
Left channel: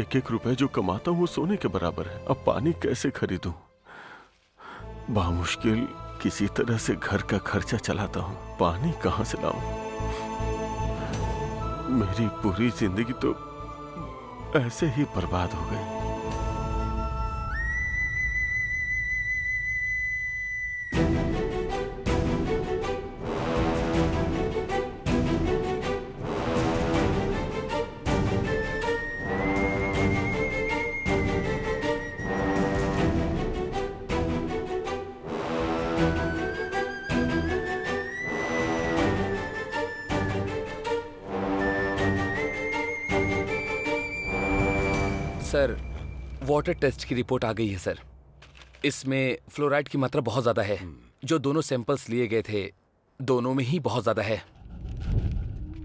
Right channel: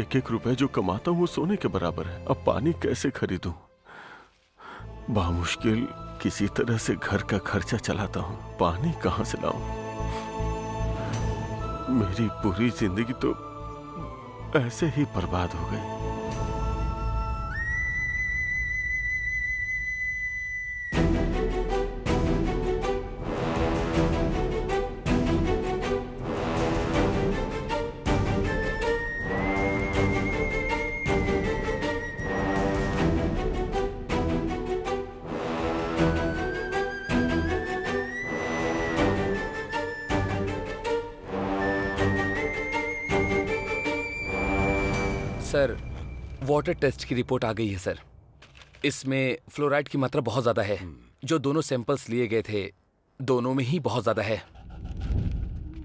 एक एक रुपए जो कमाता हूँ वो सोने के बराबर है। अब पानी कैसे खरीदूं? बामुश्किल किसी तरह से घर का खर्चा चलाता हूँ, पानी कहाँ से लाऊं? मेरी पूरी जिंदगी तो ऐसे ही बर्बाद हो गई। सर, वाटर टेस्ट की रिपोर्ट आ गई है सर। इसमें फ्लोराइड की मात्रा बहुत ज्यादा है। जो दोनों सैंपल्स लिए गए थे, दोनों में ही बहुत ज्यादा है।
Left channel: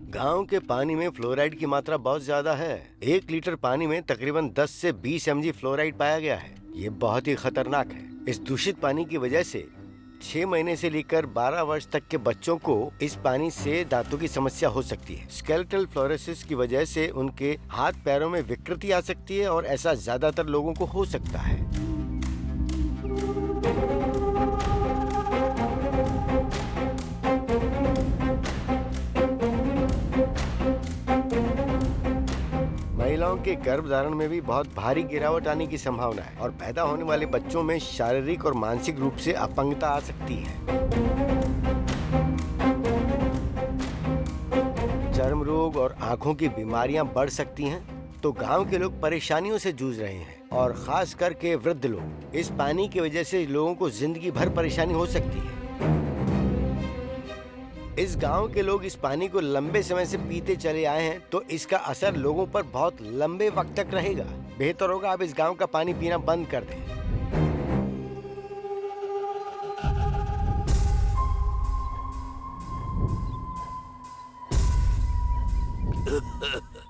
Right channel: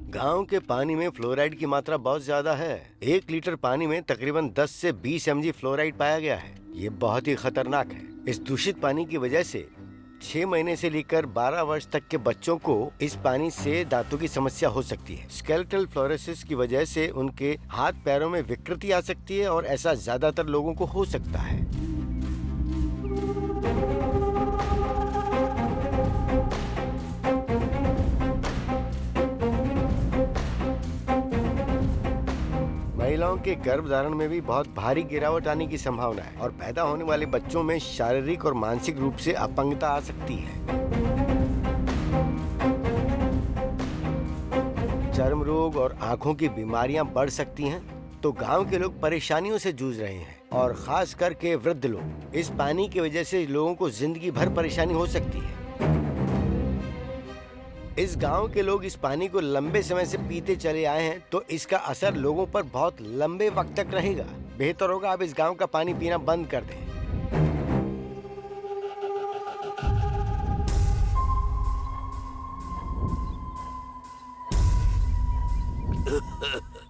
गांव के पानी में फ्लोराइड की मात्रा बहुत ज्यादा है। 1 लीटर पानी में तकरीबन 10 से 20 mg फ्लोराइड पाया गया है। ये बहुत ही खतरनाक है। इस दूषित पानी की वजह से 6 महीने से लेकर 12 वर्ष तक के बच्चों को इस पानी से दांतों की समस्या हो सकती है। स्केलेटल फ्लोरोसिस की वजह से उनके हाथ पैरों में विकृति आ सकती है और ऐसा ज्यादातर लोगों को हो सकता है। महिलाओं के गर्भधारण में भी बहुत भारी गिरावट आने की संभावना है और पैदा होने वाले बच्चों में शारीरिक और मानसिक रूप से अपंगता आ सकती है। चर्म रोग और आंखों की बीमारियां बढ़ सकती हैं। तो गांव के लोग परेशानियों से जूझ रहे हैं और खास करके वृद्ध लोग। इस पानी की वजह से लोगों को जिंदगी भर परेशानी हो सकती है। इस गांव के लोग इस पानी को लंबे समय से पीते चले आए हैं, तो इसका असर लोगों पर बहुत लंबे वक्त तक रहेगा। बेहतर होगा आप इस गांव का पानी पीना बंद कर दें।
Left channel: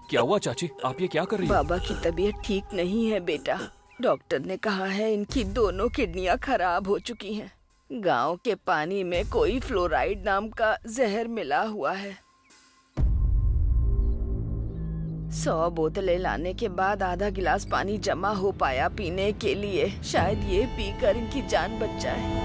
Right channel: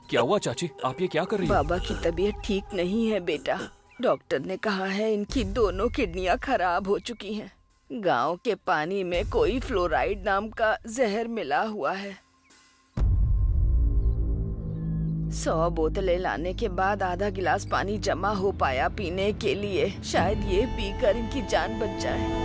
क्या हुआ चाची, आप ये क्या कर रही हो? बाबा की तबीयत ठीक नहीं है बेटा। डॉक्टर ने कहा है इनकी दोनों किडनियां खराब हो चुकी हैं। गांव के पानी में कोई फ्लोराइड नाम का जहर मिला हुआ है। 100 बोतलें लाने के बाद आधा गिलास पानी जमा हो पाया पीने के लिए। शायद ये पीकर इनकी जान बच जाए।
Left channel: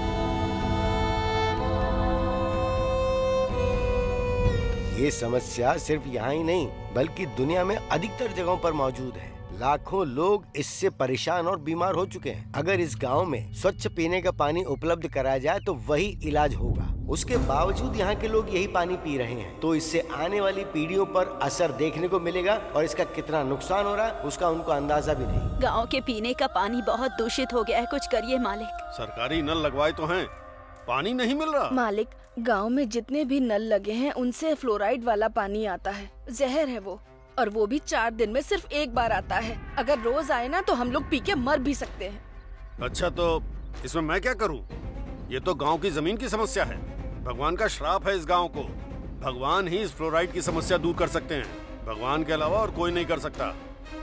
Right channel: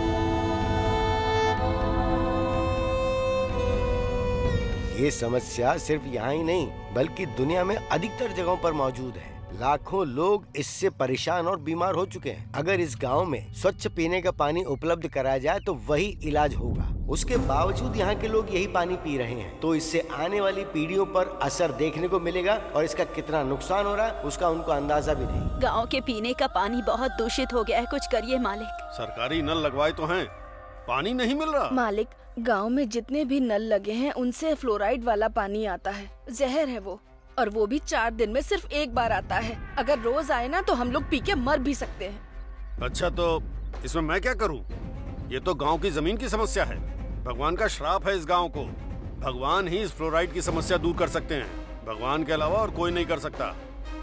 ये समस्या सिर्फ यहाँ ही नहीं बल्कि दुनिया में अधिकतर जगहों पर मौजूद है। लाखों लोग इससे परेशान और बीमार हो चुके हैं। अगर इस गांव में स्वच्छ पीने का पानी उपलब्ध कराया जाए तो वही इलाज होगा। उसके बावजूद यहाँ के लोग यही पानी पी रहे हैं। तो इससे आने वाली पीढ़ियों पर असर देखने को मिलेगा और इसका कितना नुकसान हो रहा है उसका उनको अंदाजा भी नहीं। गांव के पीने का पानी बहुत दूषित हो गया है। कुछ करिए मालिक। सरकारी नल लगवाए तो हैं, पानी नहीं मिल रहा। मालिक, गांव में जितने भी नल लगे हैं उनसे फ्लोराइड वाला पानी आता है। जहर है वो, और वो भी 4 दिन में सिर्फ 1 बार आता है। अगर रोज आए ना तो हम लोग पी के मर भी सकते हैं। अच्छा, तो इसमें मैं क्या करूं? ये तो गांव की जमीन की समस्या है। भगवान का श्राप है इस गांव को। भगवान ही इस फ्लोराइड की समस्या दूर कर सकते हैं। भगवान के अलावा और कोई नहीं कर सकता।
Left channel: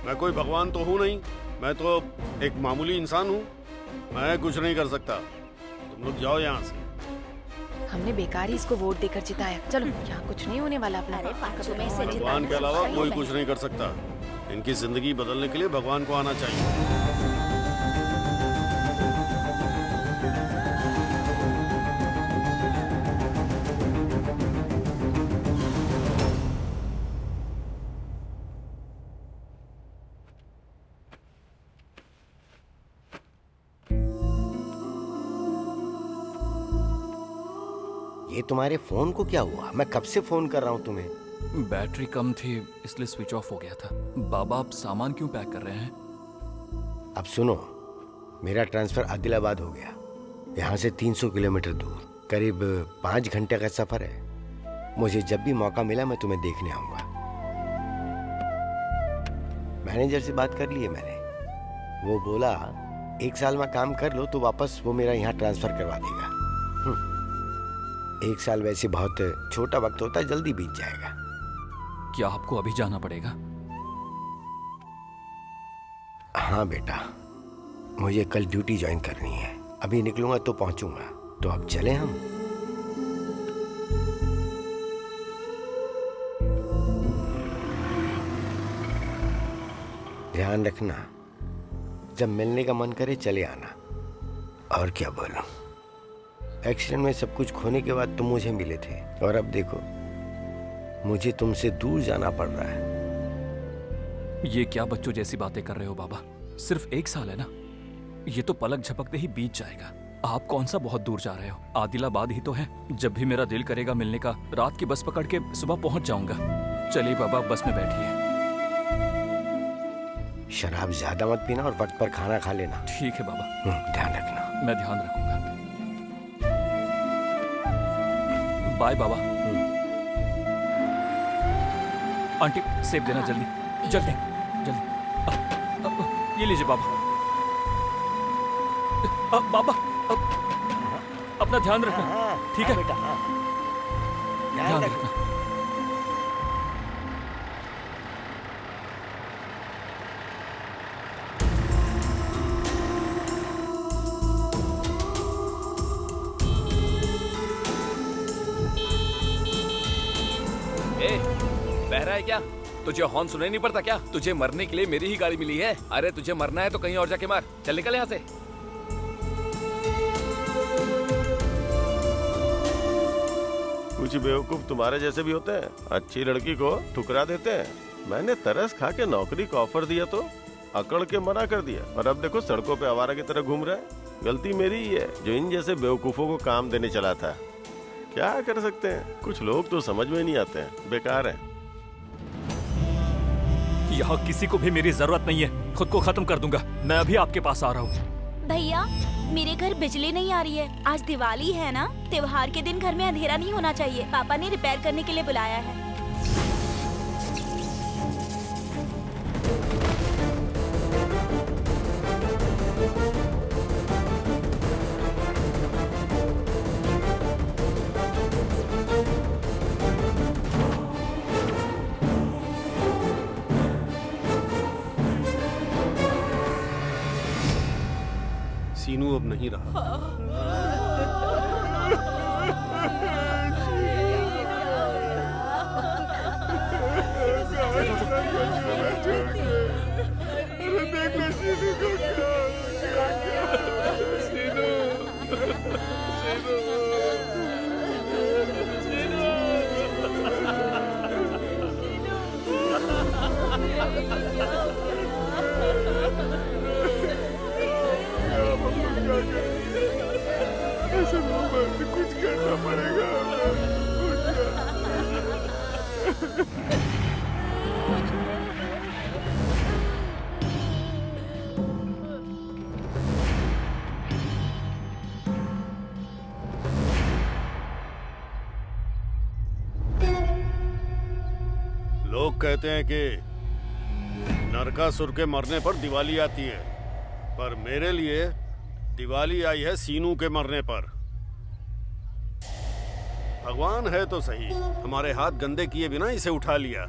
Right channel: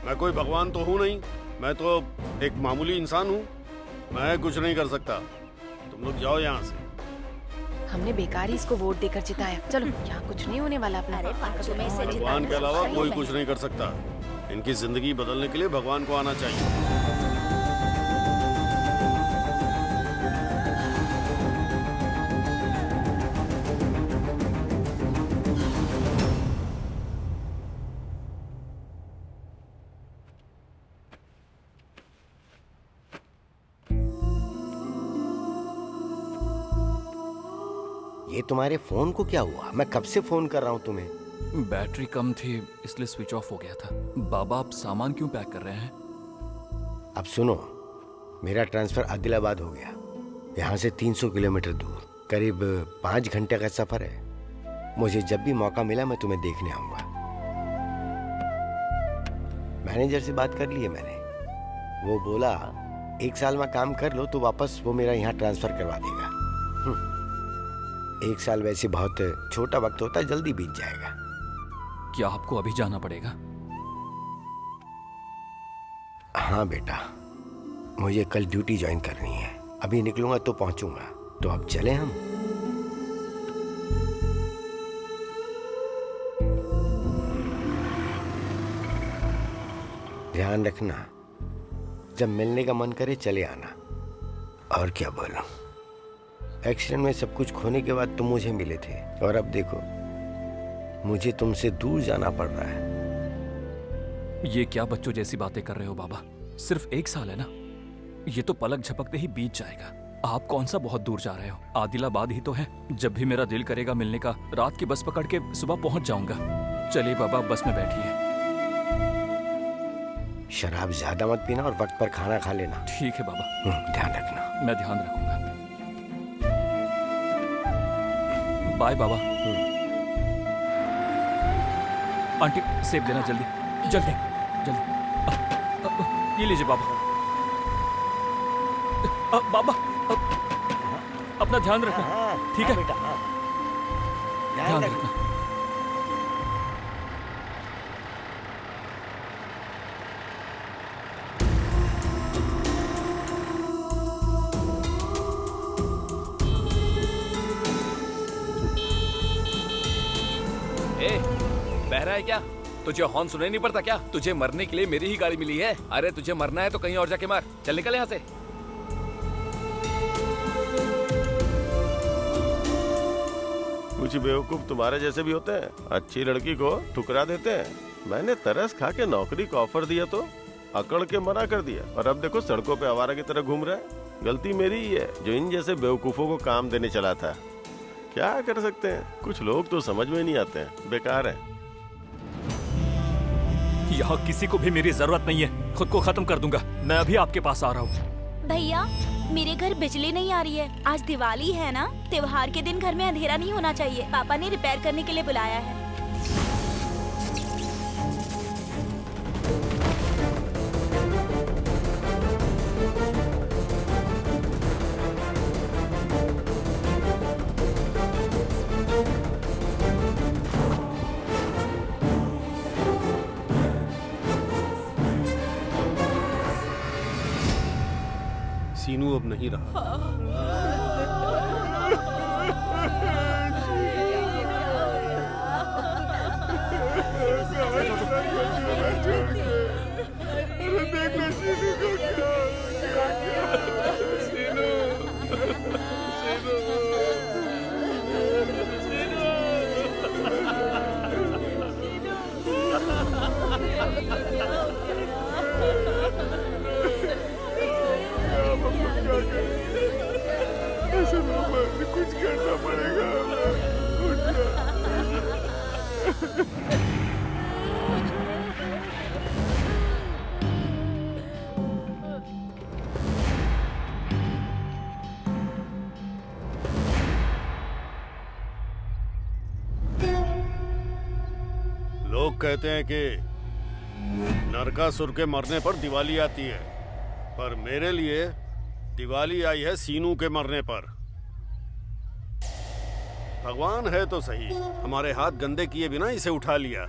मैं कोई भगवान तो हूँ नहीं, मैं तो एक मामूली इंसान हूँ। मैं कुछ नहीं कर सकता। तुम लोग जाओ यहाँ से। हमने बेकार ही इसको वोट देकर जिताया। चलो, यहाँ कुछ नहीं होने वाला अपना। भगवान के अलावा कोई कुछ नहीं कर सकता। इनकी जिंदगी बदलने के लिए भगवान को आना चाहिए। ये तुम्हारे फोन को क्या हुआ? मैं कब से फोन कर रहा हूँ तुम्हें। बैटरी कम थी इसलिए स्विच ऑफ हो गया था। बाबा, आप सामान क्यों पैक कर रहे हैं? अब सुनो, मेरा ट्रांसफर आदिलाबाद हो गया। यहाँ से 300 किलोमीटर दूर, करीब 5 घंटे का सफर है। मुझे जब भी मौका मिला मैं तुम्हें देखने आऊंगा। मैनेजर से बात कर ली है मैंने। वो बोला 1 साल में काम कर लो तो वापस वो मेरा यहाँ ट्रांसफर करवा देगा। 1 साल वैसे बहुत छोटा वक्त होता है, जल्दी बीत जाएगा। क्या आपको अभी जाना पड़ेगा? हाँ बेटा, मुझे कल ड्यूटी ज्वाइन करनी है। अभी निकलूंगा तो पहुंचूंगा। तो अब चले हम। ध्यान रखना, जब मिलने का मन करे चले आना। और क्या बोलूं, एक्सीडेंट में सब कुछ खोने के बाद तुम मुझे मिले थे और अब देखो मुझे तुमसे दूर जाना पड़ रहा है। ये क्या बच्चों जैसी बातें कर रहे हो बाबा? सिर्फ 1 साल है ना, ये तो पलक झपकते ही बीत जाएगा। आप कौन सा बहुत दूर जा रहे हो? आदिलाबाद ही तो है। जब भी मेरा दिल करेगा मिलने का, रात की बस पकड़ के सुबह पहुंच जाऊंगा। चलिए बाबा, बस में बैठिए। शराब ज्यादा मत पीना और वक्त पर खाना खा लेना। ठीक है बाबा। ध्यान रखना। मैं ध्यान रखूंगा। बाय बाबा। आंटी, सेब देना जल्दी जल्दी जल्दी। ये लीजिए बाबा। बाबा अपना ध्यान रखना, ठीक है बेटा? ध्यान रखना। बह रहा है क्या? तुझे हॉर्न सुनाई नहीं पड़ता क्या? तुझे मरने के लिए मेरी ही गाड़ी मिली है। अरे तुझे मरना है तो कहीं और जाके मार। चल निकल यहाँ से। कुछ बेवकूफ तुम्हारे जैसे भी होते हैं, अच्छी लड़की को ठुकरा देते हैं। मैंने तरस खा के नौकरी का ऑफर दिया तो अकड़ के मना कर दिया, और अब देखो सड़कों पे आवारा की तरह घूम रहा है। गलती मेरी ही है जो इन जैसे बेवकूफों को काम देने चला था। क्या कर सकते हैं, कुछ लोग तो समझ में नहीं आते हैं, बेकार हैं। यहाँ किसी को भी मेरी जरूरत नहीं है, खुद को खत्म कर दूंगा। मैं अभी आपके पास आ रहा हूँ। भैया मेरे घर बिजली नहीं आ रही है। आज दिवाली है ना, त्योहार के दिन घर में अंधेरा नहीं होना चाहिए। पापा ने रिपेयर करने के लिए बुलाया है। सीनू अब नहीं रहा। अरे देख ले सीनू को क्या हो गया। सीनू, ऐसे कुछ करना पड़ेगा। लोग कहते हैं कि नरकासुर के मरने पर दिवाली आती है, पर मेरे लिए दिवाली आई है सीनू के मरने पर। भगवान है तो सही, हमारे हाथ गंदे किए बिना इसे उठा लिया।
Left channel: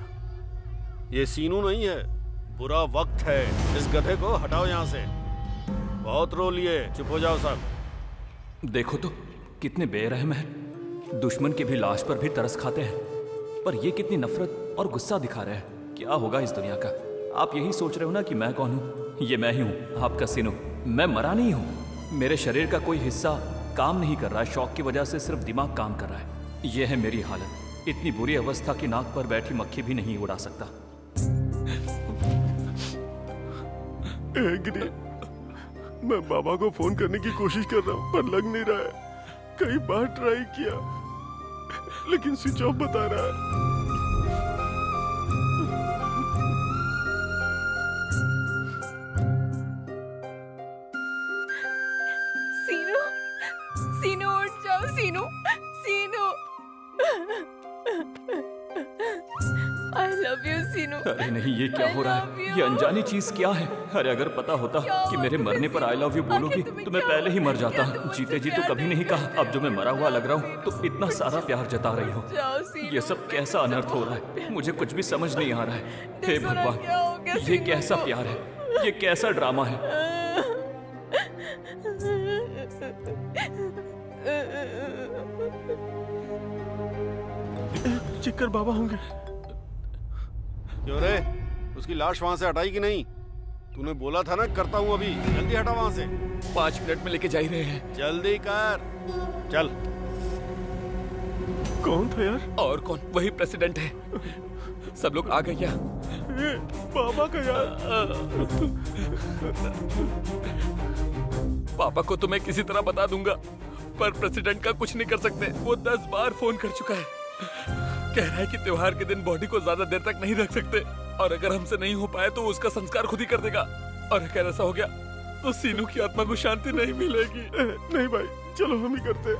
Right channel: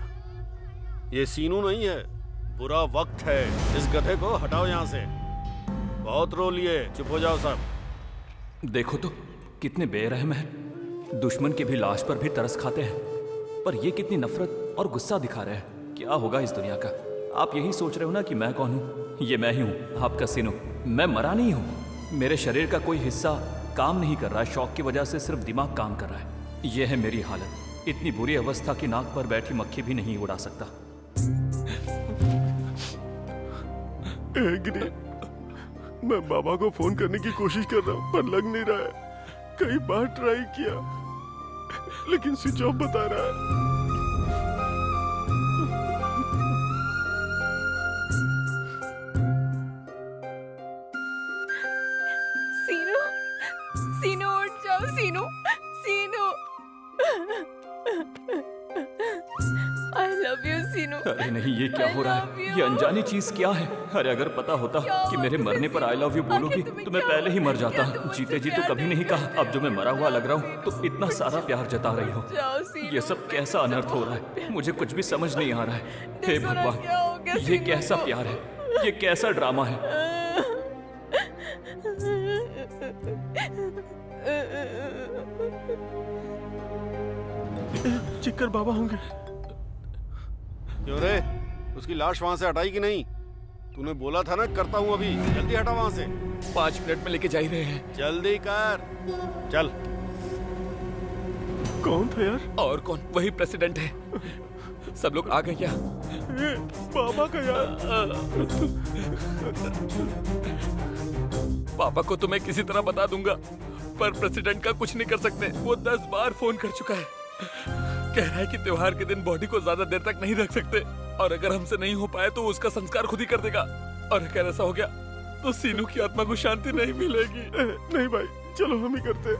ये सीनू नहीं है, बुरा वक्त है। इस गधे को हटाओ यहाँ से। बहुत रो लिए, चुप हो जाओ सब। देखो तो कितने बेरहम हैं। दुश्मन की भी लाश पर भी तरस खाते हैं, पर ये कितनी नफरत और गुस्सा दिखा रहे हैं। क्या होगा इस दुनिया का? आप यही सोच रहे हो ना कि मैं कौन हूँ? ये मैं ही हूँ, आपका सीनू। मैं मरा नहीं हूँ। मेरे शरीर का कोई हिस्सा काम नहीं कर रहा है, शौक की वजह से सिर्फ दिमाग काम कर रहा है। यह है मेरी हालत। इतनी बुरी अवस्था की नाक पर बैठी मक्खी भी नहीं उड़ा सकता। गिरी, मैं बाबा को फोन करने की कोशिश कर रहा हूँ पर लग नहीं रहा है। कई बार ट्राई किया लेकिन स्विच ऑफ बता रहा है। सीनू, सीनू उठ जाओ। सीनू, सीनू, आई लव यू सीनू। अरे नहीं, ये क्या हो रहा है? ये अनजानी चीज क्या है? अरे अगर पता होता कि मेरे मरने पर आई लव यू बोलोगी तो मैं पहले ही मर जाता। जीते जी तो कभी नहीं कहा, अब जो मैं मरा हुआ लग रहा हूँ तो इतना सारा प्यार जता रही हो। ये सब कैसा अनर्थ हो रहा है? मुझे कुछ भी समझ नहीं आ रहा है। हे भगवान, ये कैसा प्यार है? ये कैसा ड्रामा है? चिक्कर बाबा होंगे। क्यों रे, उसकी लाश वहां से हटाई कि नहीं? तूने बोला था ना करता हूँ अभी। जल्दी हटा वहां से। 5 मिनट में लेके जा ही रहे हैं। जल्दी कर, चल। कौन था यार? और कौन? वही प्रेसिडेंट है। सब लोग आ गए क्या? बाबा का यार। पापा को तो मैं किसी तरह बता दूंगा, पर प्रेसिडेंट का कुछ नहीं कर सकते। वो 10 बार फोन कर चुका है। कह रहा है कि त्योहार के दिन बॉडी को ज्यादा देर तक नहीं रख सकते, और अगर हमसे नहीं हो पाए तो उसका संस्कार खुद ही कर देगा। और अगर ऐसा हो गया तो सीनू की आत्मा को शांति नहीं मिलेगी। नहीं भाई, चलो हम ही करते।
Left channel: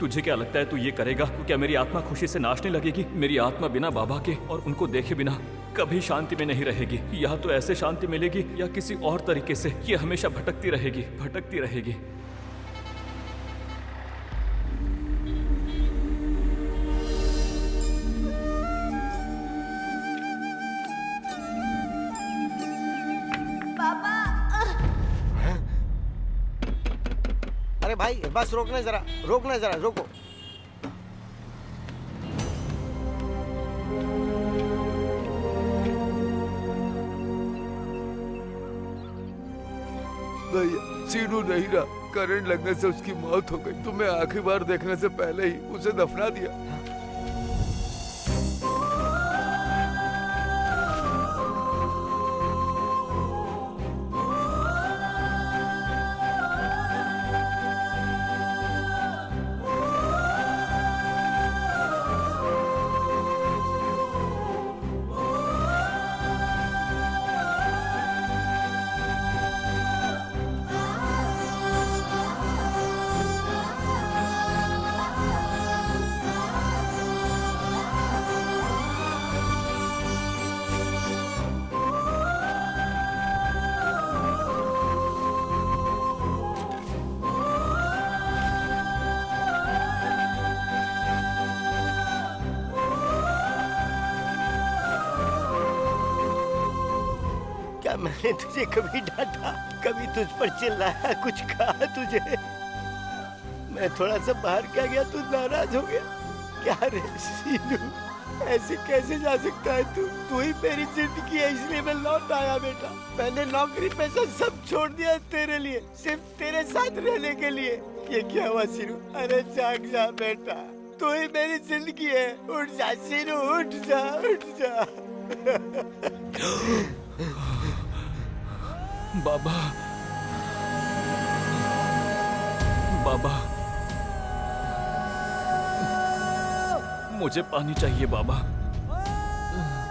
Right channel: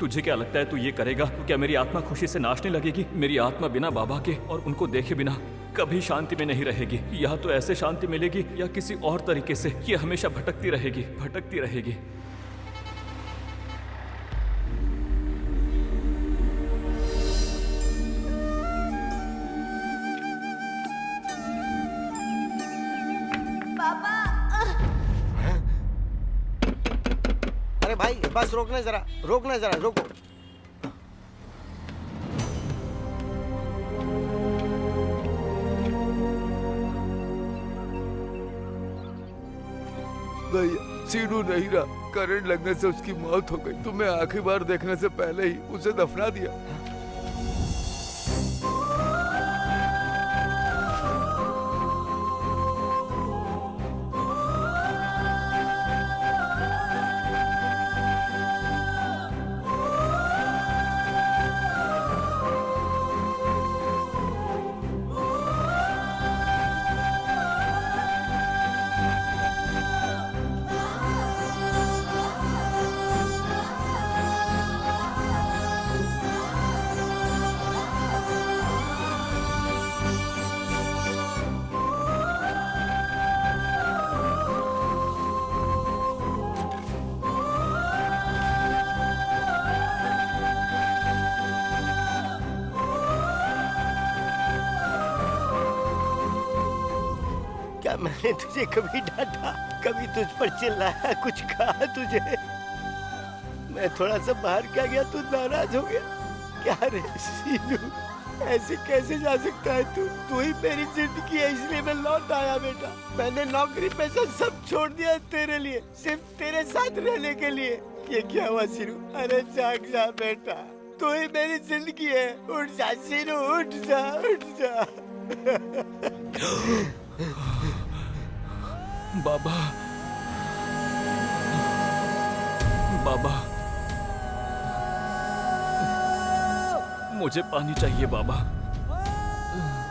तुझे क्या लगता है तू ये करेगा तो क्या मेरी आत्मा खुशी से नाचने लगेगी? मेरी आत्मा बिना बाबा के और उनको देखे बिना कभी शांति में नहीं रहेगी। या तो ऐसे शांति मिलेगी या किसी और तरीके से ये हमेशा भटकती रहेगी, भटकती रहेगी। पापा अरे भाई बस रोकना जरा, रोको। भैया सीनू नहीं रहा, करंट लगने से उसकी मौत हो गई। तुम्हें आखिरी बार देखने से पहले ही उसे दफना दिया। क्या मैंने तुझे कभी डांटा, कभी तुझ पर चिल्लाया, कुछ कहा तुझे? मैं थोड़ा सा बाहर क्या गया तू नाराज हो गया? क्या रे सीनू, ऐसे कैसे जा सकता है तू? तू ही मेरी जिंदगी है, इसलिए मैं लौट आया बेटा। मैंने नौकरी पैसा सब छोड़ दिया तेरे लिए, सिर्फ तेरे साथ रहने के लिए। ये क्या हुआ सीनू? अरे जाग जा बेटा, तू ही मेरी जिंदगी है। उठ जा सीनू, उठ जा, उठ जा। बाबा, बाबा, मुझे पानी चाहिए बाबा।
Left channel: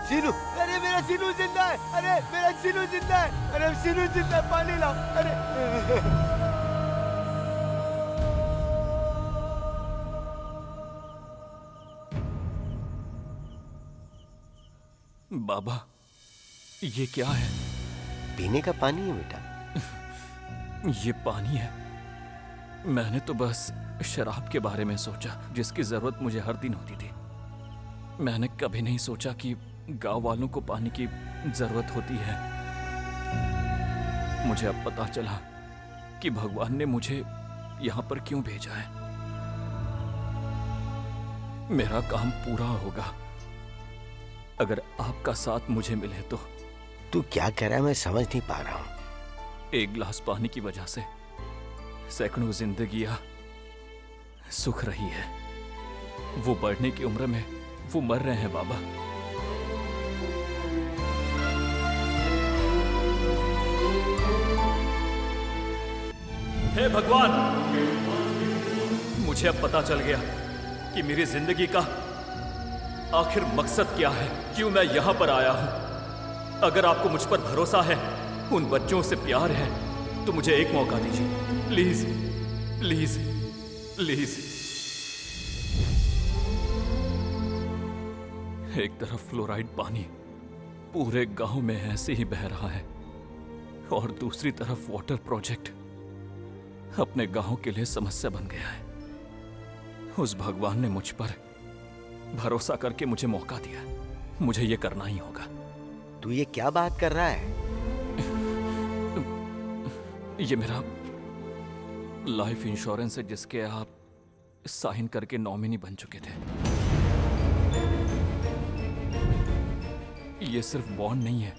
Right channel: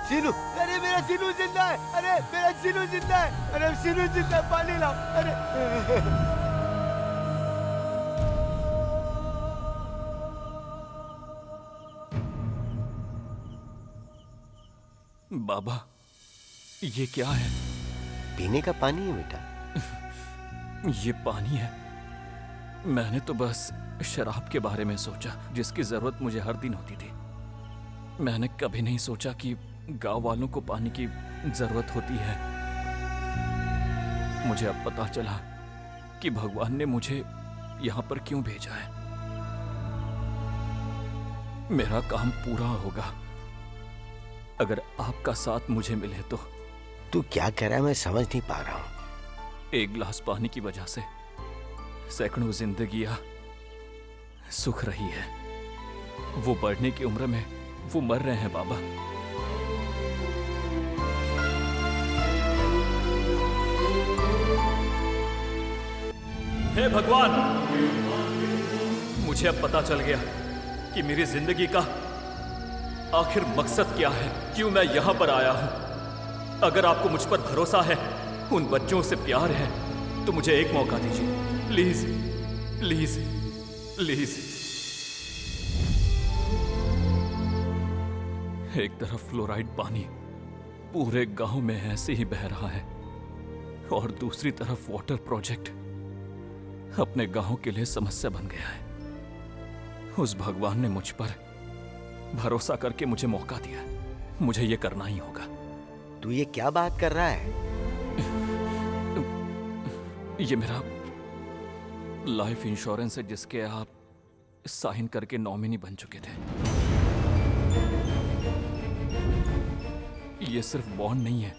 सीनू, अरे मेरा सीनू जिंदा है, अरे मेरा सीनू जिंदा है, अरे सीनू जिंदा है, पानी लाओ। अरे बाबा, ये क्या है? पीने का पानी है बेटा। ये पानी है? मैंने तो बस शराब के बारे में सोचा, जिसकी जरूरत मुझे हर दिन होती थी। मैंने कभी नहीं सोचा कि गांव वालों को पानी की जरूरत होती है। मुझे अब पता चला कि भगवान ने मुझे यहां पर क्यों भेजा है। मेरा काम पूरा होगा अगर आपका साथ मुझे मिले तो। तू क्या कह रहा है मैं समझ नहीं पा रहा हूँ। एक गिलास पानी की वजह से सैकड़ों जिंदगियां सुख रही है। वो बढ़ने की उम्र में वो मर रहे हैं बाबा। हे भगवान, मुझे अब पता चल गया कि मेरी जिंदगी का आखिर मकसद क्या है, क्यों मैं यहां पर आया हूं। अगर आपको मुझ पर भरोसा है, उन बच्चों से प्यार है, तो मुझे एक मौका दीजिए प्लीज, प्लीज, प्लीज। एक तरफ फ्लोराइड पानी पूरे गांव में ऐसे ही बह रहा है और दूसरी तरफ वाटर प्रोजेक्ट अपने गांव के लिए समस्या बन गया है। उस भगवान ने मुझ पर भरोसा करके मुझे मौका दिया, मुझे ये करना ही होगा। तू ये क्या बात कर रहा है? ये मेरा लाइफ इंश्योरेंस है जिसके आप साइन करके नॉमिनी बन चुके थे। ये सिर्फ बॉन्ड नहीं है,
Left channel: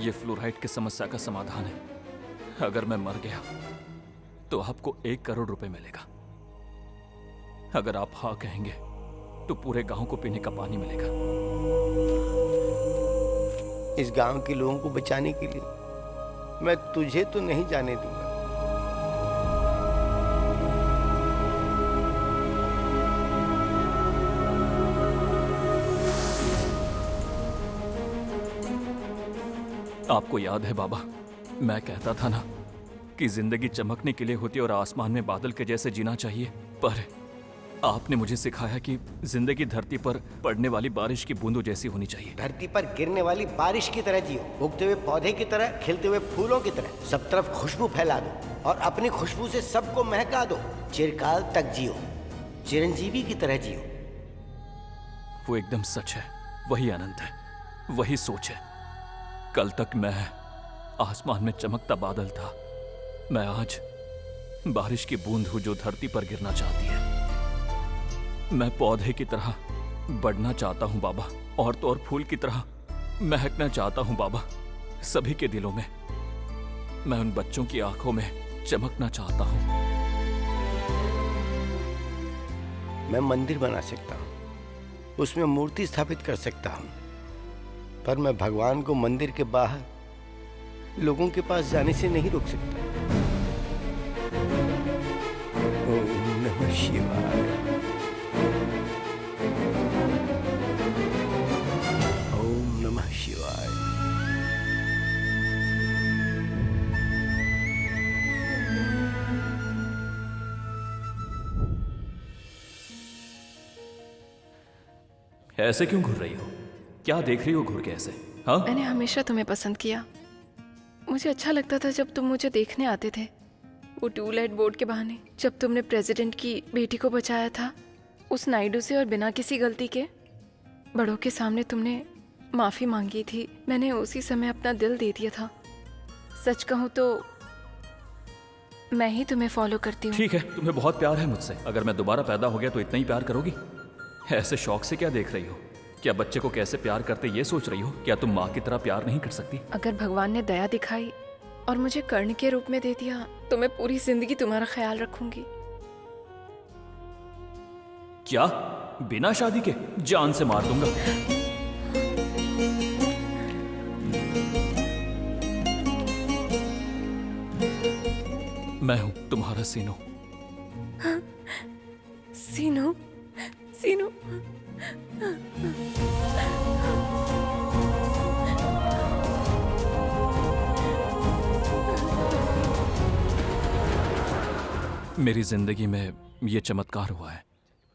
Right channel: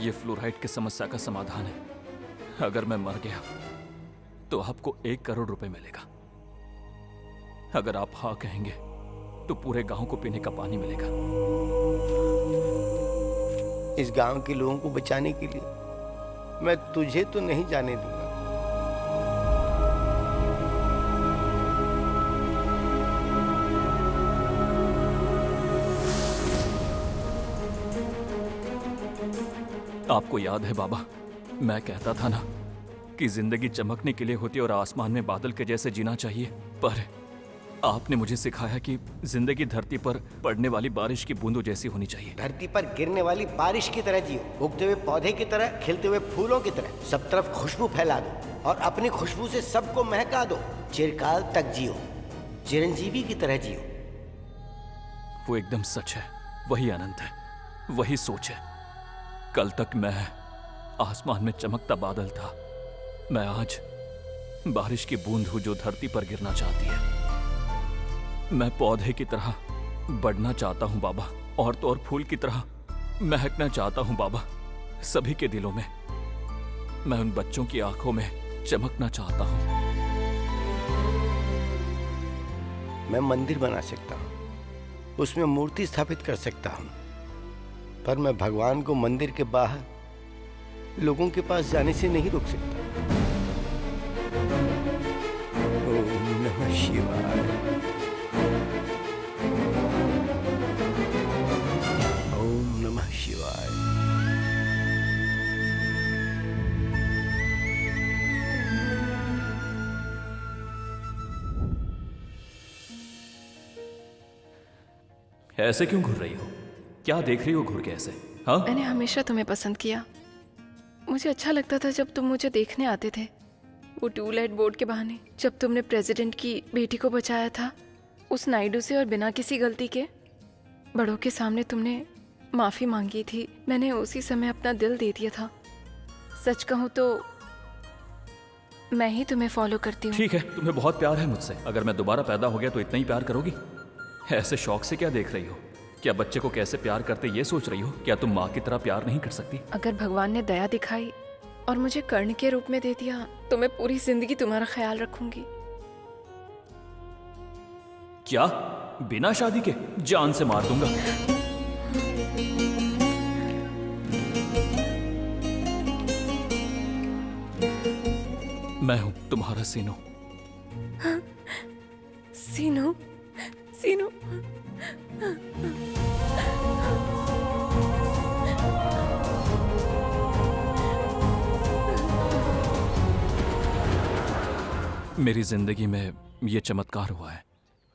ये फ्लोराइड की समस्या का समाधान है। अगर मैं मर गया तो आपको 1 करोड़ रुपए मिलेगा। अगर आप हाँ कहेंगे तो पूरे गांव को पीने का पानी मिलेगा। इस गांव के लोगों को बचाने के लिए मैं तुझे तो नहीं जाने दूंगा। आपको याद है बाबा, मैं कहता था ना कि जिंदगी चमकने के लिए होती है और आसमान में बादल के जैसे जीना चाहिए, पर आपने मुझे सिखाया कि जिंदगी धरती पर पड़ने वाली बारिश की बूंदों जैसी होनी चाहिए। धरती पर गिरने वाली बारिश की तरह जियो, उगते हुए पौधे की तरह, खिलते हुए फूलों की तरह, सब तरफ खुशबू फैला दो और अपनी खुशबू से सबको महका दो। चिरकाल तक जियो, चिरंजीवी की तरह जियो। वो एकदम सच है, वही अनंत है, वही सोच है। कल तक मैं आसमान में चमकता बादल था, मैं आज बारिश की बूंद हूं जो धरती पर गिरना चाहती है। मैं पौधे की तरह बढ़ना चाहता हूं बाबा, और तो और फूल की तरह महकना चाहता हूं बाबा, सभी के दिलों में। मैं उन बच्चों की आंखों में चमकना चाहता हूं। मैं मंदिर बना सकता हूँ, उसमें मूर्ति स्थापित कर सकता हूँ, पर मैं भगवान को मंदिर के बाहर लोगों के पास जाने से नहीं रोक सकता। ओम नमः शिवाय, ओम नमः शिवाय। ऐसे क्यों घूर रही हो? क्या देख रही हो घूर के ऐसे? हाँ, मैंने हमेशा तुम्हें पसंद किया। मुझे अच्छा लगता था जब तुम मुझे देखने आते थे, वो टूलेट बोर्ड के बहाने। जब तुमने प्रेसिडेंट की बेटी को बचाया था उस नायडू से, और बिना किसी गलती के बड़ों के सामने तुमने माफी मांगी थी, मैंने उसी समय अपना दिल दे दिया था। सच कहूँ तो मैं ही तुम्हें फॉलो करती हूँ। ठीक है, तुम्हें बहुत प्यार है मुझसे। अगर मैं दोबारा पैदा हो गया तो इतना ही प्यार करोगी? ऐसे शौक से क्या देख रही हो? क्या बच्चे को कैसे प्यार करते ये सोच रही हो? क्या तुम माँ की तरह प्यार नहीं कर सकती? अगर भगवान ने दया दिखाई और मुझे कर्ण के रूप में दे दिया तो मैं पूरी जिंदगी तुम्हारा ख्याल रखूंगी। क्या? बिना शादी के? जान से मार दूंगा। मैं हूं तुम्हारा सीनू। सीनू, सीनू। मेरी जिंदगी में ये चमत्कार हुआ है,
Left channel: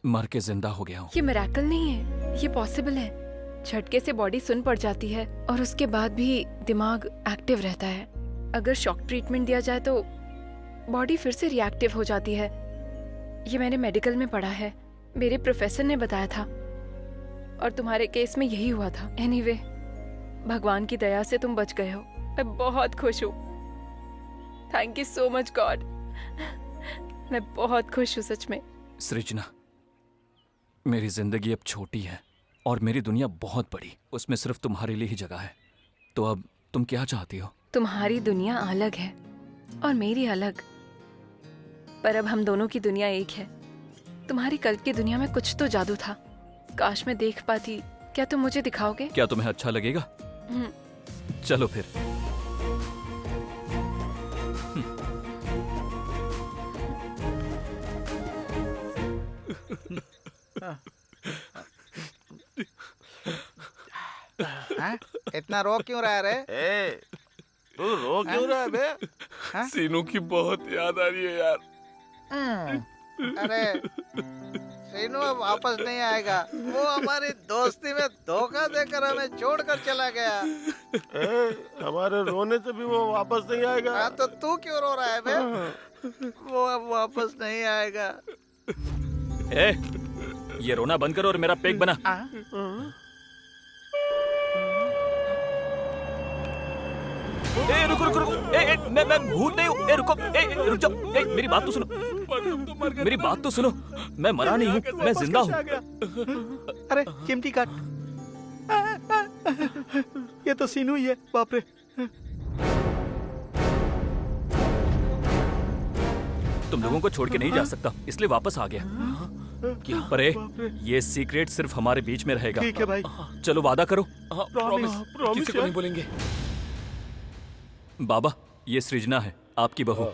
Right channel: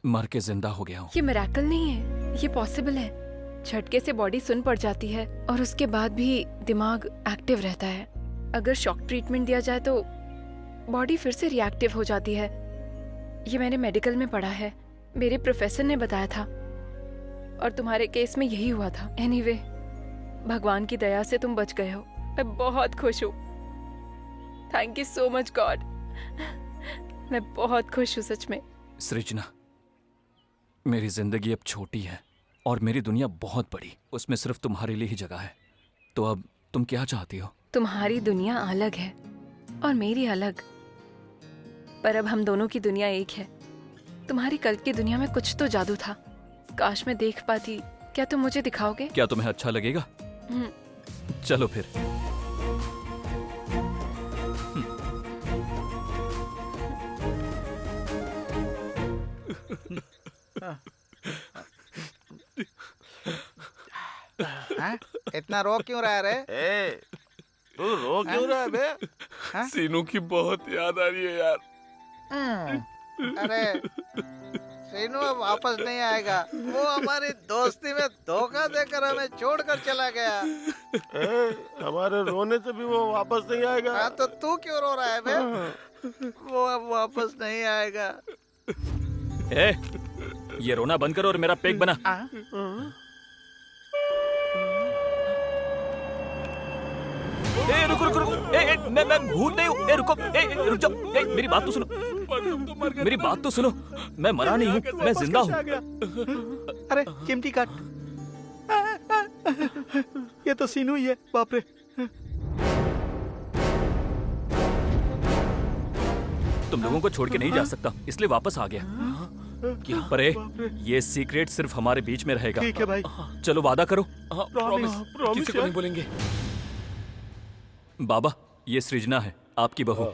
मर के जिंदा हो गया हूँ। ये मिरेकल नहीं है, ये पॉसिबल है। झटके से बॉडी सुन पड़ जाती है और उसके बाद भी दिमाग एक्टिव रहता है। अगर शॉक ट्रीटमेंट दिया जाए तो बॉडी फिर से रिएक्टिव हो जाती है। ये मैंने मेडिकल में पढ़ा है, मेरे प्रोफेसर ने बताया था, और तुम्हारे केस में यही हुआ था। एनीवे, भगवान की दया से तुम बच गए हो। मैं बहुत खुश हूँ। Thank you so much God. मैं बहुत खुश हूँ सच में। सृजना, मेरी जिंदगी अब छोटी है और मेरी दुनिया बहुत बड़ी, उसमें सिर्फ तुम्हारे लिए ही जगह है। तो अब तुम क्या चाहती हो? तुम्हारी दुनिया अलग है और मेरी अलग, पर अब हम दोनों की दुनिया एक है। तुम्हारी कल की दुनिया में कुछ तो जादू था, काश मैं देख पाती। क्या तुम मुझे दिखाओगे? क्या तुम्हें अच्छा लगेगा? चलो फिर। इतना रो क्यों रहा है रे? तू रो क्यों रहा है बे? सीनू की बहुत याद आ रही है यार। अरे सीनू अब वापस नहीं आएगा। वो हमारी दोस्ती में धोखा देकर हमें छोड़कर चला गया। हमारे रोने से भी वो वापस नहीं आएगा। हाँ, तो तू क्यों रो रहा है बे? वो अब वापस नहीं आएगा। ए, ये रोना बंद करो और मेरा पेक बना। ए, रुको रुको रुको। मैं भूत नहीं हूँ। ए, रुको। रुक जाओ। मेरी बात तो सुनो। मेरी बात तो सुनो। मैं मरा नहीं हूँ, मैं जिंदा हूँ। अरे चिमटी काट। ये तो सीनू ही है। बाप रे। तुम लोगों को छोड़ के नहीं जा सकता, इसलिए वापस आ गया। क्या? पर ये सीक्रेट सिर्फ हमारे बीच में रहेगा। ठीक है भाई। चलो वादा करो। प्रॉमिस, किसी को नहीं बोलेंगे। बाबा, ये सृजना है, आपकी बहू।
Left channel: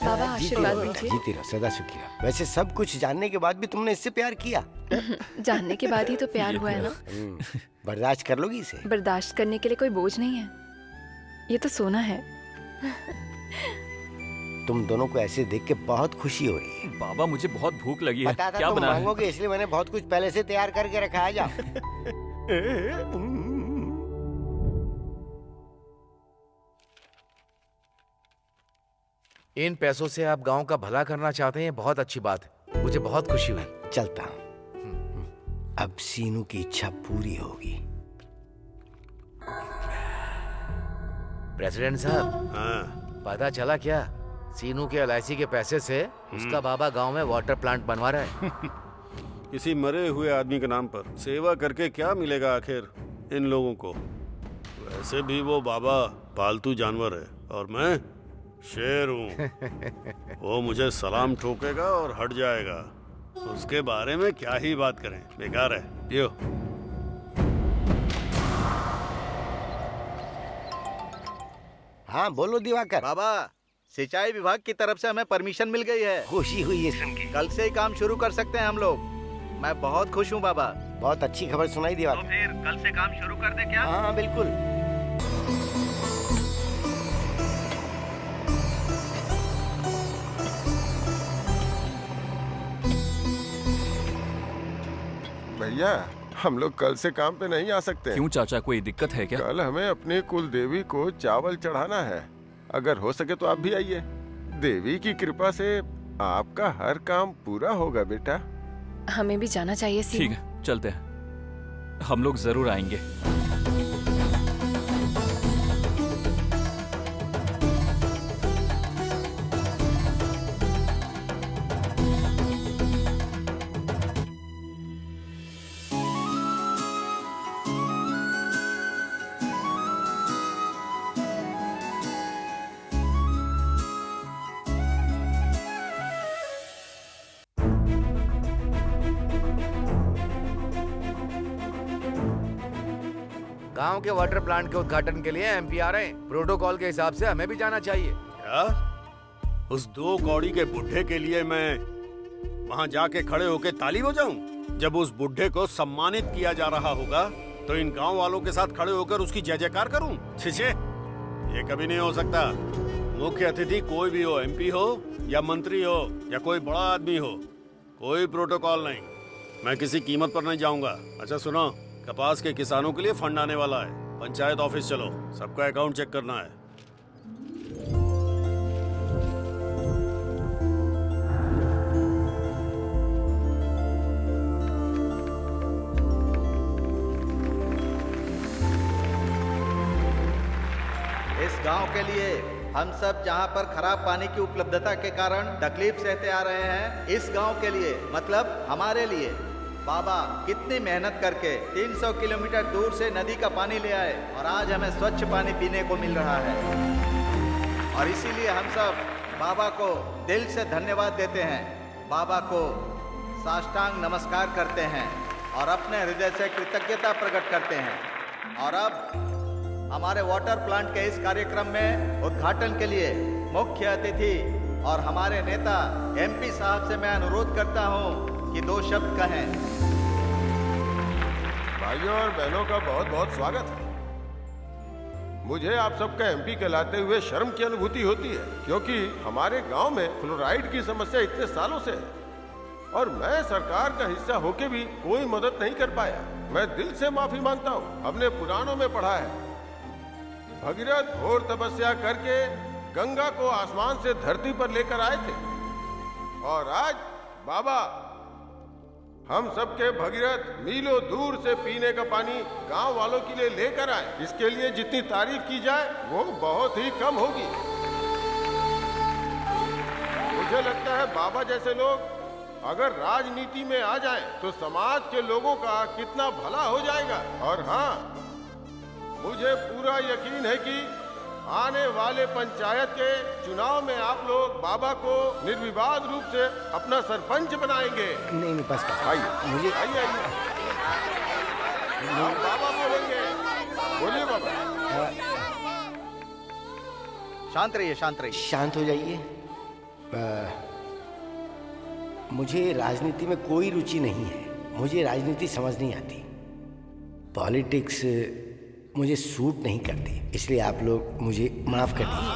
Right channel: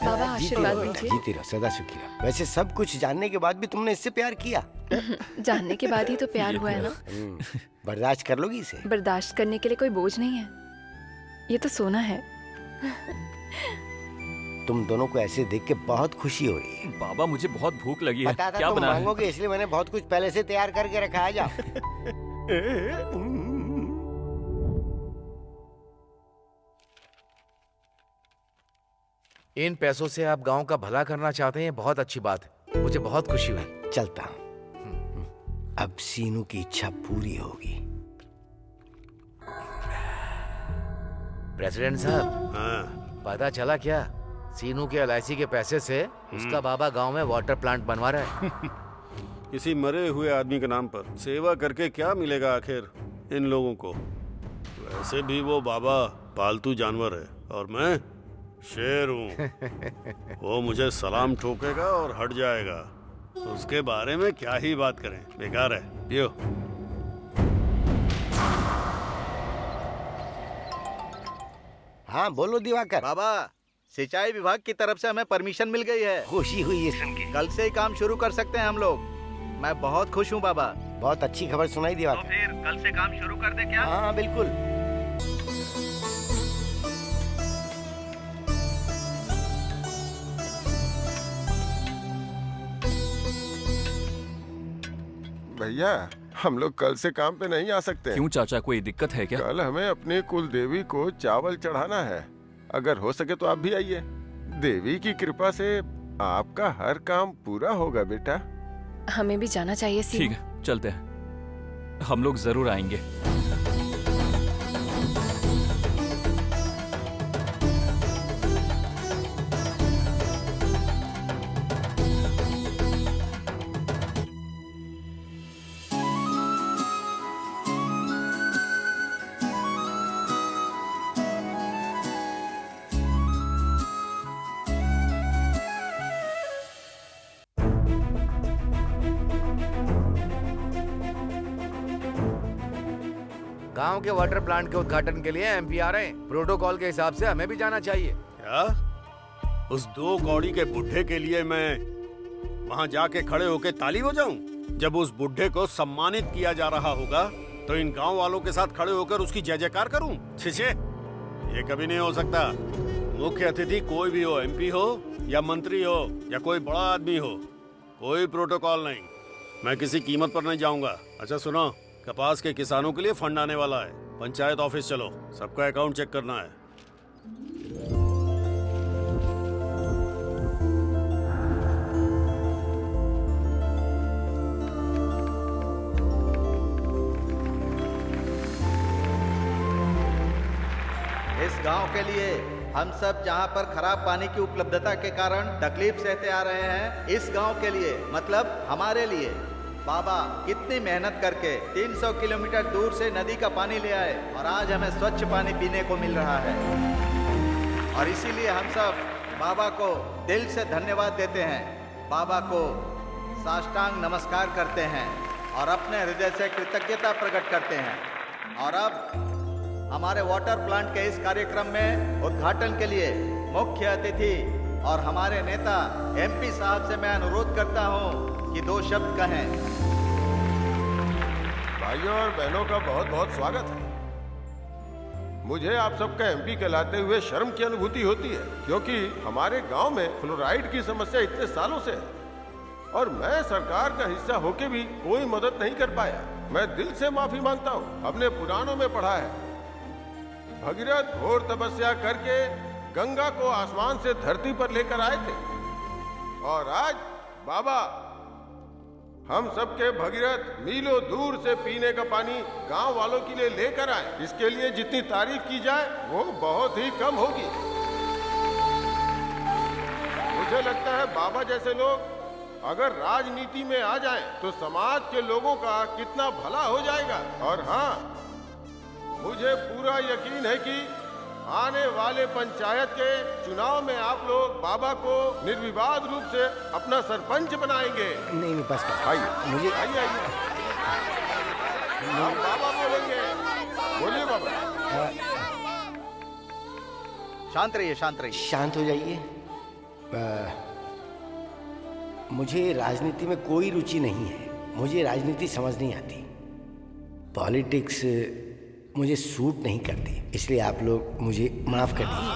बाबा आशीर्वाद दीजिए। जीती रहो, सदा सुखी रहो। वैसे सब कुछ जानने के बाद भी तुमने इससे प्यार किया? जानने के बाद ही तो प्यार हुआ है ना। बर्दाश्त कर लोगी इसे? बर्दाश्त करने के लिए कोई बोझ नहीं है, ये तो सोना है। तुम दोनों को ऐसे देख के बहुत खुशी हो रही है। बाबा मुझे बहुत भूख लगी है। पता था क्या तुम बना है? मांगोगे, इसलिए मैंने बहुत कुछ पहले से तैयार करके रखा है। जाओ। इन पैसों से आप गांव का भला करना चाहते हैं, बहुत अच्छी बात है। मुझे बहुत खुशी हुई। चलता हूँ। अब सीनू की इच्छा पूरी होगी। प्रेसिडेंट साहब, हाँ, पता चला क्या? सीनू के LIC के पैसे से उसका बाबा गांव में वाटर प्लांट बनवा रहा है। किसी मरे हुए आदमी के नाम पर सेवा करके क्या मिलेगा आखिर इन लोगों को? वैसे भी वो बाबा पालतू जानवर है और मैं शेर हूँ। वो मुझे सलाम ठोकेगा और हट जाएगा। उसके बारे में क्या ही बात करें, बेकार है। पियो। हाँ बोलो दिवाकर। बाबा, सिंचाई विभाग की तरफ से हमें परमिशन मिल गई है। खुशी हुई है सुन के। कल से ही काम शुरू कर सकते हैं हम लोग। मैं बहुत खुश हूँ बाबा। बहुत अच्छी खबर सुनाई दिवाकर। तो फिर कल से काम शुरू कर दे क्या? हाँ बिल्कुल। भैया, हम लोग कल से काम पे नहीं आ सकते। क्यों चाचा, कोई दिक्कत है क्या? कल हमें अपनी कुल देवी को चावल चढ़ाना है। अगर हो सके तो आप भी आइए। देवी की कृपा से आपका हर काम पूरा होगा बेटा। हमें भी जाना चाहिए सीनू। ठीक है, चलते हैं। हम लोग जरूर आएंगे। गांव के वाटर प्लांट के उद्घाटन के लिए MP आ रहे हैं। प्रोटोकॉल के हिसाब से हमें भी जाना चाहिए। क्या? उस 2 कौड़ी के बुढ़े के लिए मैं वहां जाके खड़े होके ताली बजाऊं? जब उस बुढ़े को सम्मानित किया जा रहा होगा तो इन गांव वालों के साथ खड़े होकर उसकी जय जयकार करूं? छे, ये कभी नहीं हो सकता। मुख्य अतिथि कोई भी हो, MP हो या मंत्री हो या कोई बड़ा आदमी हो, कोई प्रोटोकॉल नहीं। मैं किसी कीमत पर नहीं जाऊंगा। अच्छा सुनो, कपास के किसानों के लिए फंड आने वाला है। पंचायत ऑफिस चलो, सबका अकाउंट चेक करना है। इस गांव के लिए हम सब जहां पर खराब पानी की उपलब्धता के कारण तकलीफ सहते आ रहे हैं, इस गांव के लिए मतलब हमारे लिए बाबा कितनी मेहनत करके 300 किलोमीटर दूर से नदी का पानी ले आए और आज हमें स्वच्छ पानी पीने को मिल रहा है। और इसीलिए हम सब बाबा को दिल से धन्यवाद देते हैं, बाबा को साष्टांग नमस्कार करते हैं और अपने हृदय से कृतज्ञता प्रकट करते हैं। और अब हमारे वाटर प्लांट के इस कार्यक्रम में उद्घाटन के लिए मुख्य अतिथि और हमारे नेता MP साहब से मैं अनुरोध करता हूं कि 2 शब्द कहें। भाइयों और बहनों का बहुत बहुत स्वागत है। मुझे आप सबका MP कहलाते हुए शर्म की अनुभूति होती है, क्योंकि हमारे गांव में फ्लोराइड की समस्या इतने सालों से है और मैं सरकार का हिस्सा होके भी कोई मदद नहीं कर पाया। मैं दिल से माफी मांगता हूं। हमने पुराणों में पढ़ा है, भगीरथ घोर तपस्या करके गंगा को आसमान से धरती पर लेकर आए थे और आज बाबा हम सबके भगीरथ मीलों दूर से पीने का पानी गांव वालों के लिए लेकर आए। इसके लिए जितनी तारीफ की जाए वो बहुत ही कम होगी। मुझे लगता है बाबा जैसे लोग अगर राजनीति में आ जाएं तो समाज के लोगों का कितना भला हो जाएगा। और हाँ, मुझे पूरा यकीन है कि आने वाले पंचायत के चुनाव में आप लोग बाबा को निर्विवाद रूप से अपना सरपंच बनाएंगे। नहीं बस आइए, मुझे आइए आप बाबा बोलेंगे। बोलिए बाबा। शांत रहिए, शांत रहिए। शांत हो जाइए। मुझे राजनीति में कोई रुचि नहीं है। मुझे राजनीति समझ नहीं आती। पॉलिटिक्स मुझे सूट नहीं करती, इसलिए आप लोग मुझे माफ कर दीजिए।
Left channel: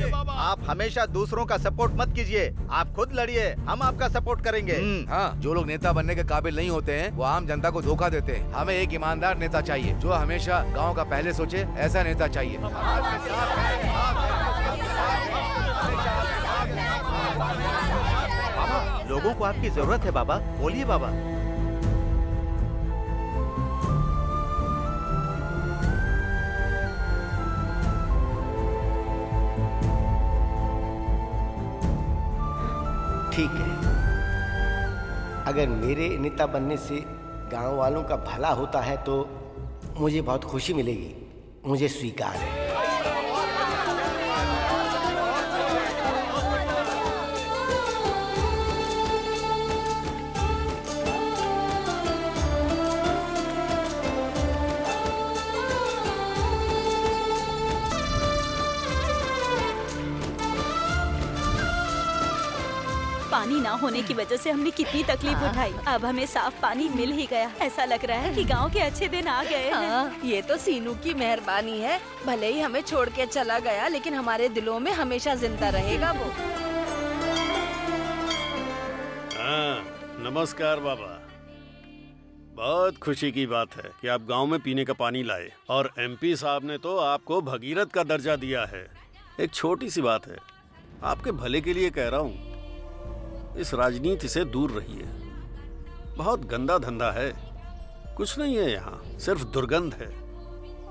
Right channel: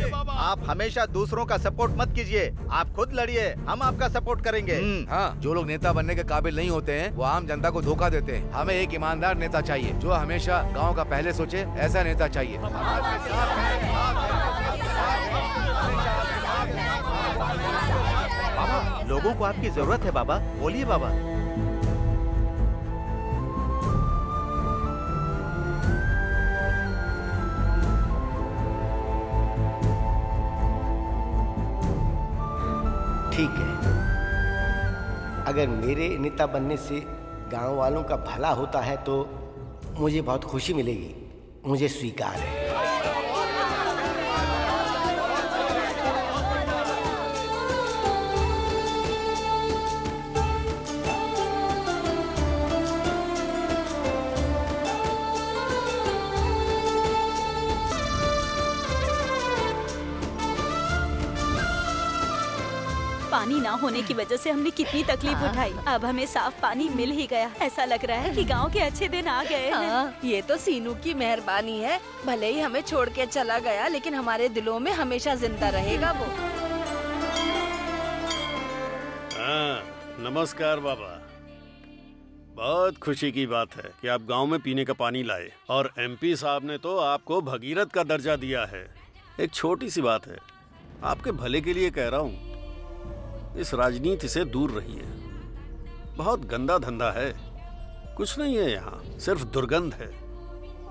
आप हमेशा दूसरों का सपोर्ट मत कीजिए, आप खुद लड़िए, हम आपका सपोर्ट करेंगे। हाँ, जो लोग नेता बनने के काबिल नहीं होते हैं वो आम जनता को धोखा देते हैं। हमें एक ईमानदार नेता चाहिए जो हमेशा गांव का पहले सोचे, ऐसा नेता चाहिए। बाबा, लोगों को आपकी जरूरत है बाबा, बोलिए बाबा। ठीक है, अगर मेरे नेता बनने से गांव वालों का भला होता है तो मुझे बहुत खुशी मिलेगी, मुझे स्वीकार है। पानी ना होने की वजह से हमने कितनी तकलीफ उठाई, अब हमें साफ पानी मिल ही गया। ऐसा लग रहा है कि गांव के अच्छे दिन आ गए हैं। हाँ, ये तो सीनू की मेहरबानी है। भले ही हमें छोड़ के चला गया, लेकिन हमारे दिलों में हमेशा जिंदा रहेगा वो। हाँ, नमस्कार बाबा। बहुत खुशी की बात है कि आप गांव में पीने का पानी लाए और एमपी साहब ने तो आपको भगीरथ का दर्जा दिया है। एक छोटी सी बात है, आपके भले के लिए कह रहा हूँ, इस राजनीति से दूर रहिए। बहुत गंदा धंधा है, कुछ नहीं है यहाँ, सिर्फ दुर्गंध है।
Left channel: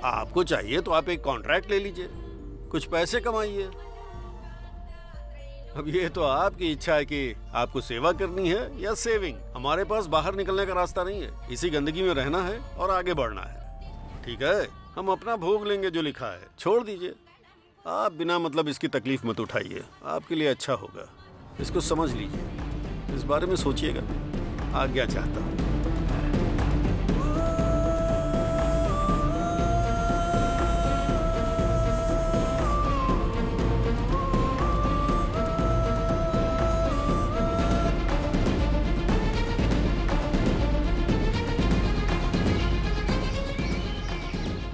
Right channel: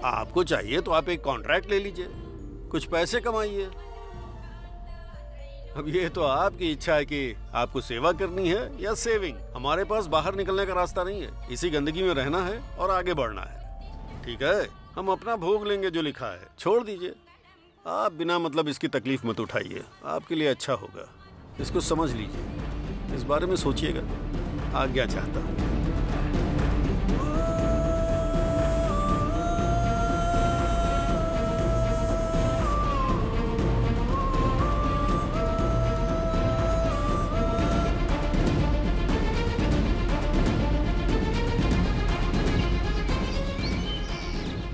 आपको चाहिए तो आप एक कॉन्ट्रैक्ट ले लीजिए, कुछ पैसे कमाइए। अब ये तो आपकी इच्छा है कि आपको सेवा करनी है या सेविंग। हमारे पास बाहर निकलने का रास्ता नहीं है, इसी गंदगी में रहना है और आगे बढ़ना है। ठीक है, हम अपना भोग लेंगे जो लिखा है, छोड़ दीजिए। आप बिना मतलब इसकी तकलीफ मत उठाइए, आपके लिए अच्छा होगा। इसको समझ लीजिए, इस बारे में सोचिएगा। आज्ञा चाहता हूँ।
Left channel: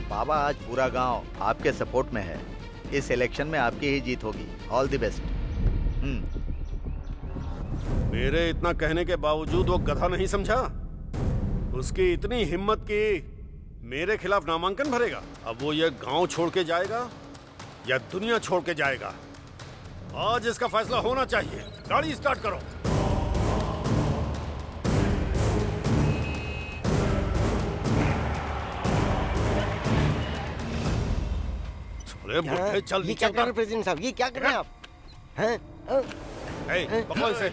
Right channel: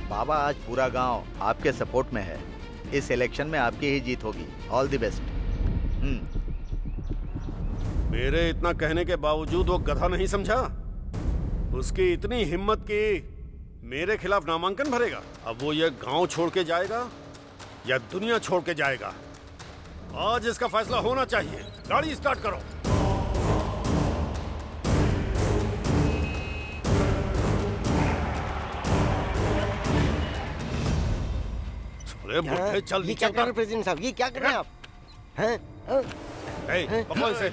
बाबा, आज पूरा गांव आपके सपोर्ट में है। इस इलेक्शन में आपकी ही जीत होगी। All the best. मेरे इतना कहने के बावजूद वो गधा नहीं समझा। उसकी इतनी हिम्मत कि मेरे खिलाफ नामांकन भरेगा। अब वो ये गांव छोड़ के जाएगा या दुनिया छोड़ के जाएगा, आज इसका फैसला होना चाहिए। गाड़ी स्टार्ट करो। अरे बुढ़े, चल ये क्या कर रहे हैं प्रेसिडेंट साहब? ये क्या कर रहे हैं आप? हैं? बकवास है।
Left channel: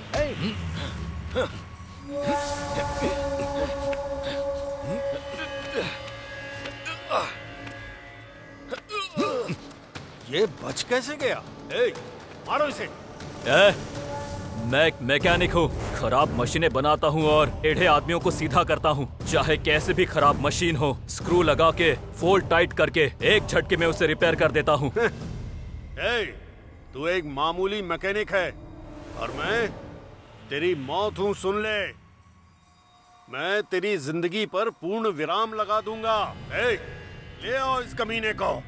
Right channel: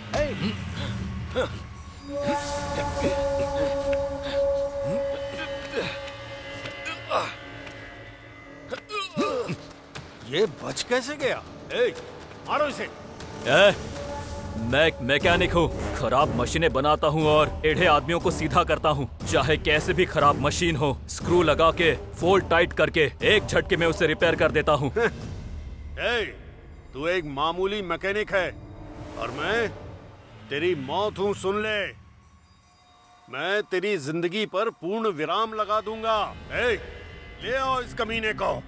ये बच कैसे गया? मारो इसे। मैं एक मैकेनिक हूँ, खराब मशीनें बनाता हूँ और टेढ़े आदमियों को सीधा करता हूँ। चाहे कैसे भी खराब मशीन हो, स्क्रू लगा के फोल्ड टाइट करके एक झटके में उसे रिपेयर कर देता हूँ। तू एक मामूली मैकेनिक है और मैं तेरी मौत हूँ, सुन ले। मैं तेरी जिंदगी पर पूर्ण विराम लगा दूंगा। ले आओ इस कमीने को।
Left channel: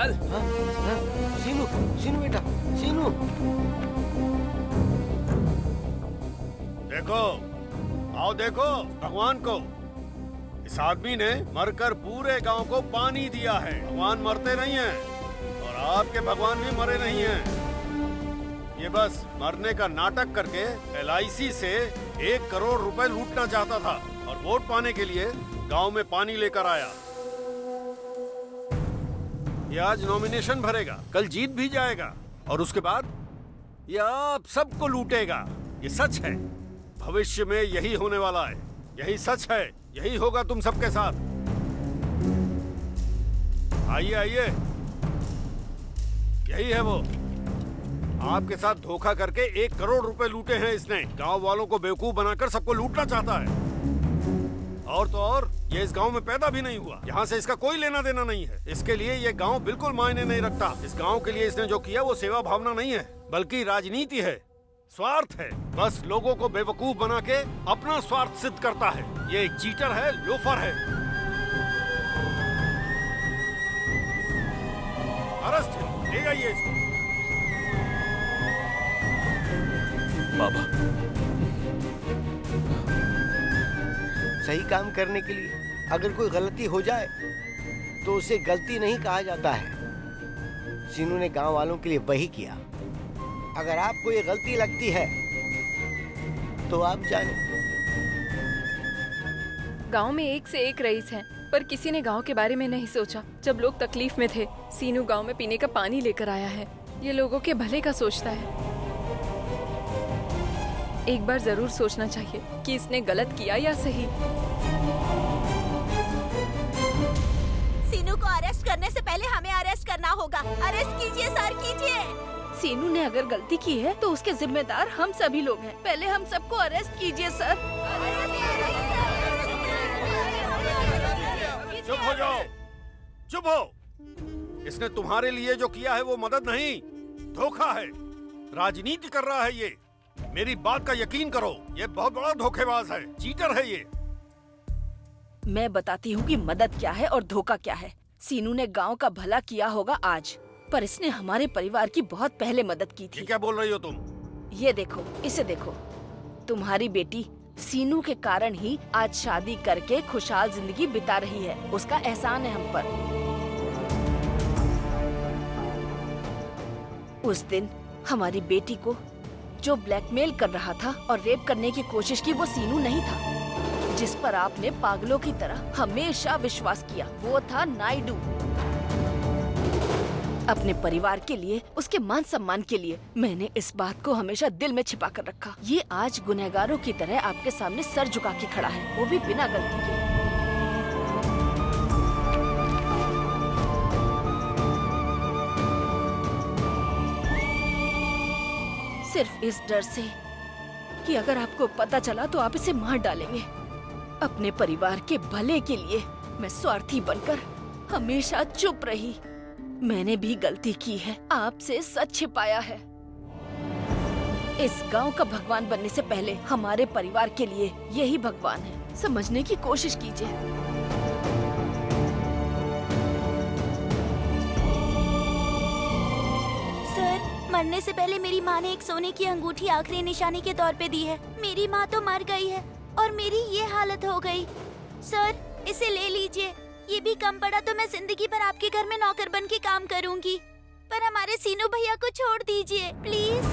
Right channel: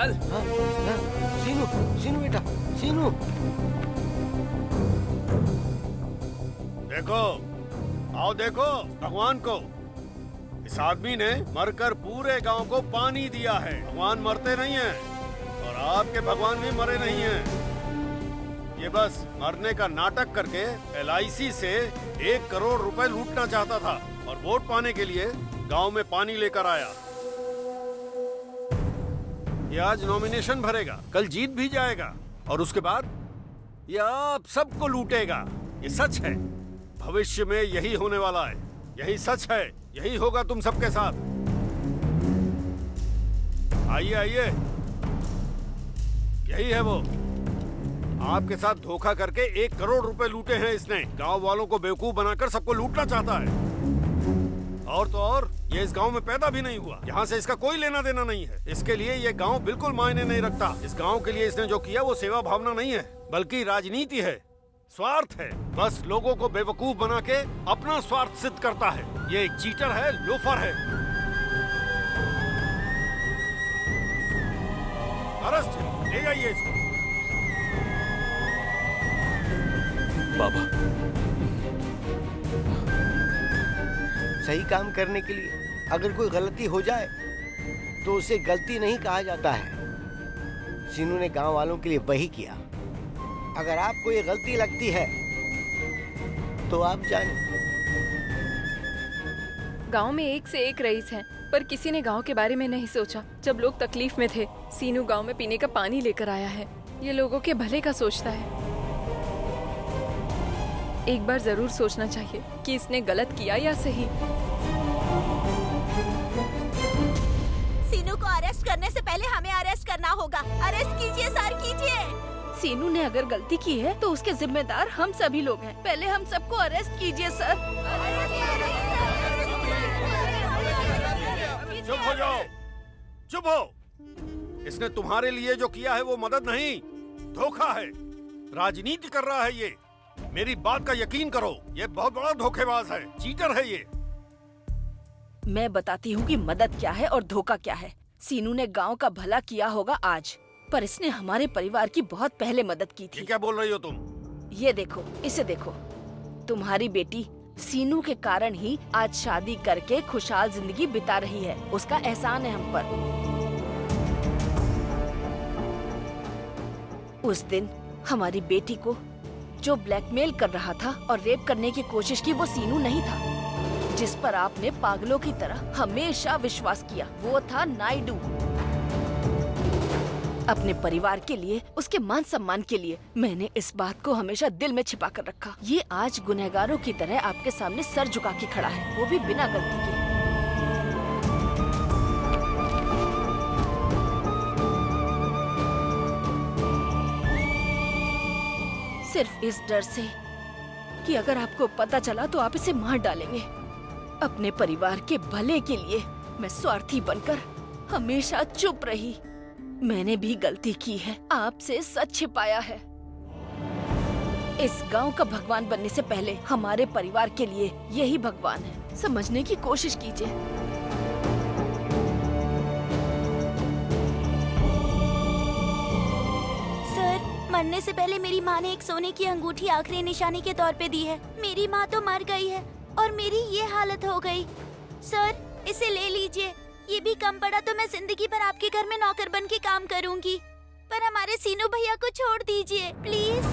चल। हाँ, हाँ, सीनू, सीनू बेटा, सीनू। देखो, आओ देखो भगवान को। इस आदमी ने मरकर पूरे गांव को पानी दिया है। भगवान मरते नहीं हैं और आपके भगवान भी मरे नहीं हैं। ये बस मरने का नाटक करके LIC से 1 करोड़ रुपए लूटना चाहता था और वोट पाने के लिए गांव में पानी लेकर आया। ये आज नॉमिनेशन भरेगा, कल जीत भी जाएगा और उसके बाद ये आप सबको लूटेगा। ये सच है, भविष्य में यही होने वाला है। यही सच है, यही होगा तुम सबके साथ। आइए आइए, यही है वो। आपके साथ धोखा करके 1 करोड़ रुपए लूटे हैं इसने। गांव वालों को बेवकूफ बनाकर सबको लूटना चाहता है। और तो और ये इस गांव में पैदा भी नहीं हुआ, यहाँ से इसका कोई लेना देना नहीं है। इसके लिए ये गांव बिल्कुल मायने नहीं रखता। इस गांव के लिए इसने जो किया वो सेवा भावना नहीं है, बल्कि राजनीति है, स्वार्थ है। बस लोगों को बेवकूफ बना के अपना स्वार्थ सिद्ध करता है। ये एक चीटर है, लोफर है। अरेस्ट हिम, ले जाइए इसको। बाबा, सही काम करने के लिए अगर कोई गलती हो जाए तो उसे गलती नहीं कहा जाता है। सीनू ने गांव वालों के लिए वही किया। अगर आपको ये गलती लगती है तो आप जाने। गांव में एक से एक रईस हैं, पर किसी ने गांव के बारे में नहीं सोचा। जब लोग तकलीफ में थे, सीनू गांव में पीने का पानी लेकर आया है। ये लोगों के भले का सोचता है। एक बार जरूर सोचना चाहिए कि इसने गलत किया या सही। सीनू को अरेस्ट करने से पहले हमें अरेस्ट करना होगा। अरेस्ट कीजिए सर, कीजिए। सीनू ने अगर गलती की है तो उसके जिम्मेदार हम सभी लोग हैं। पहले हम सबको अरेस्ट कीजिए सर। चुप हो जाओ, चुप हो। इसने तुम्हारे लिए जो किया है वो मदद नहीं, धोखा है। राजनीति कर रहा है ये। मेरी बात का यकीन करो, ये बहुत बड़ा धोखेबाज है, चीटर है ये। मैं बताती हूँ कि मदद क्या है और धोखा क्या है। सीनू ने गांव का भला किया होगा आज, पर इसने हमारे परिवार की बहुत पहले मदद की थी। क्या बोल रही हो तुम? ये देखो, इसे देखो। तुम्हारी बेटी सीनू के कारण ही आज शादी करके खुशहाल जिंदगी बिता रही है। उसका एहसान है हम पर। उस दिन हमारी बेटी को जो ब्लैकमेल कर रहा था और रेप करने की कोशिश की, वो सीनू नहीं था, जिस पर आपने पागलों की तरह हमेशा विश्वास किया। वो था नायडू। अपने परिवार के लिए, उसके मान सम्मान के लिए मैंने इस बात को हमेशा दिल में छिपा कर रखा। ये आज गुनहगारों की तरह आपके सामने सर झुका के खड़ा है, वो भी बिना गलती के। सिर्फ इस डर से कि अगर आपको पता चला तो आप इसे मार डालेंगे। अपने परिवार के भले के लिए मैं स्वार्थी बनकर हमेशा चुप रही। मैंने भी गलती की है, आपसे सच छिपाया है। इस गांव का भगवान बनने से पहले हमारे परिवार के लिए यही भगवान है। समझने की कोशिश कीजिए। सर, मरने से पहले मेरी माँ ने एक सोने की अंगूठी आखिरी निशानी के तौर पे दी है। मेरी माँ तो मर गई है और मेरी ये हालत हो गई। सर, इसे ले लीजिए। ये भी कम पड़ा तो मैं जिंदगी भर आपके घर में नौकर बन के काम करूंगी। पर हमारे सीनू भैया को छोड़ दीजिए प्लीज।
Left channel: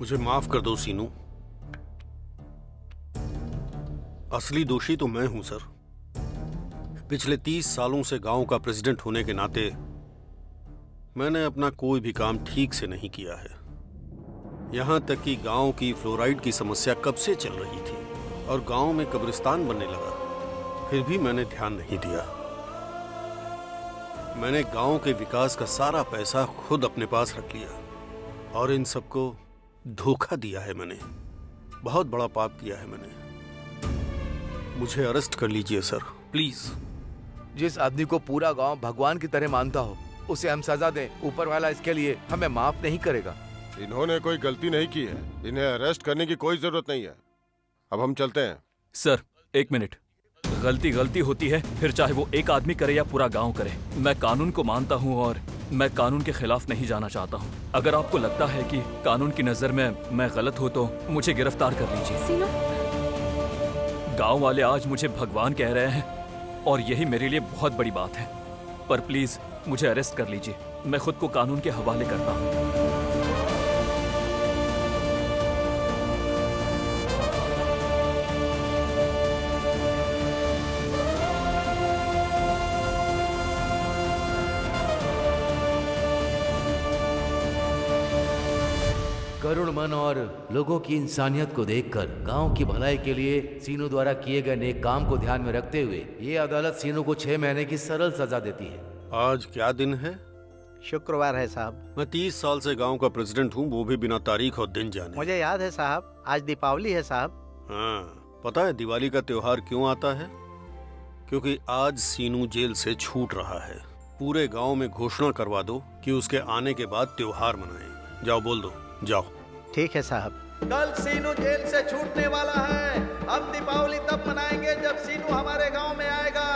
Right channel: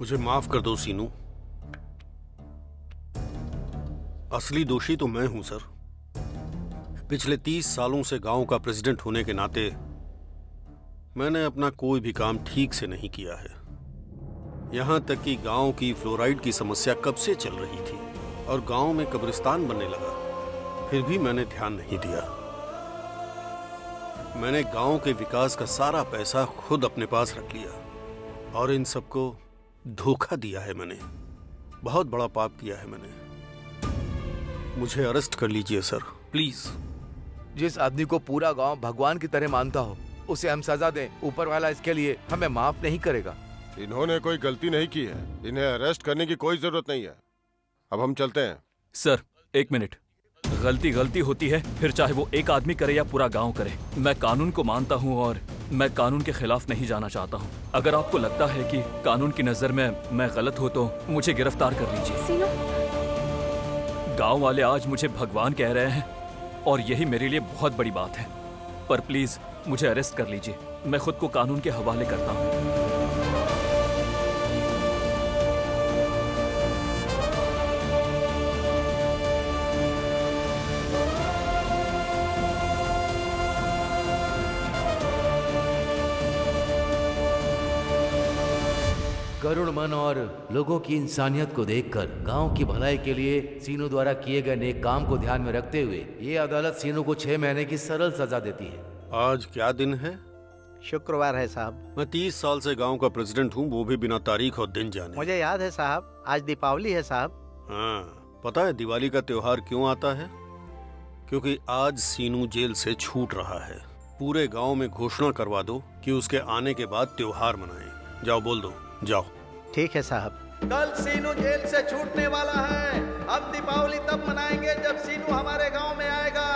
मुझे माफ कर दो सीनू। असली दोषी तो मैं हूं सर। पिछले 30 सालों से गांव का प्रेसिडेंट होने के नाते मैंने अपना कोई भी काम ठीक से नहीं किया है। यहां तक कि गांव की फ्लोराइड की समस्या कब से चल रही थी और गांव में कब्रिस्तान बनने लगा, फिर भी मैंने ध्यान नहीं दिया। मैंने गांव के विकास का सारा पैसा खुद अपने पास रख लिया और इन सबको धोखा दिया है मैंने। बहुत बड़ा पाप किया है मैंने। मुझे अरेस्ट कर लीजिए सर, प्लीज। जिस आदमी को पूरा गांव भगवान की तरह मानता हो, उसे हम सजा दें, ऊपर वाला इसके लिए हमें माफ नहीं करेगा। इन्होंने कोई गलती नहीं की है, इन्हें अरेस्ट करने की कोई जरूरत नहीं है। अब हम चलते हैं। सर, एक मिनट। गलती होती है, फिर चाहे वो एक आदमी करे या पूरा गांव करे। मैं कानून को मानता हूँ और मैं कानून के खिलाफ नहीं जाना चाहता हूँ। अगर आपको लगता है कि कानून की नजर में मैं गलत हूँ तो मुझे गिरफ्तार कर लीजिए। सीनू, गांव वाले आज मुझे भगवान कह रहे हैं और यही मेरे लिए बहुत बड़ी बात है। पर प्लीज मुझे अरेस्ट कर लीजिए, मैं खुद को कानून के हवाले करता हूँ। करुण मन और लोगों की इंसानियत को देखकर गांव की भलाई के लिए सीनू द्वारा किए गए नेक काम को ध्यान में रखते हुए ये अदालत सीनू को 6 महीने की सरल सजा देती है। आज क्या दिन है? शुक्रवार है साहब। मैं 30 साल से गांव का प्रेसिडेंट हूँ, वो भी बिना तारीख और दिन जाने। मुझे याद है साहब, आज दीपावली है साहब। हाँ, पता है दिवाली का त्योहार क्यों आता है? क्योंकि आज सीनू जेल से छूट रहा है। पूरे गांव में घोषणा करवा दो कि उसके आने के बाद त्योहार मनाएं। जाओ, बोल दो, जाओ। ठीक है साहब। कल सीनू जेल से छूटने वाला है। हम दीपावली तब मनाएंगे जब सीनू हमारे गांव में आएगा।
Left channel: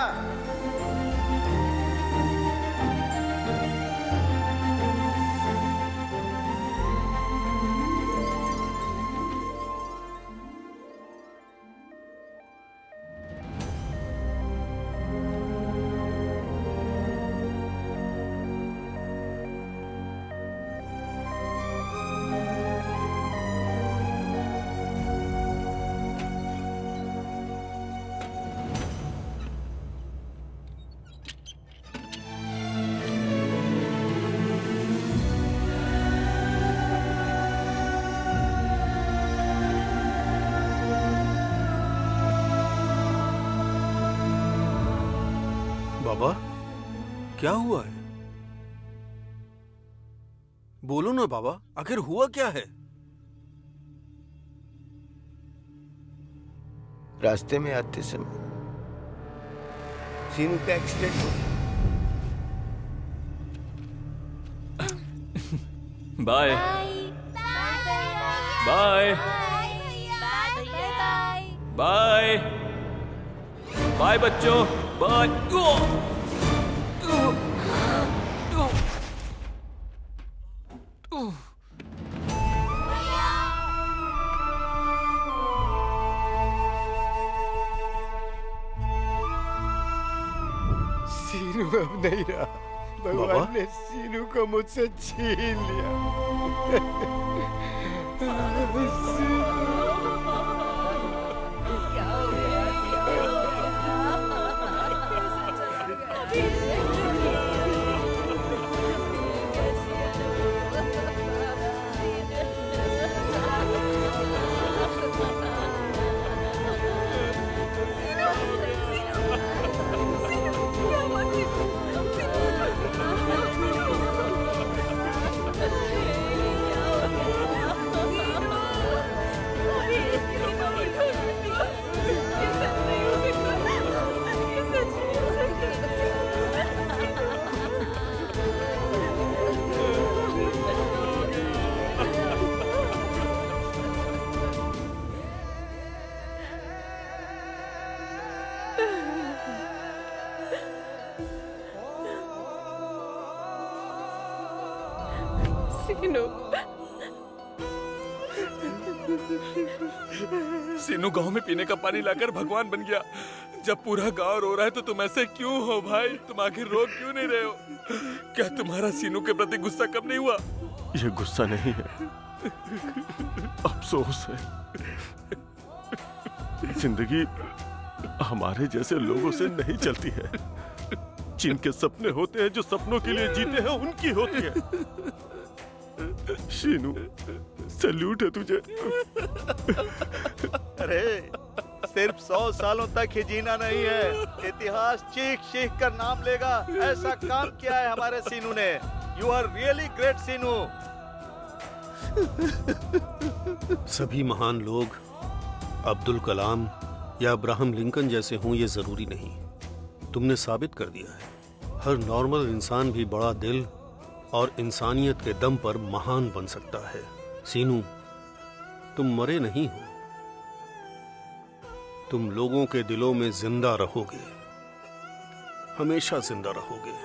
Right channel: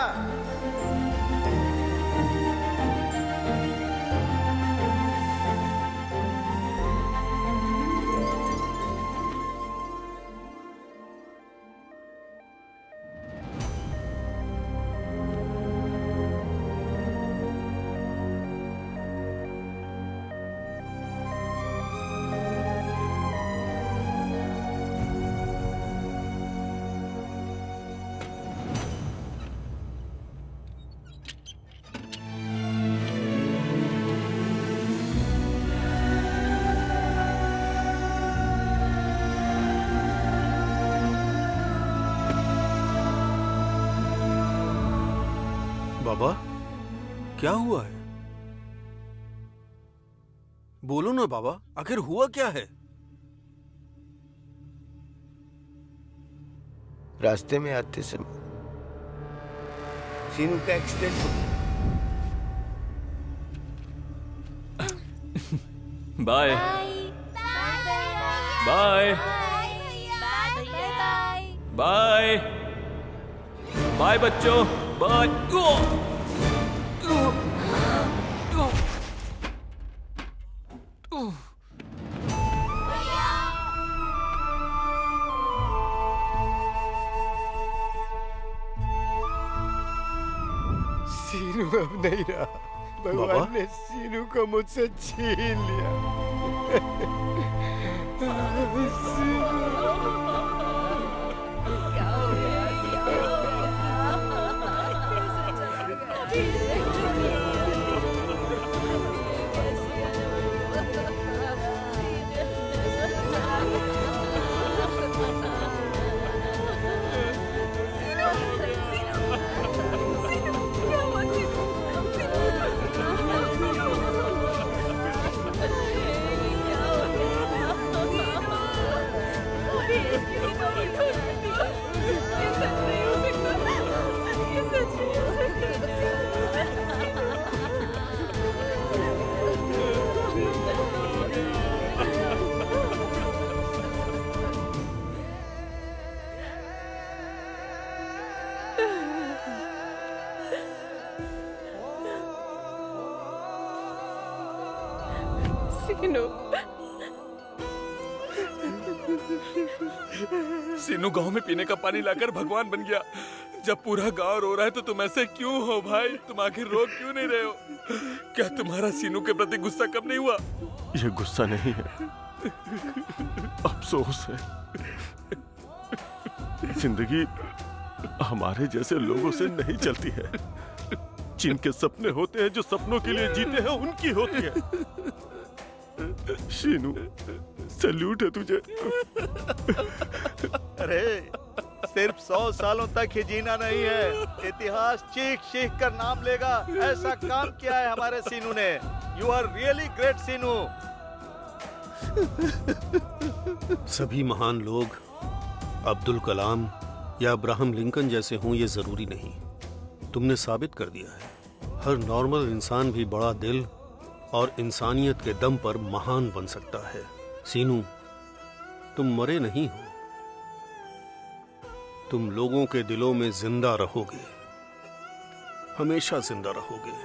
बाबा, क्या हुआ है? बोलो ना बाबा, आखिर हुआ क्या है? रास्ते में आते समय सीनू का एक्सीडेंट हो गया। बाय बाय बाय बाय बच्चों, बाय। सीनू अब नहीं रहा। भगवान ने सीनू को मुझसे छीन लिया। क्या हो गया? ये सच नहीं हो सकता। ये सच नहीं हो सीनू गांव में पीने का पानी लाकर भगवान बन गया। जब पूरा गांव रो रहा है तो तुम ऐसे क्यों हो भाई? तुम आखिर रो क्यों नहीं रहे हो? क्या तुम्हारा सीनू के प्रति गुस्सा कम नहीं हुआ? ये गुस्सा नहीं है, अफसोस है। जिंदगी हमारे जैसे लोगों से नहीं चलती है। जिनके सपने होते हैं, जो सपनों के लिए जीते हैं, उनकी होती है। शीनू, सैल्यूट है तुझे। अरे सिर्फ 100 सालों तक ही जीना नहीं है, इतिहास चीख चीख कर नाम लेगा। ऐसा काम किया है हमारे सीनू ने। यू आर रियली ग्रेट सीनू। सभी महान लोग अब्दुल कलाम या अब्राहम लिंकन जैसे हों ये जरूरी नहीं। तुमने साबित कर दिया है हर नॉर्मल इंसान भी बड़ा दिल और इंसानियत के दम पर महान बन सकता है। सीनू, तुम मरे नहीं हो, तुम लोगों के दिलों में जिंदा रहोगे, हमेशा जिंदा रहोगे।